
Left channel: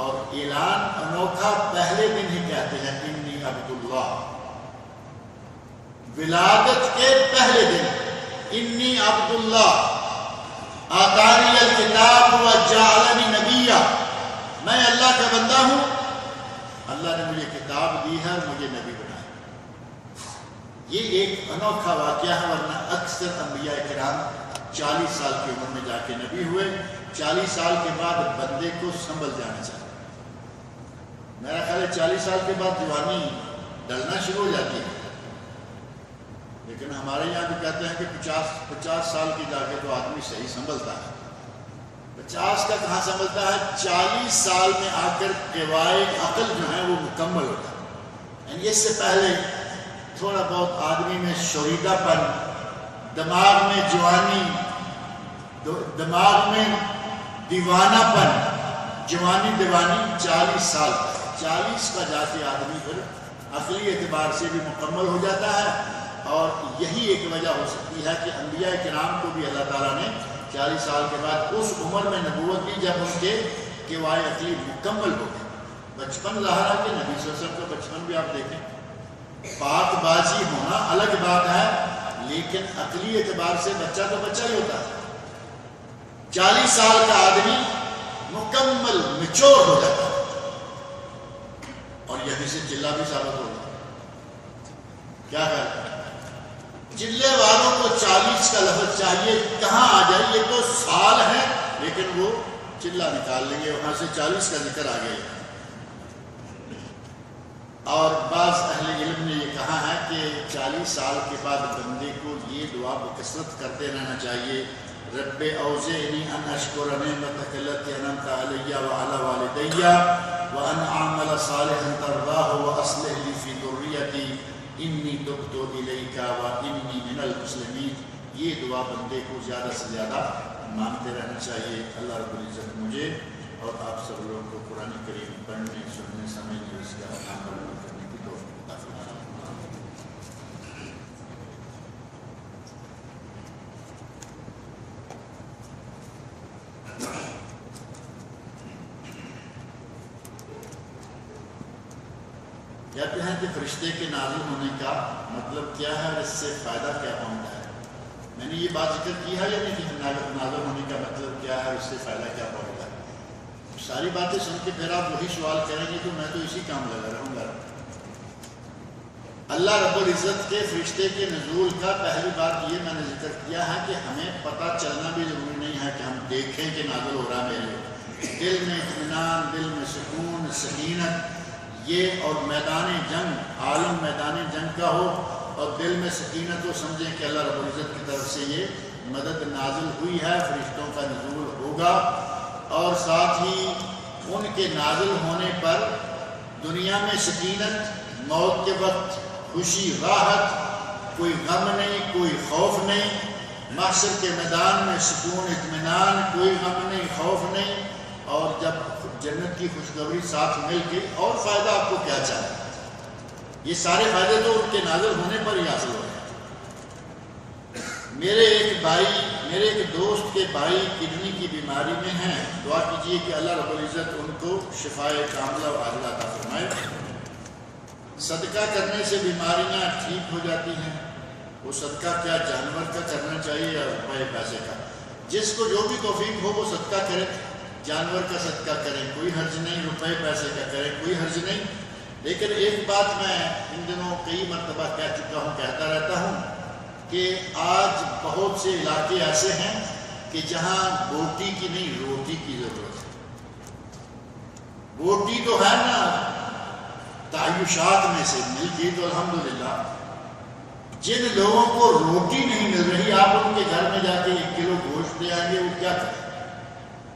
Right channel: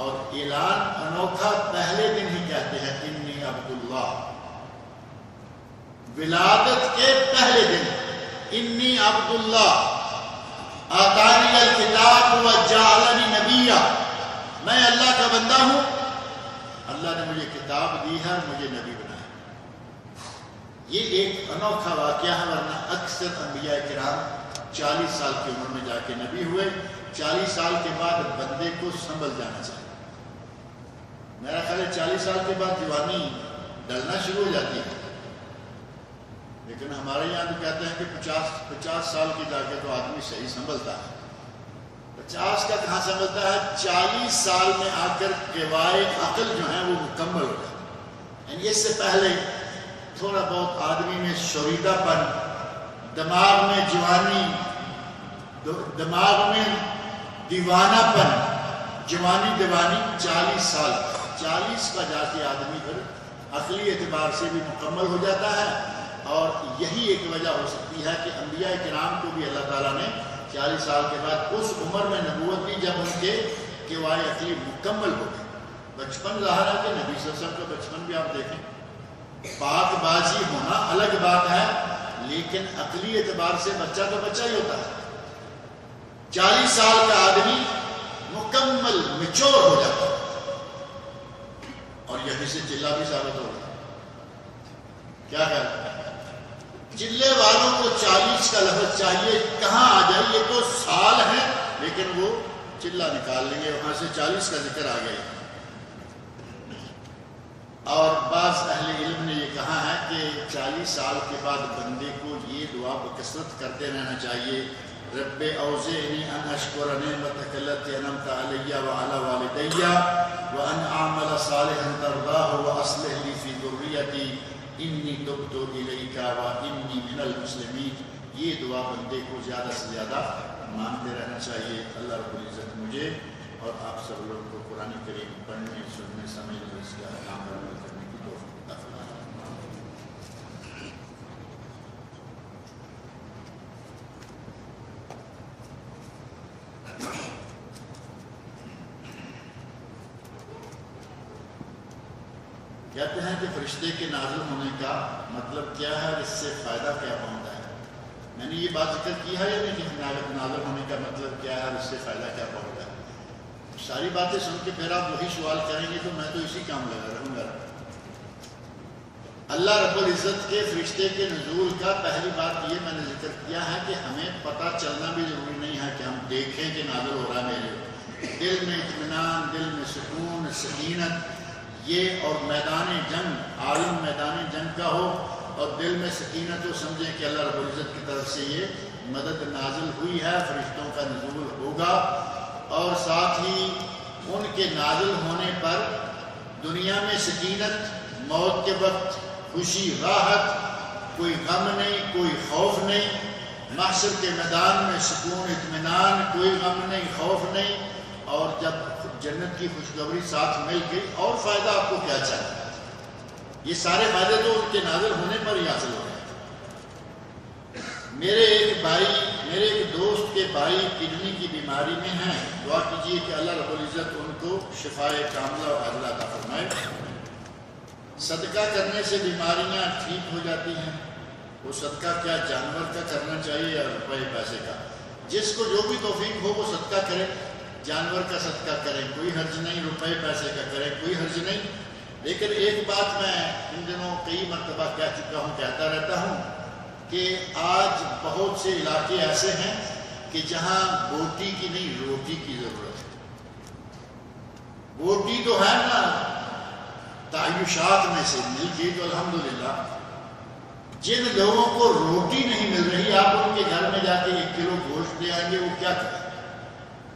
اور اعلان انوکھا پہلے دن ہی کہتے ہیں انی عبداللہ. ولادت کے پہلے دن انی عبداللہ آتانی الکتاب وجعلنی نبیا، میں اللہ کا بندہ ہوں، اللہ نے مجھے کتاب دی ہے اور مجھے نبی بنایا. یہ ایک انوکھا واقعہ ہے، ورنہ اکثر انبیاء کرام 40 سال کی عمر میں جا کے نبی ہوئے. 40 سال کے بعد بندے کو سنبھل جانا چاہیے. میرا خیال ہے 40 سال کے بعد جوانی ڈلنا شروع ہو جاتی ہے، لیکن ہمارے یہاں تو کہتے ہیں کہ 50 سال کی جا کے تو آدمی صحیح سنبھلتا ہے. 50 کا کہاں سنبھلتا ہے، 40 سال میں آ کر قواعد عقل جو ہیں وہ مکمل ہو جاتا ہے. یعنی اس سے پہلے تھوڑا بہت آدمی میں شوریدہ پن، دماغ میں جوانی، دماغ میں دیوانہ پن، جوانی دیوانی 40 سال 40 کا جا کے آدمی پھر عقلی اعتبار سے بھی مکمل ہو جاتا ہے. اور یہی ایک وجہ ہو سکتی ہے کہ انبیاء کرام کو بھی اللہ تعالیٰ نے 40 سال کے بعد اس عمر میں نبوت دی جب ان کے قواعد عقلی مکمل ہو گئے. بچپن ظاہر ہے کہ نبی صلی اللہ علیہ وسلم کا بچپن بھی آپ دیکھیں، پاک بازی ہونا الگ بات ہے، لیکن عقلی اعتبار سے بچہ تو بچہ ہی ہوتا ہے. 40 سال کا آدمی مکمل میچور ہو جاتا ہے، اور یہیں سے چلہ بھی ثابت ہوگا. کیا کہتے ہیں چلے والوں کو 40 کا لفظ چاہیے، کہاں آ جائے، یہ تو سال ہیں لیکن وہ چلہ نکال لیں گے، وہاں سے 40 کا ذکر آ گیا. اور بعض اہل علم نے یہ کہا ہے کہ 40 سال کے بعد بندے کو یہ دعا بکثرت کرتے رہنا چاہیے، رب اوزعنی ان اشکر نعمتک التی انعمت علی وعلی والدی وان اعمل صالحا ترضاہ واصلح لی فی ذریتی انی تبت الیک وانی من المسلمین. یہ دعا بندے کو زیادہ سے زیادہ مانتے رہنا چاہیے. اللہ رب العزت مجھے اور آپ سب لوگوں کو قرآن کریم پڑھنے، سننے، سمجھنے اور اس کے احکام پر عمل کرنے کی توفیق عطا فرمائے. کہتے ہیں کہ فرشتے کے نازل ہونے کا مطلب کیا ہے اور اس سے فائدہ کیا پہنچتا ہے؟ میں نے یہ بات ذکر کی ہے یا نہیں کہ نازل ہونے کا مطلب کیا ہے اور اس سے فائدہ کیا پہنچتا ہے؟ ساری باتیں سن کے پھر آپ وہی سوال کریں گے تو میں تو اسی کام لگا رہوں گا۔ اللہ رب العزت کے فرشتے کے نزول کا پہلی بات یہ میں نے ذکر کیا ہے کہ ہمیں پتہ چلنا بھی ضروری نہیں ہے کہ ہم دیکھیں کہ نازل ہو رہا ہے میرے دل میں اطمینان، دل میں سکون، سکینت، یہ اور میدان جنگ، عالم میدان جنگ کا ہو اور دل میں سکینت ہو، سمجھیں کہ اللہ رب العزت کی طرف سے یہ مدد نازل ہوئی ہے، فرشتوں کا نزول ہوگا، اور ساتھ ہی ان کے نازل ہونے پر دنیا میں سکینت، موت کے وقت خوشی، راحت، کوئی غم نہیں، کوئی خوف نہیں، محشر کے میدان میں سکون، اطمینان، کوئی غم نہیں، خوف نہیں، اور جب جنت کی خوشخبری ساتھ مل گئی اور فائدہ آپ کو کیا چاہیے؟ یہ سارے فائدے تو ان کے نازل ہونے پر ہی حاصل ہو رہے ہیں۔ میرے ایک دوست کے بھائی کڈنی کی بیماری میں ہیں، دعا کیجئے کہ اللہ رب العزت ان کو شفائے کاملہ و عاجلہ عطا فرمائے۔ صدقہ کرنے سے بیماریاں ٹھیک ہو جاتی ہیں۔ وہ صدقہ کیا جانور کا کرنا چاہیے یا روپے پیسے کا؟ جس کو جو بھی توفیق ہو وہ صدقہ کرے، جانور کا صدقہ کریں، کوئی حرج نہیں، روپے پیسے کا کریں، کوئی حرج نہیں۔ لیکن ایک بات میں ان دنوں کئی مرتبہ کہہ چکا ہوں، کہتا رہتا ہوں کہ آج بہت سے علاقے ایسے ہیں کہ جہاں بوٹی کی نہیں روٹی کی ضرورت ہے۔ بوٹی تو ہے نا تعیشات میں سے مل گئی تو الحمدللہ، جن لوگوں کو روٹی نہیں مل رہی آپ ان کے گھر میں جا کے 1 کلو گوشت دے آئیں گے، وہ کیا کریں؟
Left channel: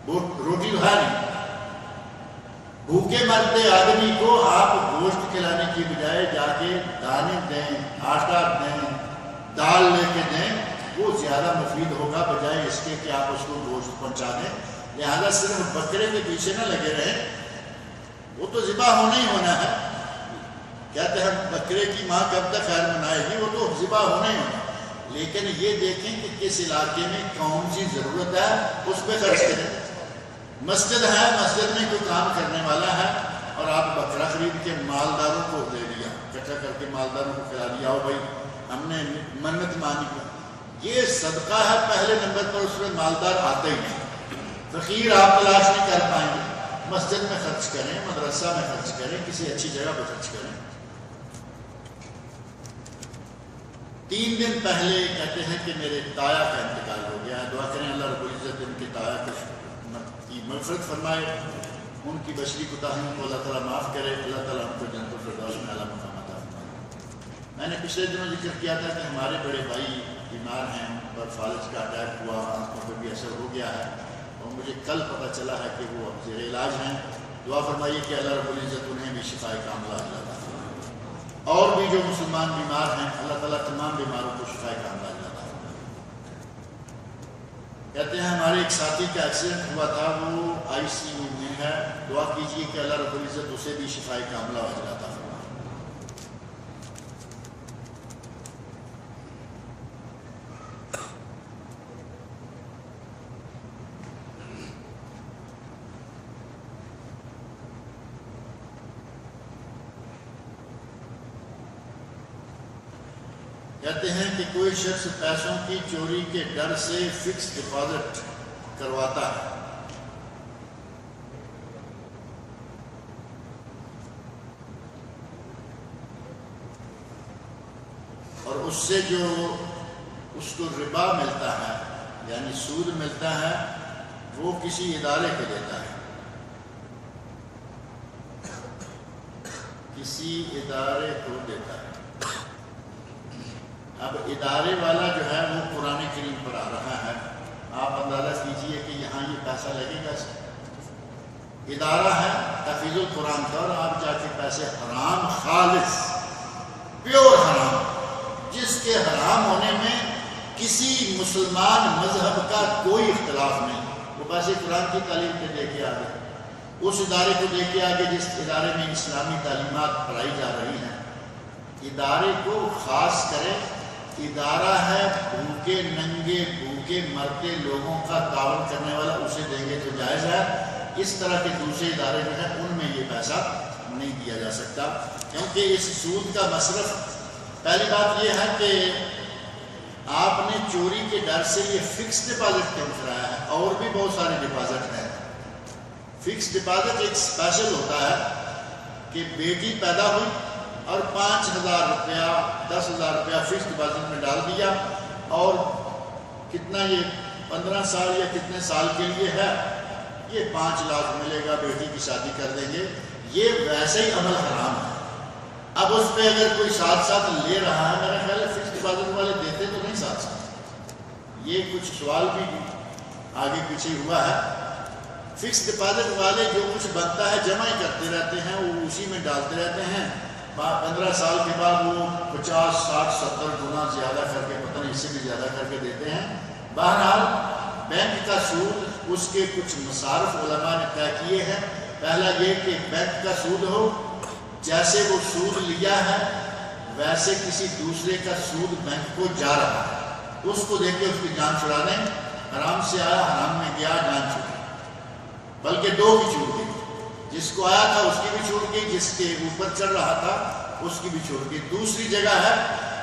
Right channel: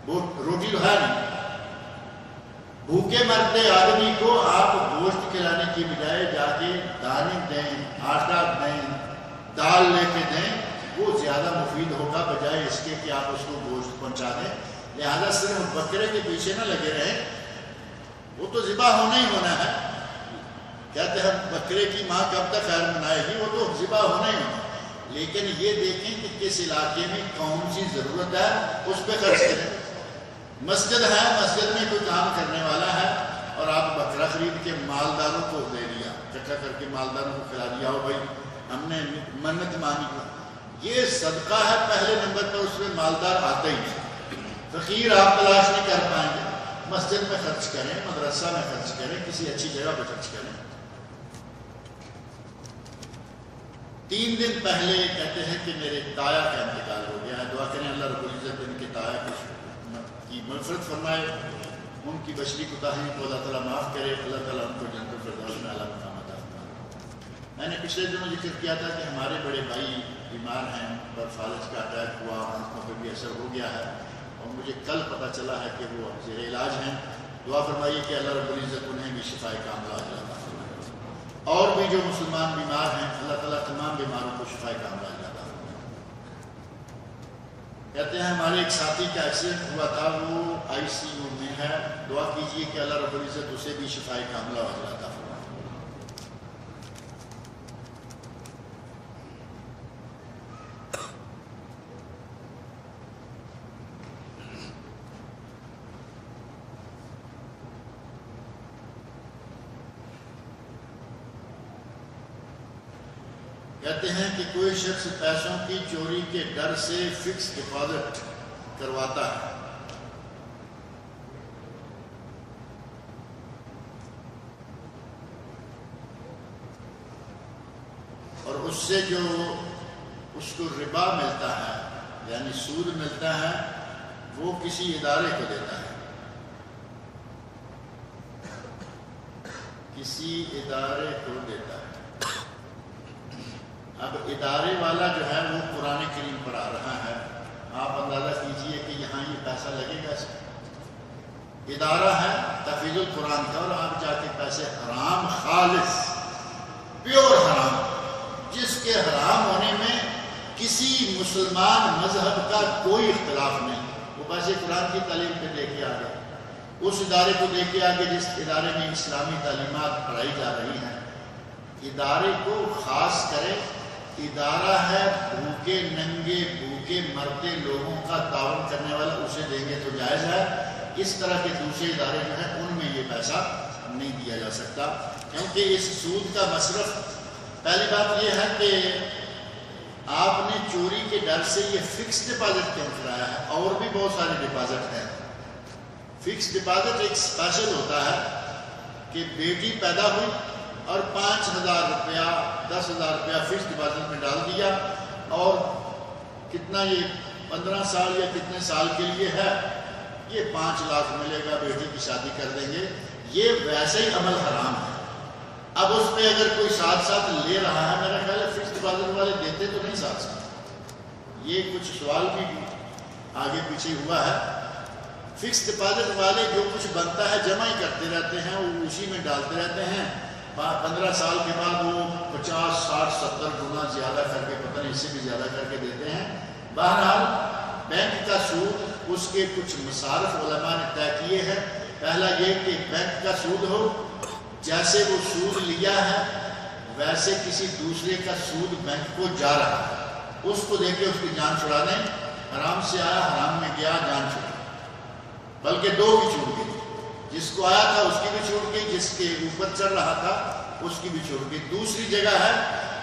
روٹی تو ہے نہیں۔ بھوکے مرتے آدمی کو آپ گوشت کھلانے کی بجائے جا کے دانے دیں، آٹا دیں، دال لے کے دیں، وہ زیادہ مفید ہوگا بجائے اس کے کہ آپ اس کو گوشت پہنچا دیں۔ لہذا صرف بکرے کے پیچھے نہ لگے رہیں، وہ تو ذبح ہونا ہی ہونا ہے۔ کہتے ہیں بکرے کی ماں کب تک خیر منائے گی، وہ تو ذبح ہونا ہی ہونا ہے۔ لیکن یہ دیکھیں کہ کس علاقے میں کون سی ضرورت ہے، اس پہ خرچ کریں۔ مسجد ہے، مسجد میں کوئی کام کرنے والا ہے اور آپ بکرا خرید کے مالداروں کو دے دیا، اکٹھا کر کے مالداروں کو کھلا دیا، ہو بھائی ہم نے منت مانی، یہ صدقہ ہے پہلے نمبر پر، اس میں مالدار آتے ہی نہیں۔ فقیر آپ تلاش نہیں کر پائیں گے۔ مسجد میں خرچ کریں، مدرسہ میں خرچ کریں، کسی اچھی جگہ پہ خرچ کریں۔ 3 دن پہلے کہتے ہیں کہ میرے تایا کا انتقال ہو گیا ہے، دعا کریں اللہ رب العزت ان کے تایا کی مغفرت فرمائے، ان کی بشری کوتاہیوں کو اللہ تعالیٰ معاف کرے، اللہ تعالیٰ ان کو جنت الفردوس میں اعلیٰ مقام عطا فرمائے۔ میں نے پچھلے دنوں ذکر کیا تھا کہ ہمارے بڑے بھائی بیمار ہیں، پر فالج کا اٹیک ہوا، آنکھوں پہ بھی اثر ہو گیا ہے، اور مجھے کل پتہ چلا ہے کہ وہ اب زیر علاج ہیں۔ دعا فرمائیے کہ اللہ رب العزت انہیں بھی شفائے کاملہ عاجلہ عطا فرمائے، اور بھی جو مسلمان بیمار ہیں اللہ تعالیٰ تمام بیماروں کو شفائے کاملہ عاجلہ عطا فرمائے۔ کہتے ہیں ہمارے ایک ساتھی کا ایکسیڈنٹ ہوا تھا، وہ ICU میں ہے، دعا کیجئے کہ اللہ رب العزت اسے بھی شفائے کاملہ عاجلہ عطا فرمائے۔ کہتے ہیں کہ کوئی شخص پیسوں کی چوری کے ڈر سے فکس ڈپازٹ کرواتا ہے، اور اس سے جو اس کو ربا ملتا ہے یعنی سود ملتا ہے وہ کسی ادارے کو دیتا ہے، کسی ادارے کو دیتا ہے۔ اب ادارے والا جو ہے وہ قرآن کریم پر آ رہا ہے، آپ اندازہ کیجئے کہ یہاں یہ پیسہ لگے گا۔ ادارہ ہے تحفیظ القرآن کا، اور آپ جا کے پیسے حرام، خالص پیور حرام، جس کے حرام ہونے میں کسی مسلمان مذہب کا کوئی اختلاف نہیں، وہ پیسے قرآن کی تعلیم پہ دے کے آگے، اس ادارے کو دے کے آگے جس ادارے میں اسلامی تعلیمات پڑھائی جا رہی ہیں۔ ادارے کو خاص کرے، ادارہ ہے بھوکے ننگے بھوکے مرتے لوگوں کا تعاون کرنے والا، اسے دیں گے تو جائز ہے۔ اس طرح کے دوسرے ادارے جو ہیں ان میں یہ پیسہ نہیں دیا جا سکتا۔ کیونکہ اس سود کا مصرف، پہلی بات یہ ہے کہ آپ نے چوری کے ڈر سے یہ فکس ڈپازٹ کیوں کرایا ہے؟ اور بھی بہت سارے ڈپازٹ ہیں۔ فکس ڈپازٹ ایک اسپیشل ہوتا ہے کہ بیٹی پیدا ہوئی اور 5,000 روپیہ 10,000 روپیہ فکس ڈپازٹ میں ڈال دیا، اور کتنا یہ 15 سال یا کتنے سال کے لیے ہے، یہ 5 لاکھ ملے گا، بیٹی کی شادی کر دیں گے۔ یہ ویسے ہی عمل حرام ہے۔ اب اس پہ اگر کوئی ساتھ ساتھ لے رہا ہے، میرا خیال ہے فکس ڈپازٹ والے دیتے تو نہیں ساتھ ساتھ۔ یہ کچھ سوال بھی آگے پیچھے ہوا ہے۔ فکس ڈپازٹ والے جو کچھ بنتا ہے جمع ہی کرتے رہتے ہیں، وہ اسی میں ڈالتے رہتے ہیں، 15 سال کے بعد وہ 50 60 70 گنا زیادہ کر کے، پتہ نہیں اس سے بھی زیادہ کر کے دیتے ہیں۔ بہرحال بینک کا سود، اس کے کچھ مصارف علماء نے طے کیے ہیں۔ پہلا یہ کہ بینک کا سود ہو، جیسے وہ سود لیا ہے ویسے کسی دوسرے کا سود بینک کو جا رہا ہے، اس کو دے کے اس کی جان چھڑا دیں۔ حرام سے آیا، حرام میں گیا، جان چھوٹی، بلکہ 2 کی چھوٹ گئی، جس کو آیا تھا اس کی بھی چھوٹ گئی، جس کے اوپر چڑھ رہا تھا اس کی بھی چھوٹ گئی۔ دوسری جگہ ہے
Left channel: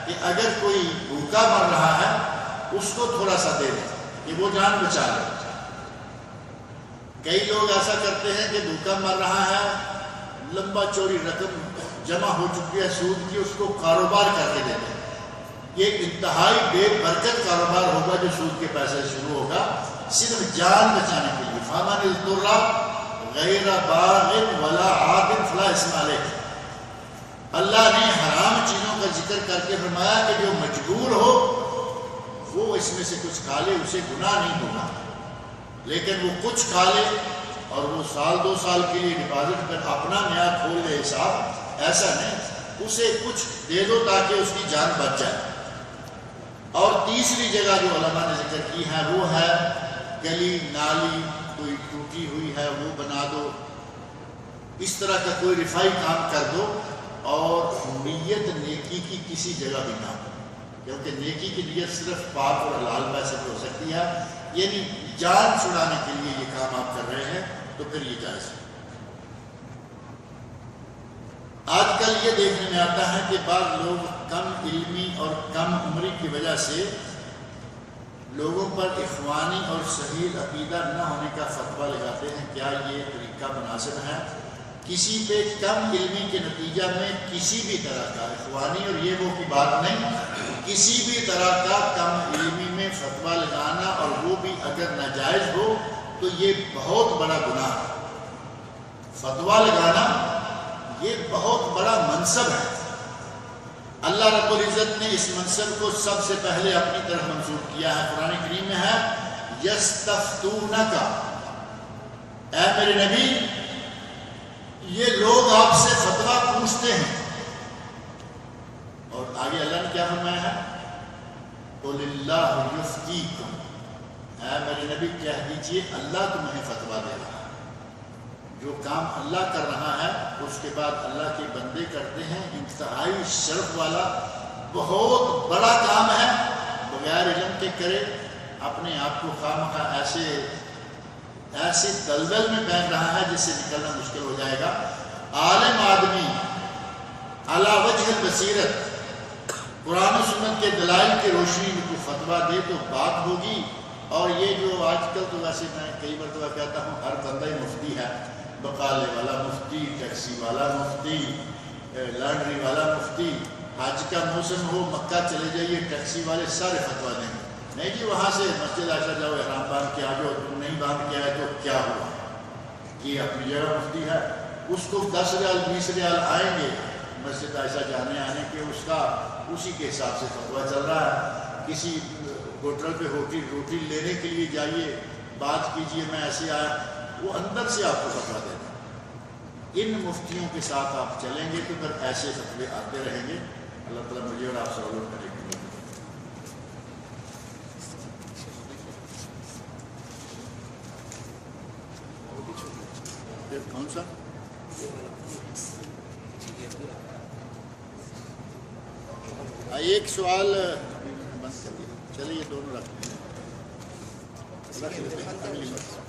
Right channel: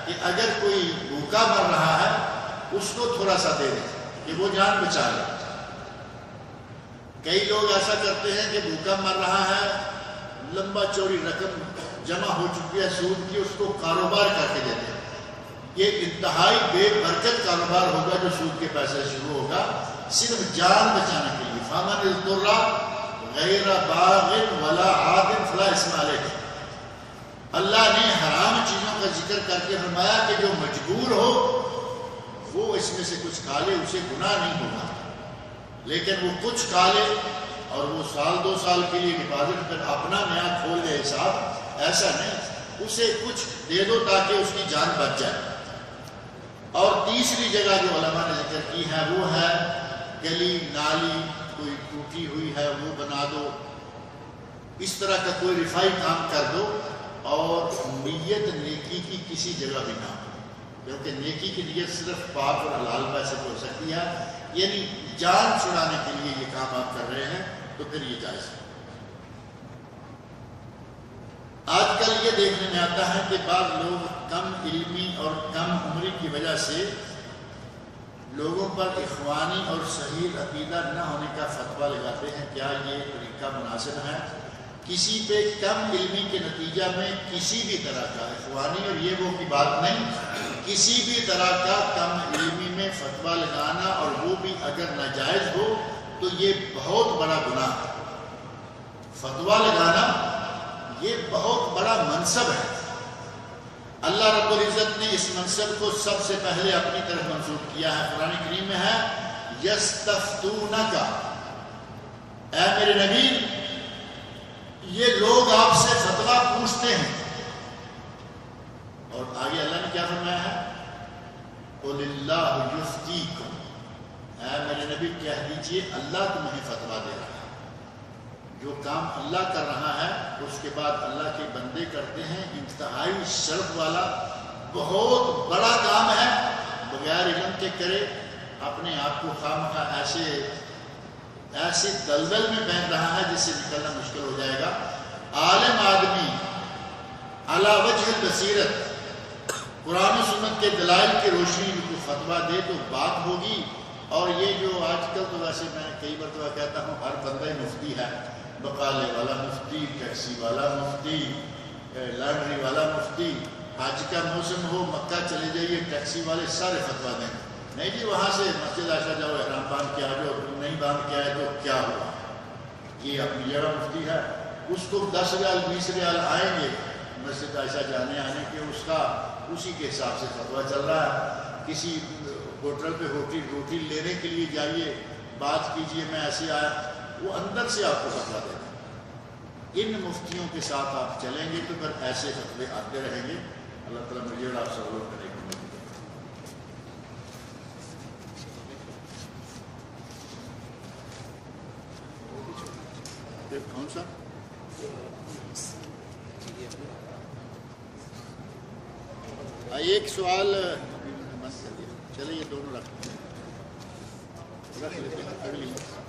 کہ اگر کوئی بھوکا مر رہا ہے اس کو تھوڑا سا دے دیں کہ وہ جان بچا لے۔ کئی لوگ ایسا کرتے ہیں کہ بھوکا مر رہا ہے، لمبا چوڑی رقم جمع ہو چکی ہے سود کی، اس کو کاروبار کر کے دیتے ہیں۔ یہ انتہائی بے برکت کاروبار ہوگا جو سود کے پیسے شروع ہوگا، صرف جان بچانے کے لیے۔ فَمَنِ اضْطُرَّ غَيْرَ بَاغٍ وَلَا عَادٍ فَلَا إِثْمَ عَلَيْهِ۔ اللہ نے حرام چیزوں کا ذکر کر کے فرمایا کہ جو مجبور ہو وہ اس میں سے کچھ کھا لے، اسے گناہ نہیں ہوگا، لیکن وہ کچھ کھا لے اور وہ 1-2 سال کے لیے ڈپازٹ پر اپنا نیا کھول دے حساب، ایسا نہیں، اسے کچھ دے دو تاکہ اس کی جان بچ جائے۔ اور تیسری جگہ جو علماء نے ذکر کی ہے وہ ہے گلی نالی کوئی ٹوٹی ہوئی ہے وہ بنا دو، اس طرح کا کوئی رفائی کام کر دو، اور نیت نیکی کی کسی جگہ بھی نہ ہو، کیونکہ نیکی کی نیت صرف پاک اور حلال پیسے پہ ہو سکتی ہے، یعنی جان چھڑانے کے لیے یہ کام آپ کر رہے ہیں تو پھر یہ جائز ہے۔ آج کل یہ دیکھنے میں آتا ہے کہ بعض لوگ کم علمی اور کم عمری کی وجہ سے لوگوں پر اخوانی اور صحیح عقیدہ نہ ہونے کا فتویٰ لگاتے ہیں۔ کیا یہ طریقہ مناسب ہے؟ کسی پہ کم علمی کے نتیجہ میں کسی بھی طرح کا، اخوانی اور یہ وہ کی بات نہیں، کسی بھی طرح کا کم علمی میں فتویٰ لگانا، اور وہ بھی اگر ناجائز ہو تو یہ بہت بڑا گناہ ہے۔ فتویٰ لگانا یہ بہت بڑا منصب ہے۔ اللہ رب العزت نے اس منصب کو سب سے پہلے اپنی طرف منسوب کیا ہے۔ قرآن کریم میں ہے یستفتونک، اے میرے نبی یہ لوگ آپ سے فتویٰ پوچھتے ہیں، اور آگے اللہ نے کیا فرمایا ہے؟ قُلِ اللَّهُ يُفْتِيكُمْ، اے میرے نبی کہہ دیجئے اللہ تمہیں فتویٰ دے رہا ہے۔ جو کام اللہ کر رہا ہے اس کے بعد اللہ کے بندے کرتے ہیں، انتہائی شرف والا بہت بڑا کام ہے، بغیر علم کے کرے، اپنے آپ کو خواہ ایسے دلدل میں پھینک رہا ہے جس سے نکلنا مشکل ہو جائے گا۔ عالم آدمی علی وجہ البصیرت قرآن و سنت کے دلائل کی روشنی میں کوئی فتویٰ دے تو بات ہوگی۔ اور یہ جو آج کل تو ویسے میں کئی مرتبہ کہتا ہوں ہر بندہ مفتی ہے، بقالے والا مفتی، ٹیکسی والا مفتی، لانڈری والا مفتی، حج کا موسم ہو مکہ چلے جائیے ٹیکسی والے سارے فتویٰ دیں گے، نہیں جی وہاں سے مسجد عائشہ جاؤ احرام باندھ کے آ جاؤ، تم نہیں باندھ کے آئے تو کیا ہوا؟ یہ اپنی جگہ مفتی ہے، اس کو 10 ریال 20 ریال آئیں گے مسجد عائشہ جانے آنے کے، اس کا اسی کے حساب سے فتویٰ چل رہا ہے۔ کسی ہوٹل پہ روٹی لینے کے لیے جائیے، بات کیجئے میں ایسے آیا، وہ اندر سے آپ کو فتویٰ دے گا۔ ان مفتیوں کے ساتھ آپ چلیں گے تو پھر ایسے فتوے آتے رہیں گے۔ اللہ تعالیٰ مجھے اور آپ سب لوگ کرے گا۔ کون سا ایک سوال بند کر دیا، چلے یہ دونوں رکھ لیتے ہیں اگلی مرتبہ۔